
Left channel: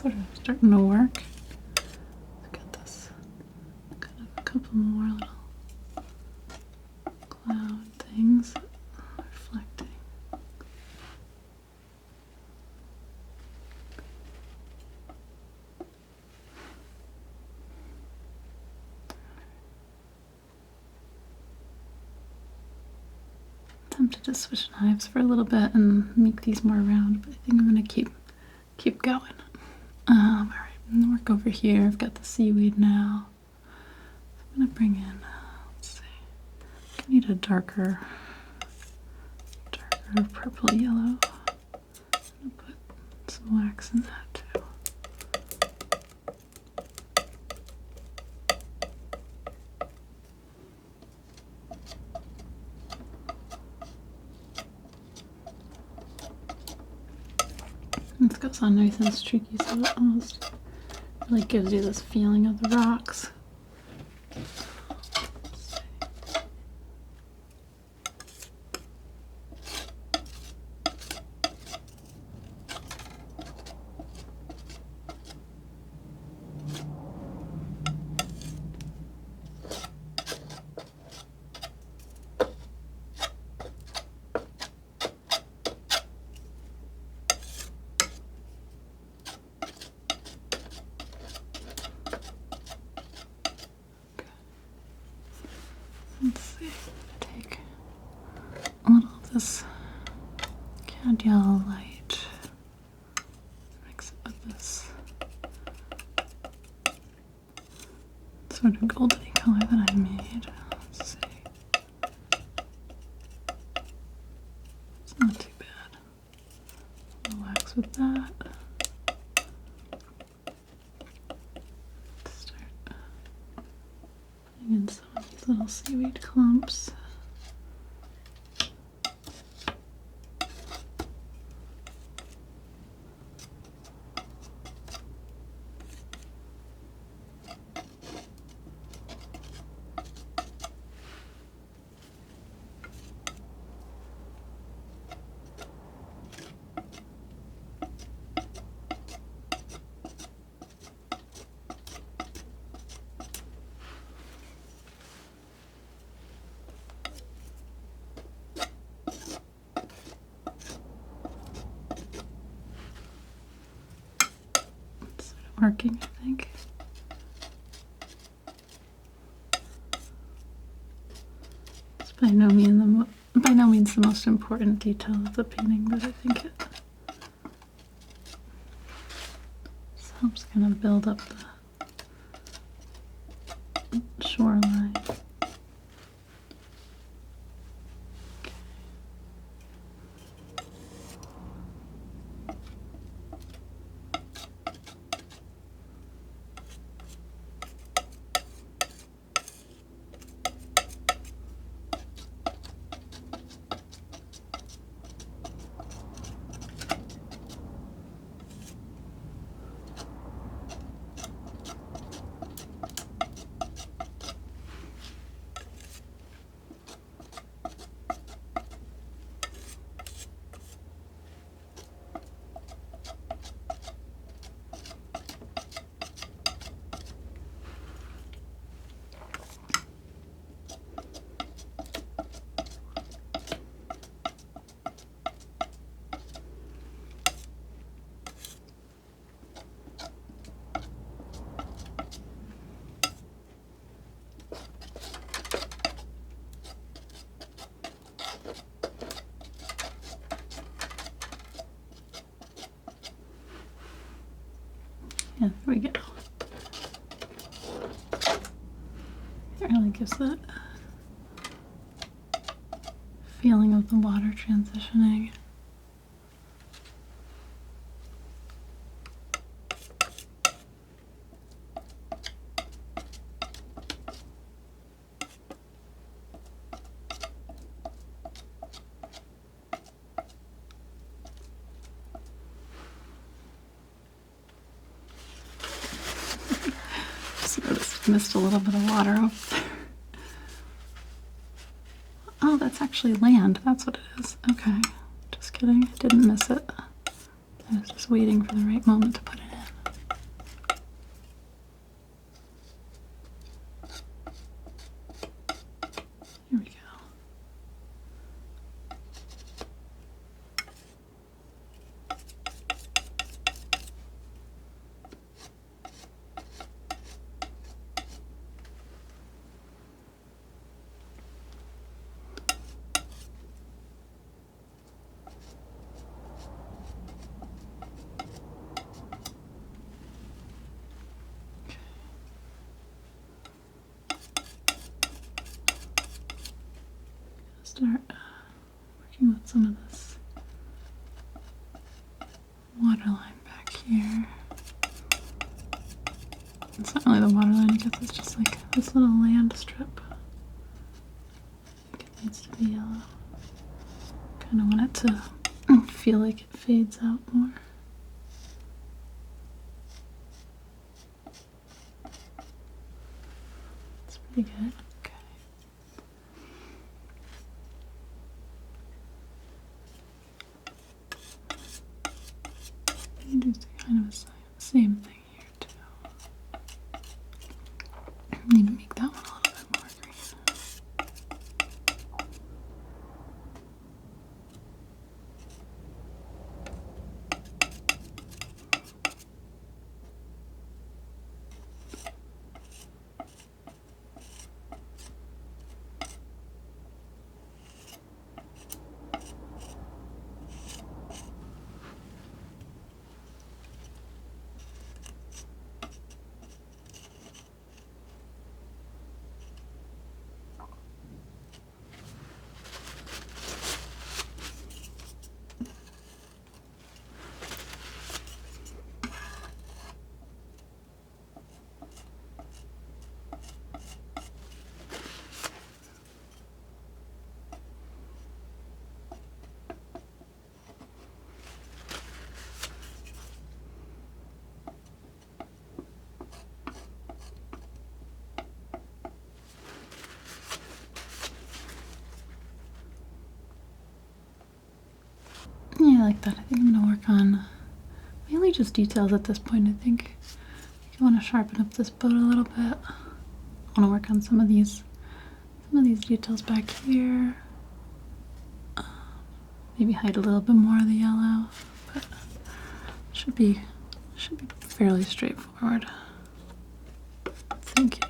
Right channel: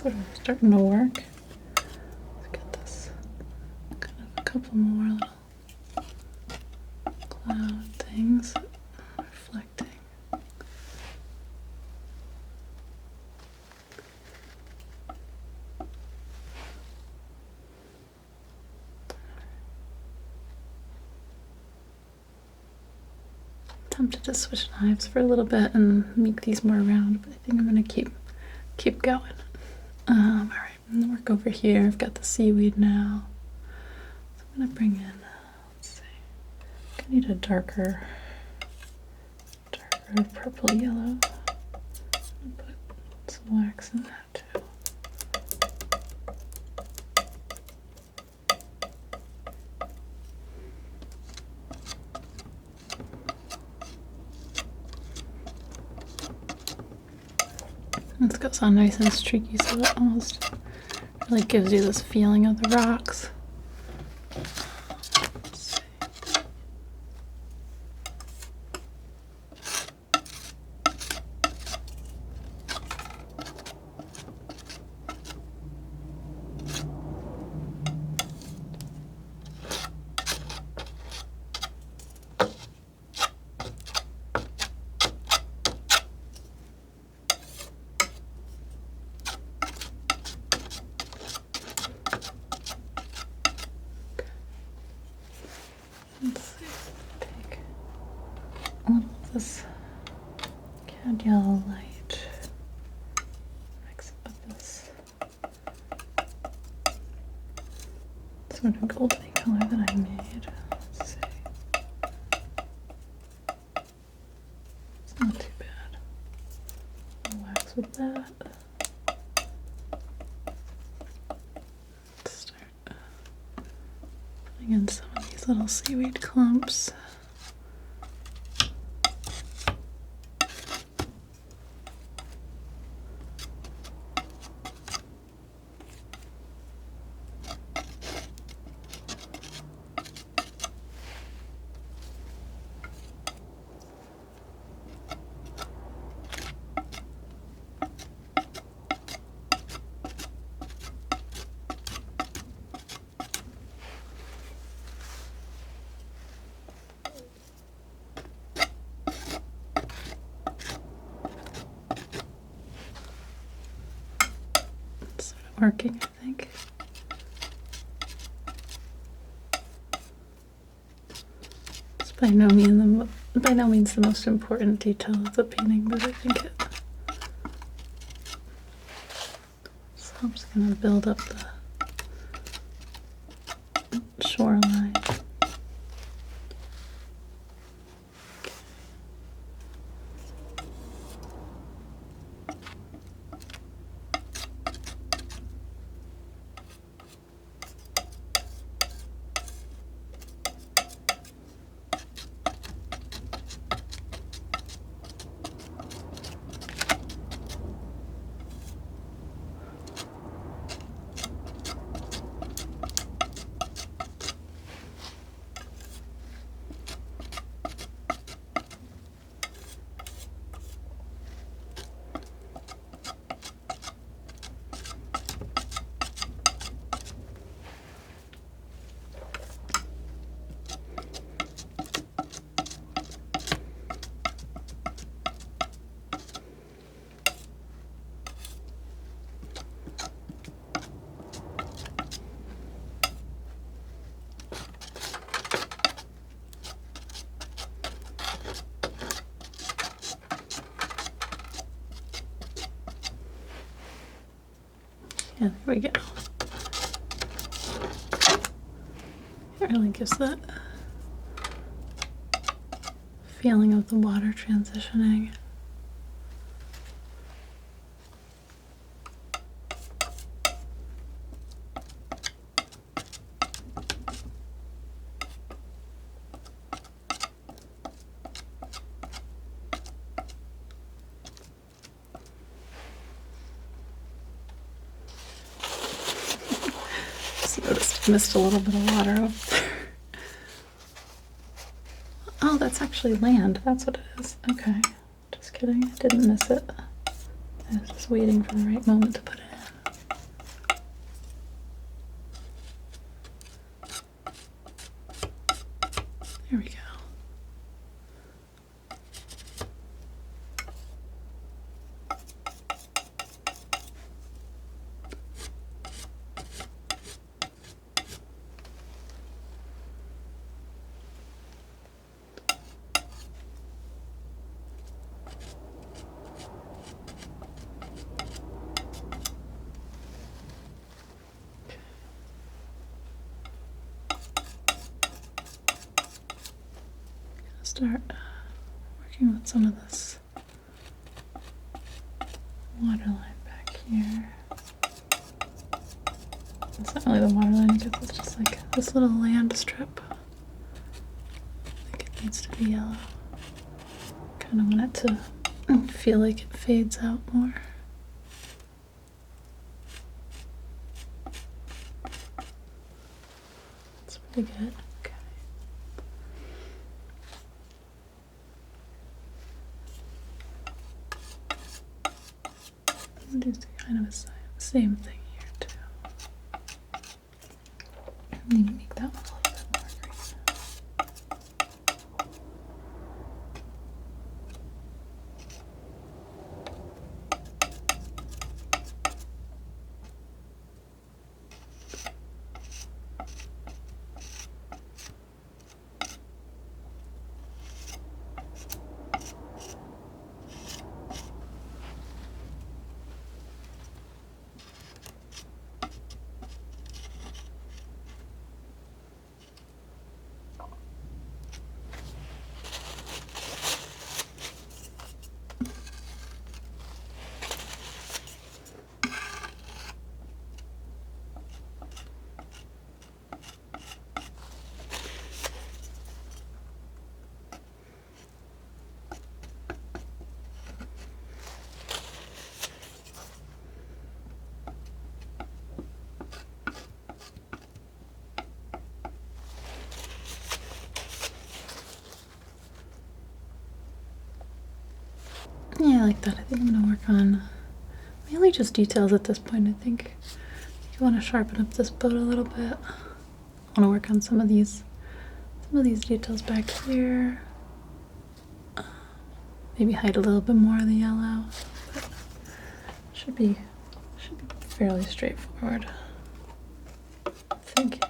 sort of starting to work. Let's get this a couple more little cloud things reflecting. Tempted to switch knives for a little bit and make these more round, but I think I'm gonna keep going. All right, I'm gonna work over here. I've got the seaweed now. So I'm gonna bring in. Let's see. I need a darker purple yellow. I'm gonna put some wax in that too. This goes on nice and streaky, so it almost really gives you this feeling of the rocks. Let's see, take a little of this Candula light, mix it with this sort of golden color that I made. Let's see. It's not too bad. I'll wax with that. Start putting in some of these little seaweed clumps. Working, I think. It's by no means the most important detail of the painting, but I think it helps kind of build up the shoreline. Yeah, there we go. It really gives that feeling of the water transitioning. Just missed a little bit of water over there. Oh, that's actually land. That's what it is. Okay. Just kidding. I didn't miss it. I was just waiting for the right moment to put it in. start working with some of this waterline back here. It's not really the waterline, I guess it's just like this little land strip. I think it needs to be yellow. Kind of want it to feel like it fades out more. That's pretty good. Okay. And do kind of the same thing here too. Need to make that one a little bit more green. Yeah, I like that. I think I'm going to work on mainly just details at this point. I think I want to sharpen up this boat a little bit. I want to work on some of these details back here. Maybe hide a little bit more of the yellow. But should be fairly straightforward. Thinking.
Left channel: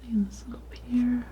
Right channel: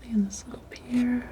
Playing this up here.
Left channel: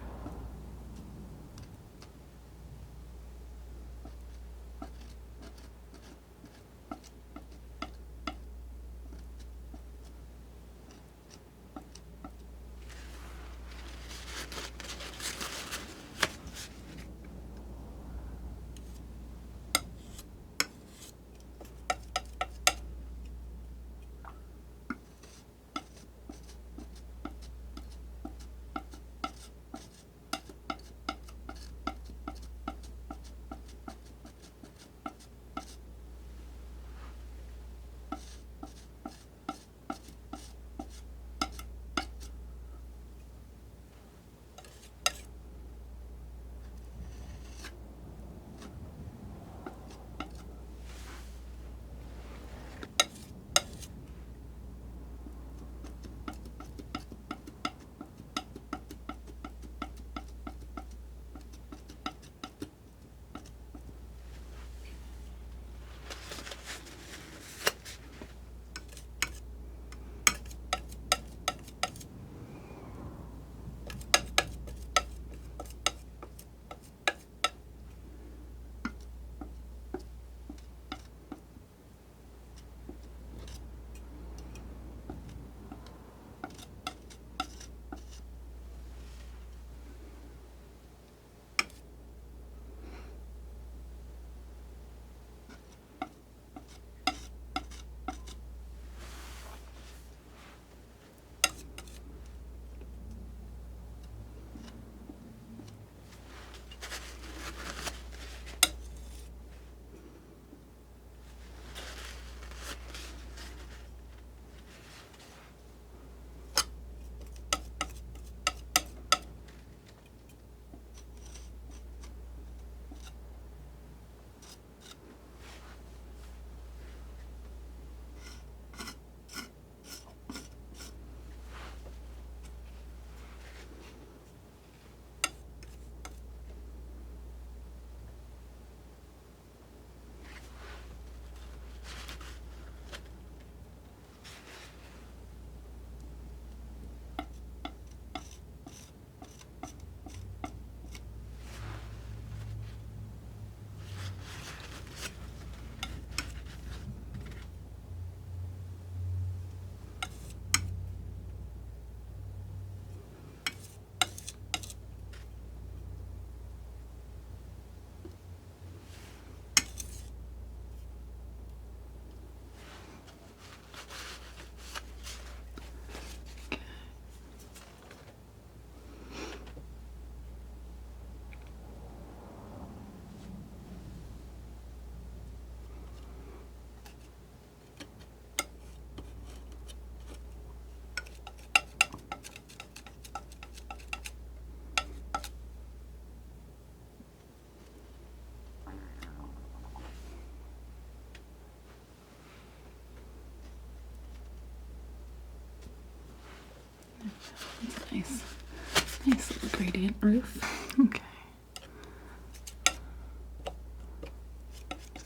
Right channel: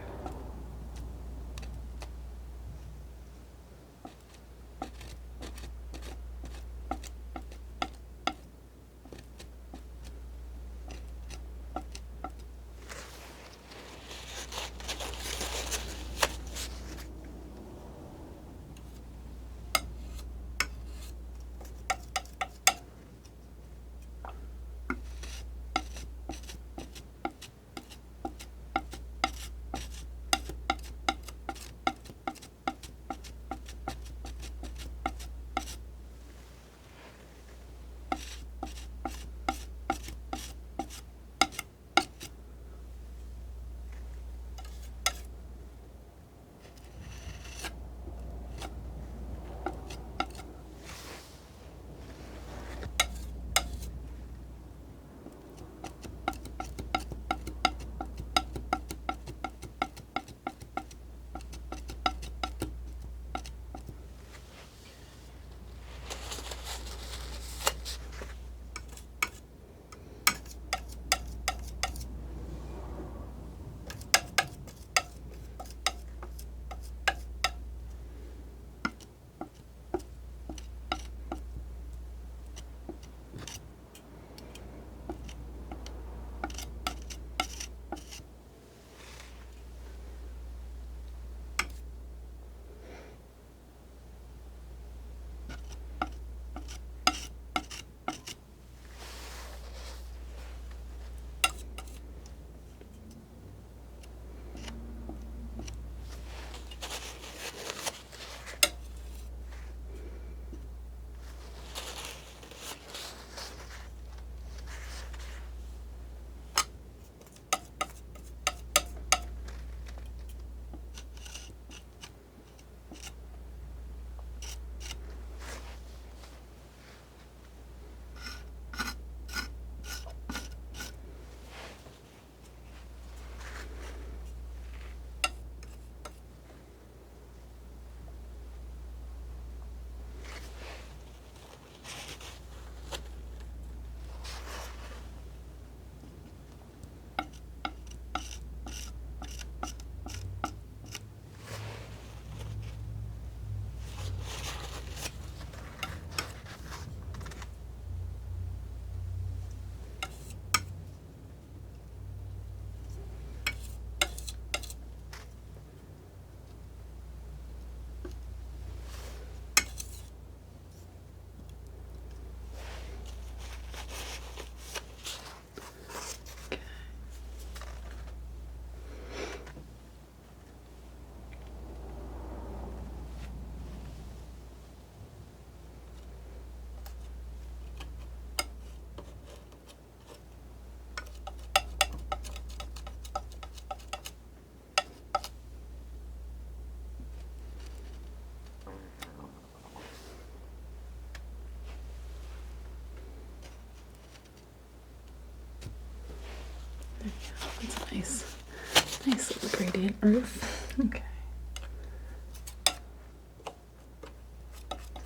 Nice little gradient roof. Okay.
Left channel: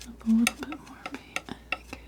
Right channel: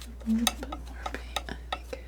Up a little bit more paint, I think.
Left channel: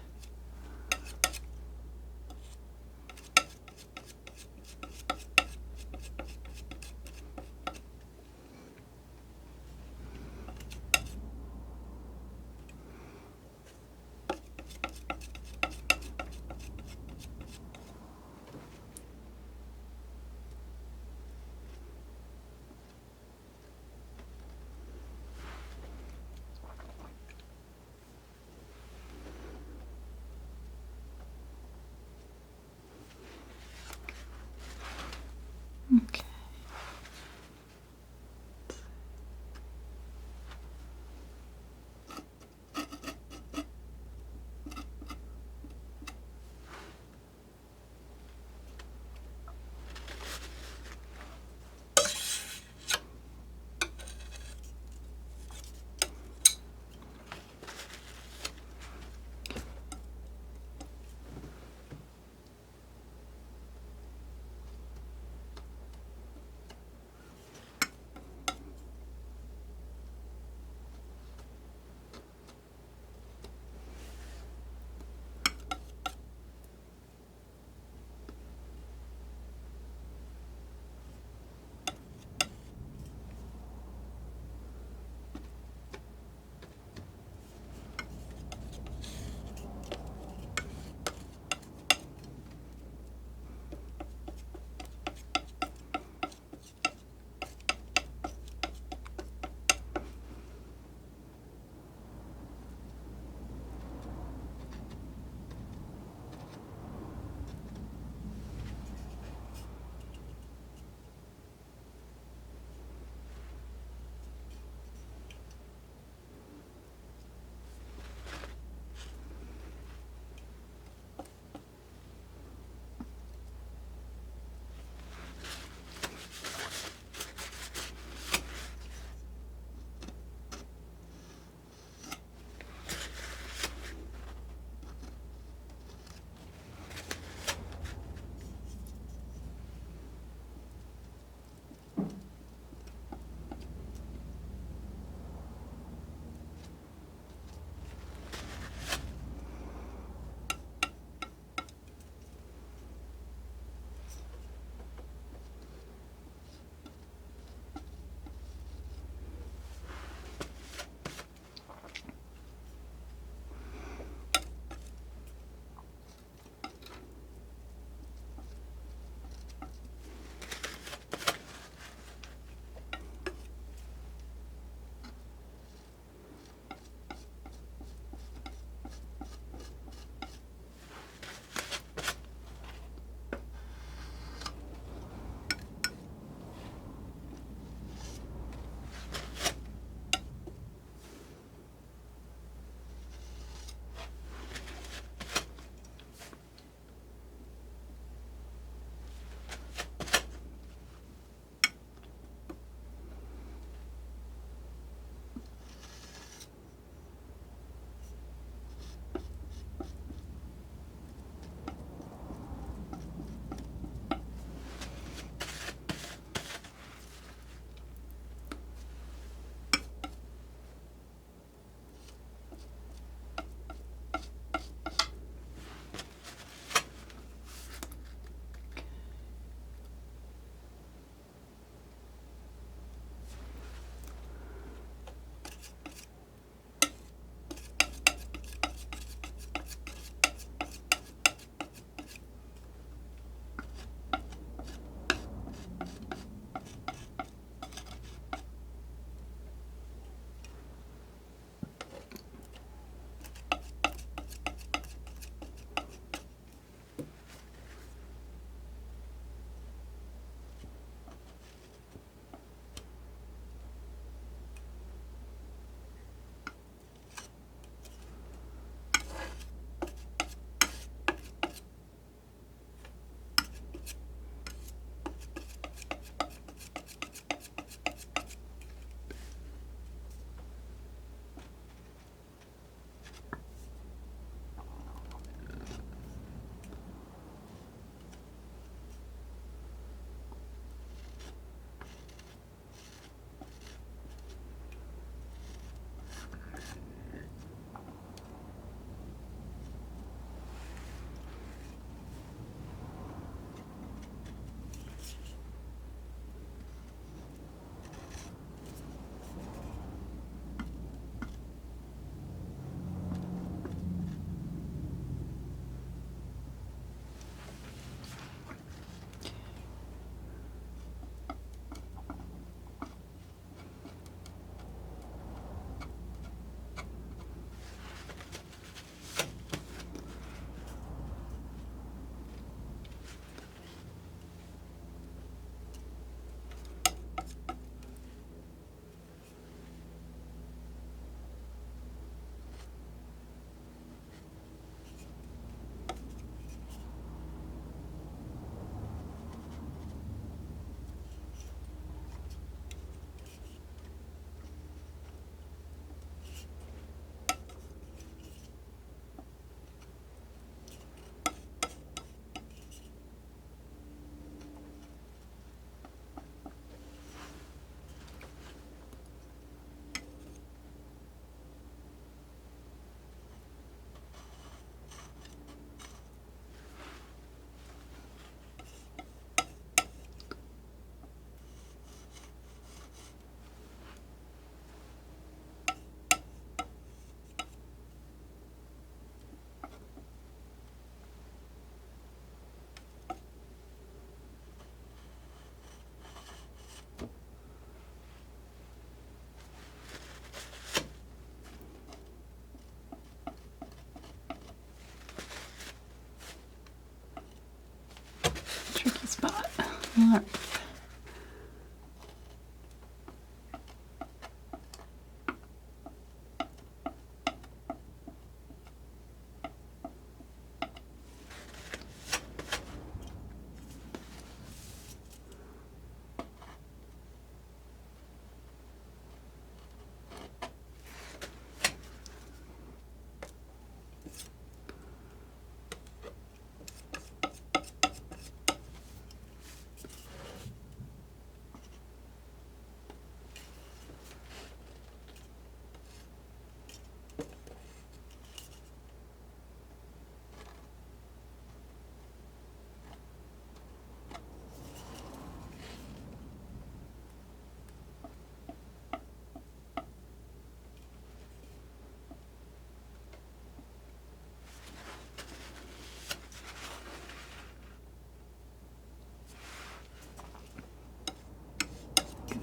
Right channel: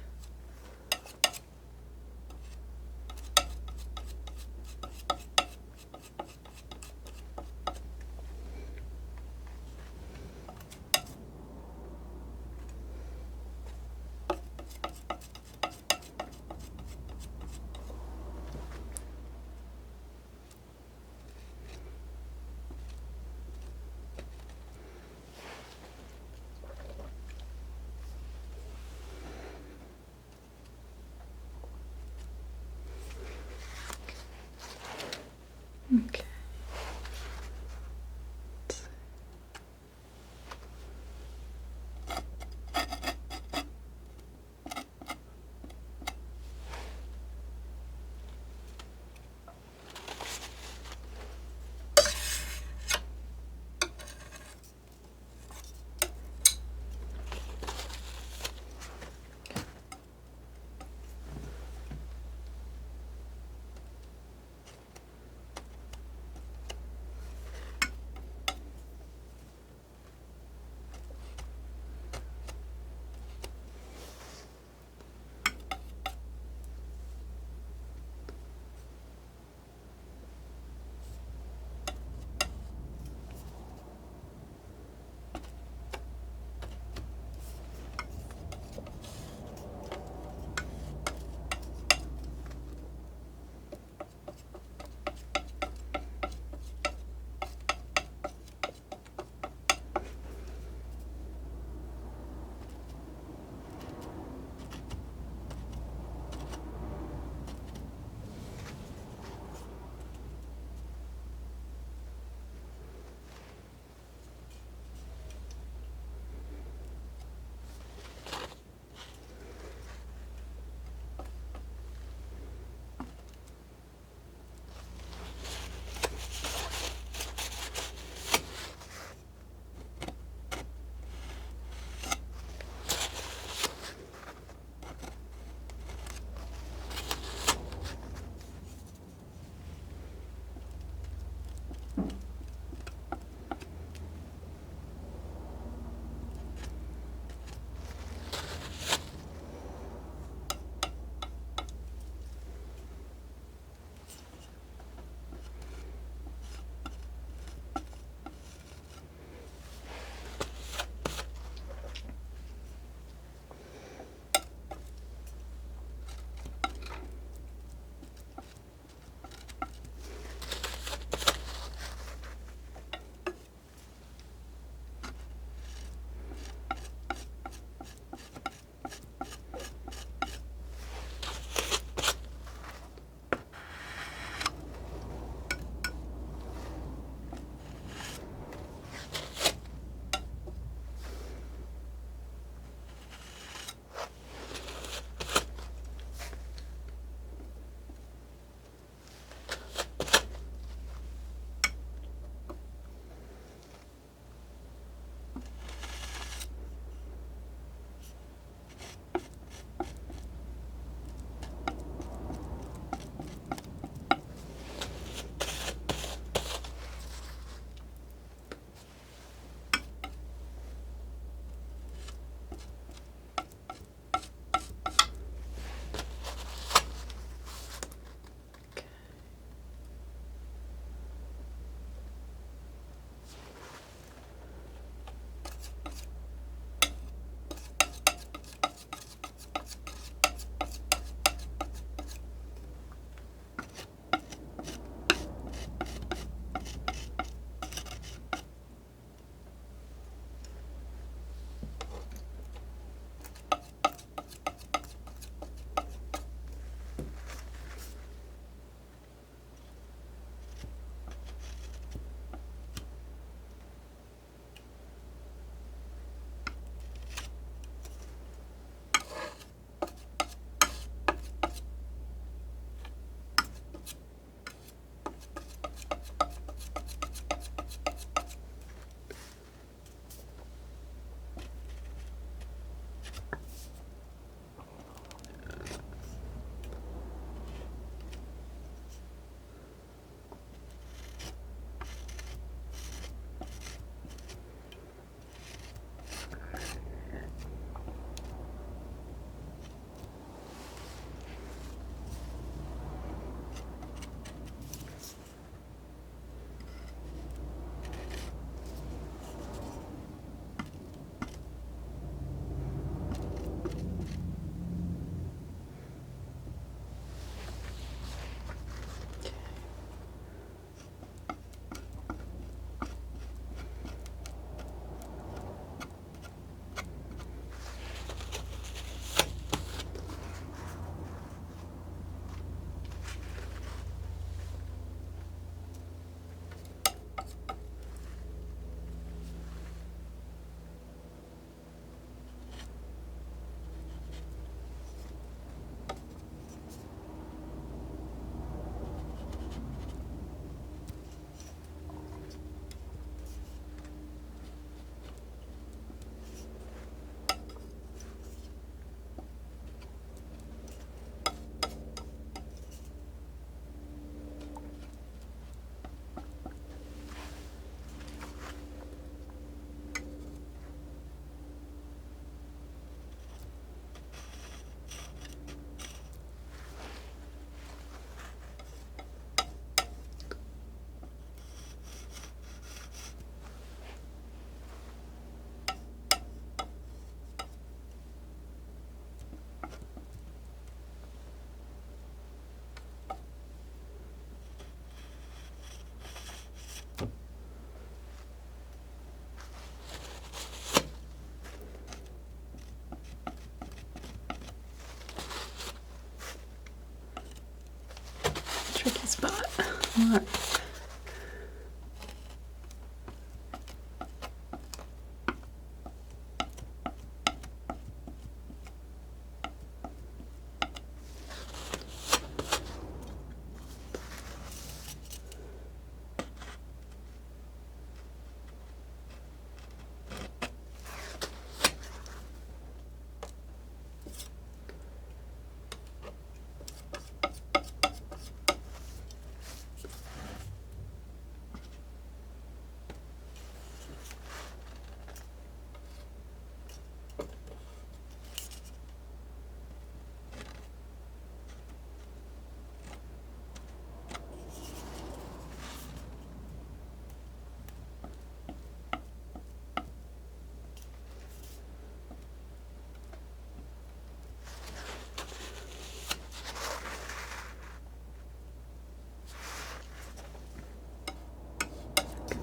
Alright.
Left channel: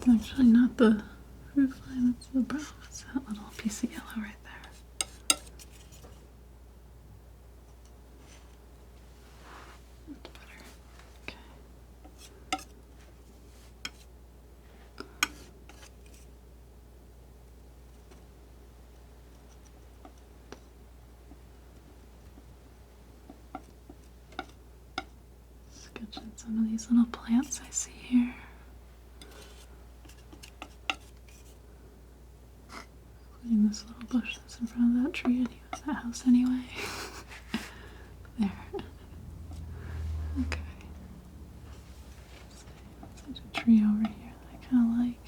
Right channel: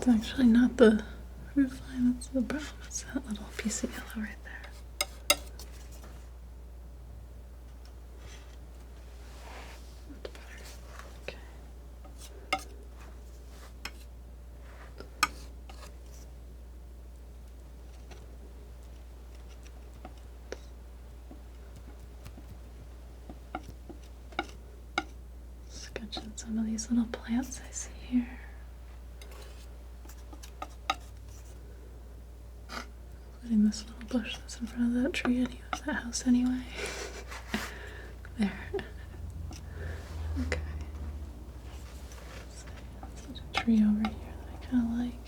It's actually not the roof line, it's the brow. It's that little piece of yellow right there. That's better. Okay. Sketching some of these little plants I see here. Including this little bush that's in front of that tree anyway, that house anyway. There. Okay. So, there's a tree over here that I kind of like.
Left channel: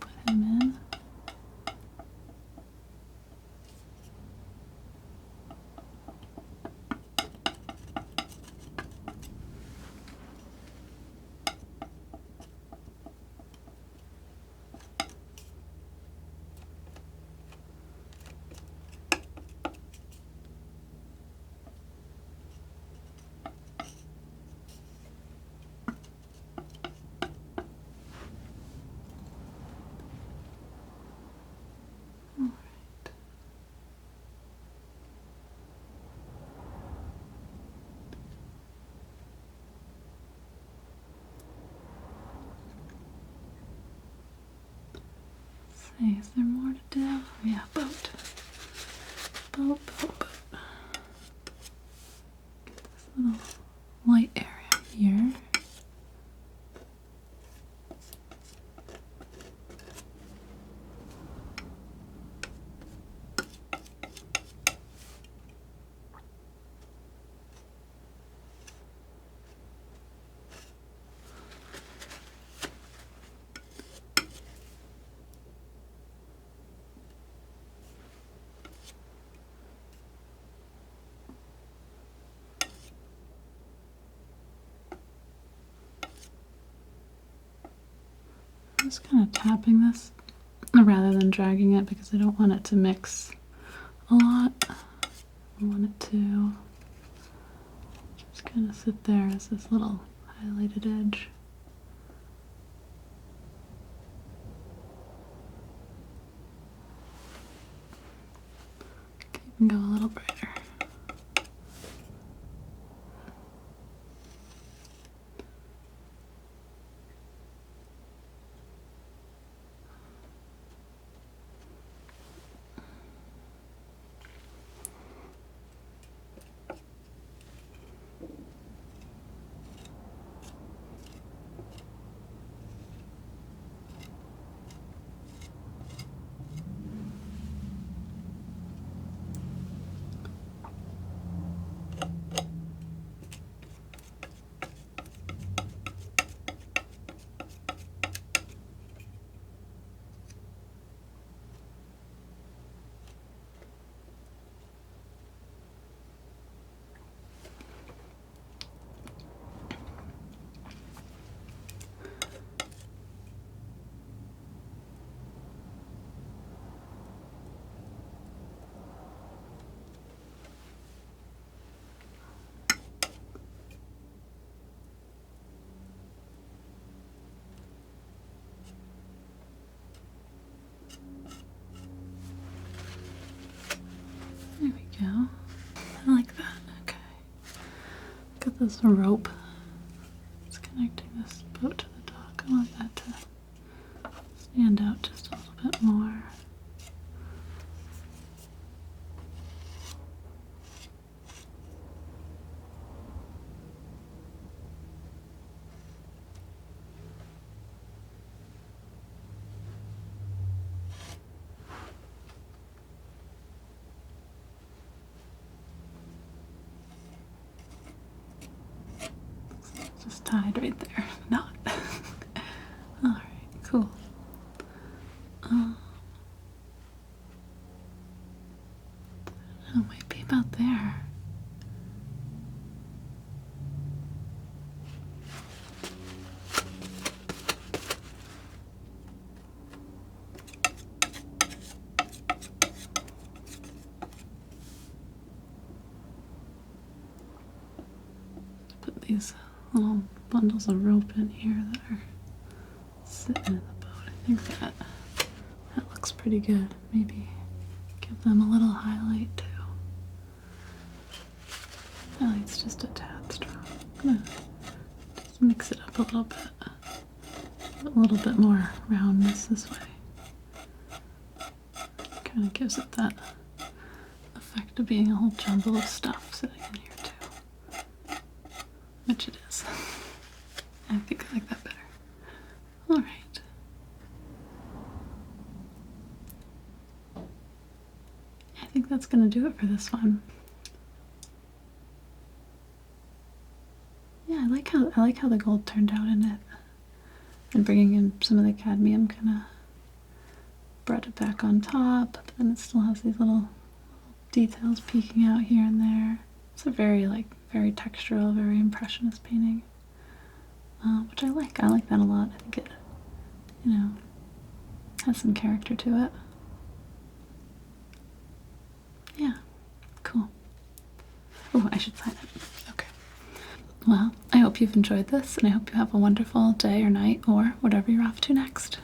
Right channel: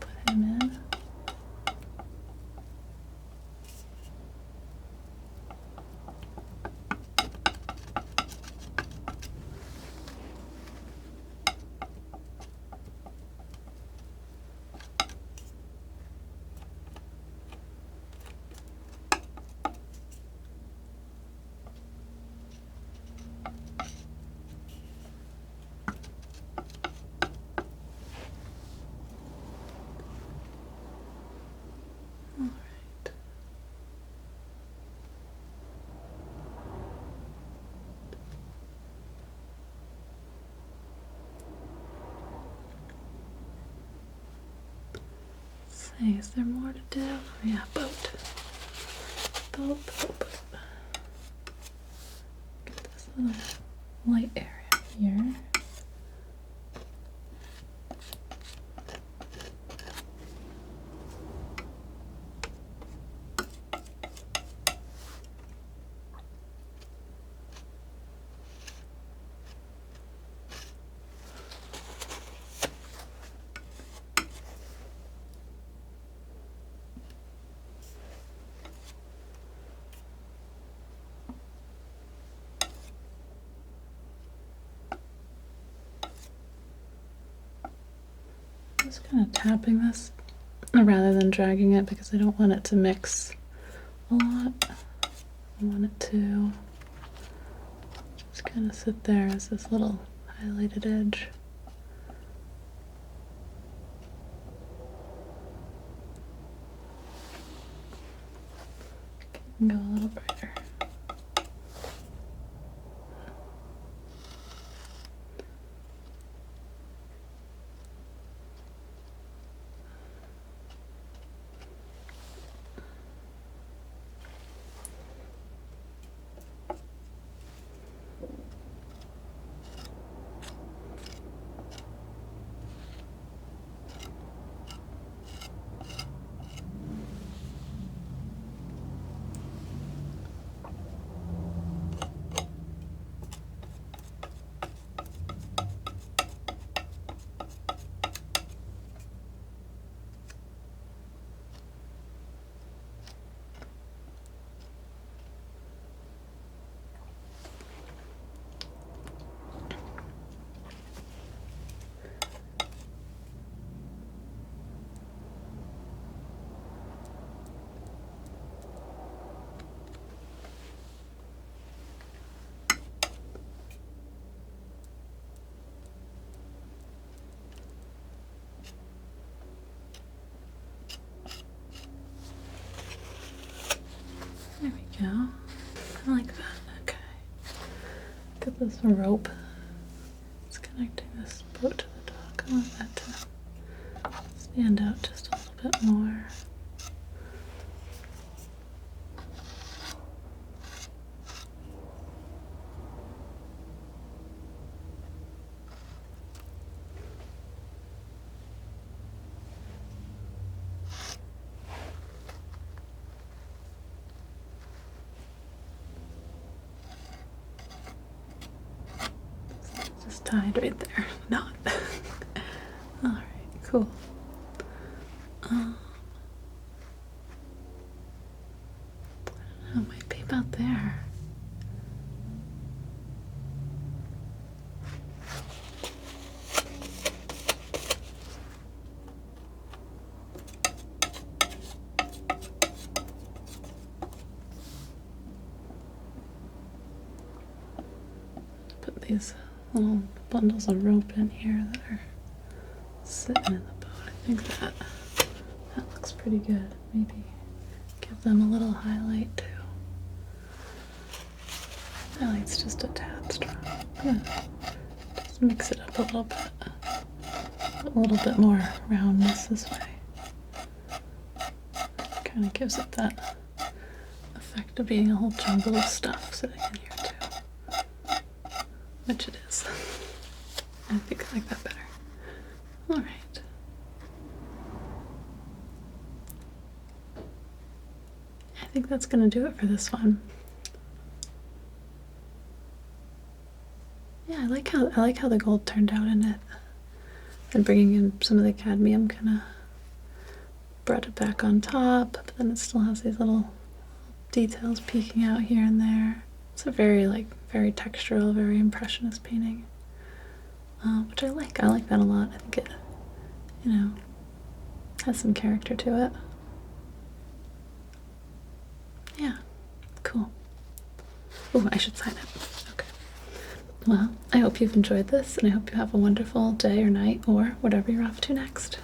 Put him in. Alright. See, is there more to do? Oh, yeah, boat. Boat, boat, boat. Get this little light area here. I'm just kind of tapping this rather than dragging it because I don't want it to mix a lot. I want it to just kind of sit there as this little highlighted edge. Okay, you can go a little brighter. There we go. I like that. Okay. Got this rope. It's connecting this tide right there. Not. All right, cool. Oh, it might be about there. Put these little bundles of rope in here that are sitting in the boat. I think that looks pretty good. Maybe give them a little highlight too. Highlight's just a tad strong. I'm gonna just mix it up a little bit. A little bit more roundness this way. Kind of gives it that effect of being a whole jumble of stuff sitting in here too. Which it is. I think I like that better. Alright. I think that's gonna do it for this one. Yeah, I like how the gold turned out in it. And bringing in some of the cadmium kind of brought it back on top, but then it still has these little details peeking out here and there. It's a very textural, very impressionist painting, which I like. I like that a lot. I think it, has some character to it. Yeah, cool. Oh, I should sign it. Okay. Well, I hope you've enjoyed this, and I hope you have a wonderful day or night or whatever you're off to next.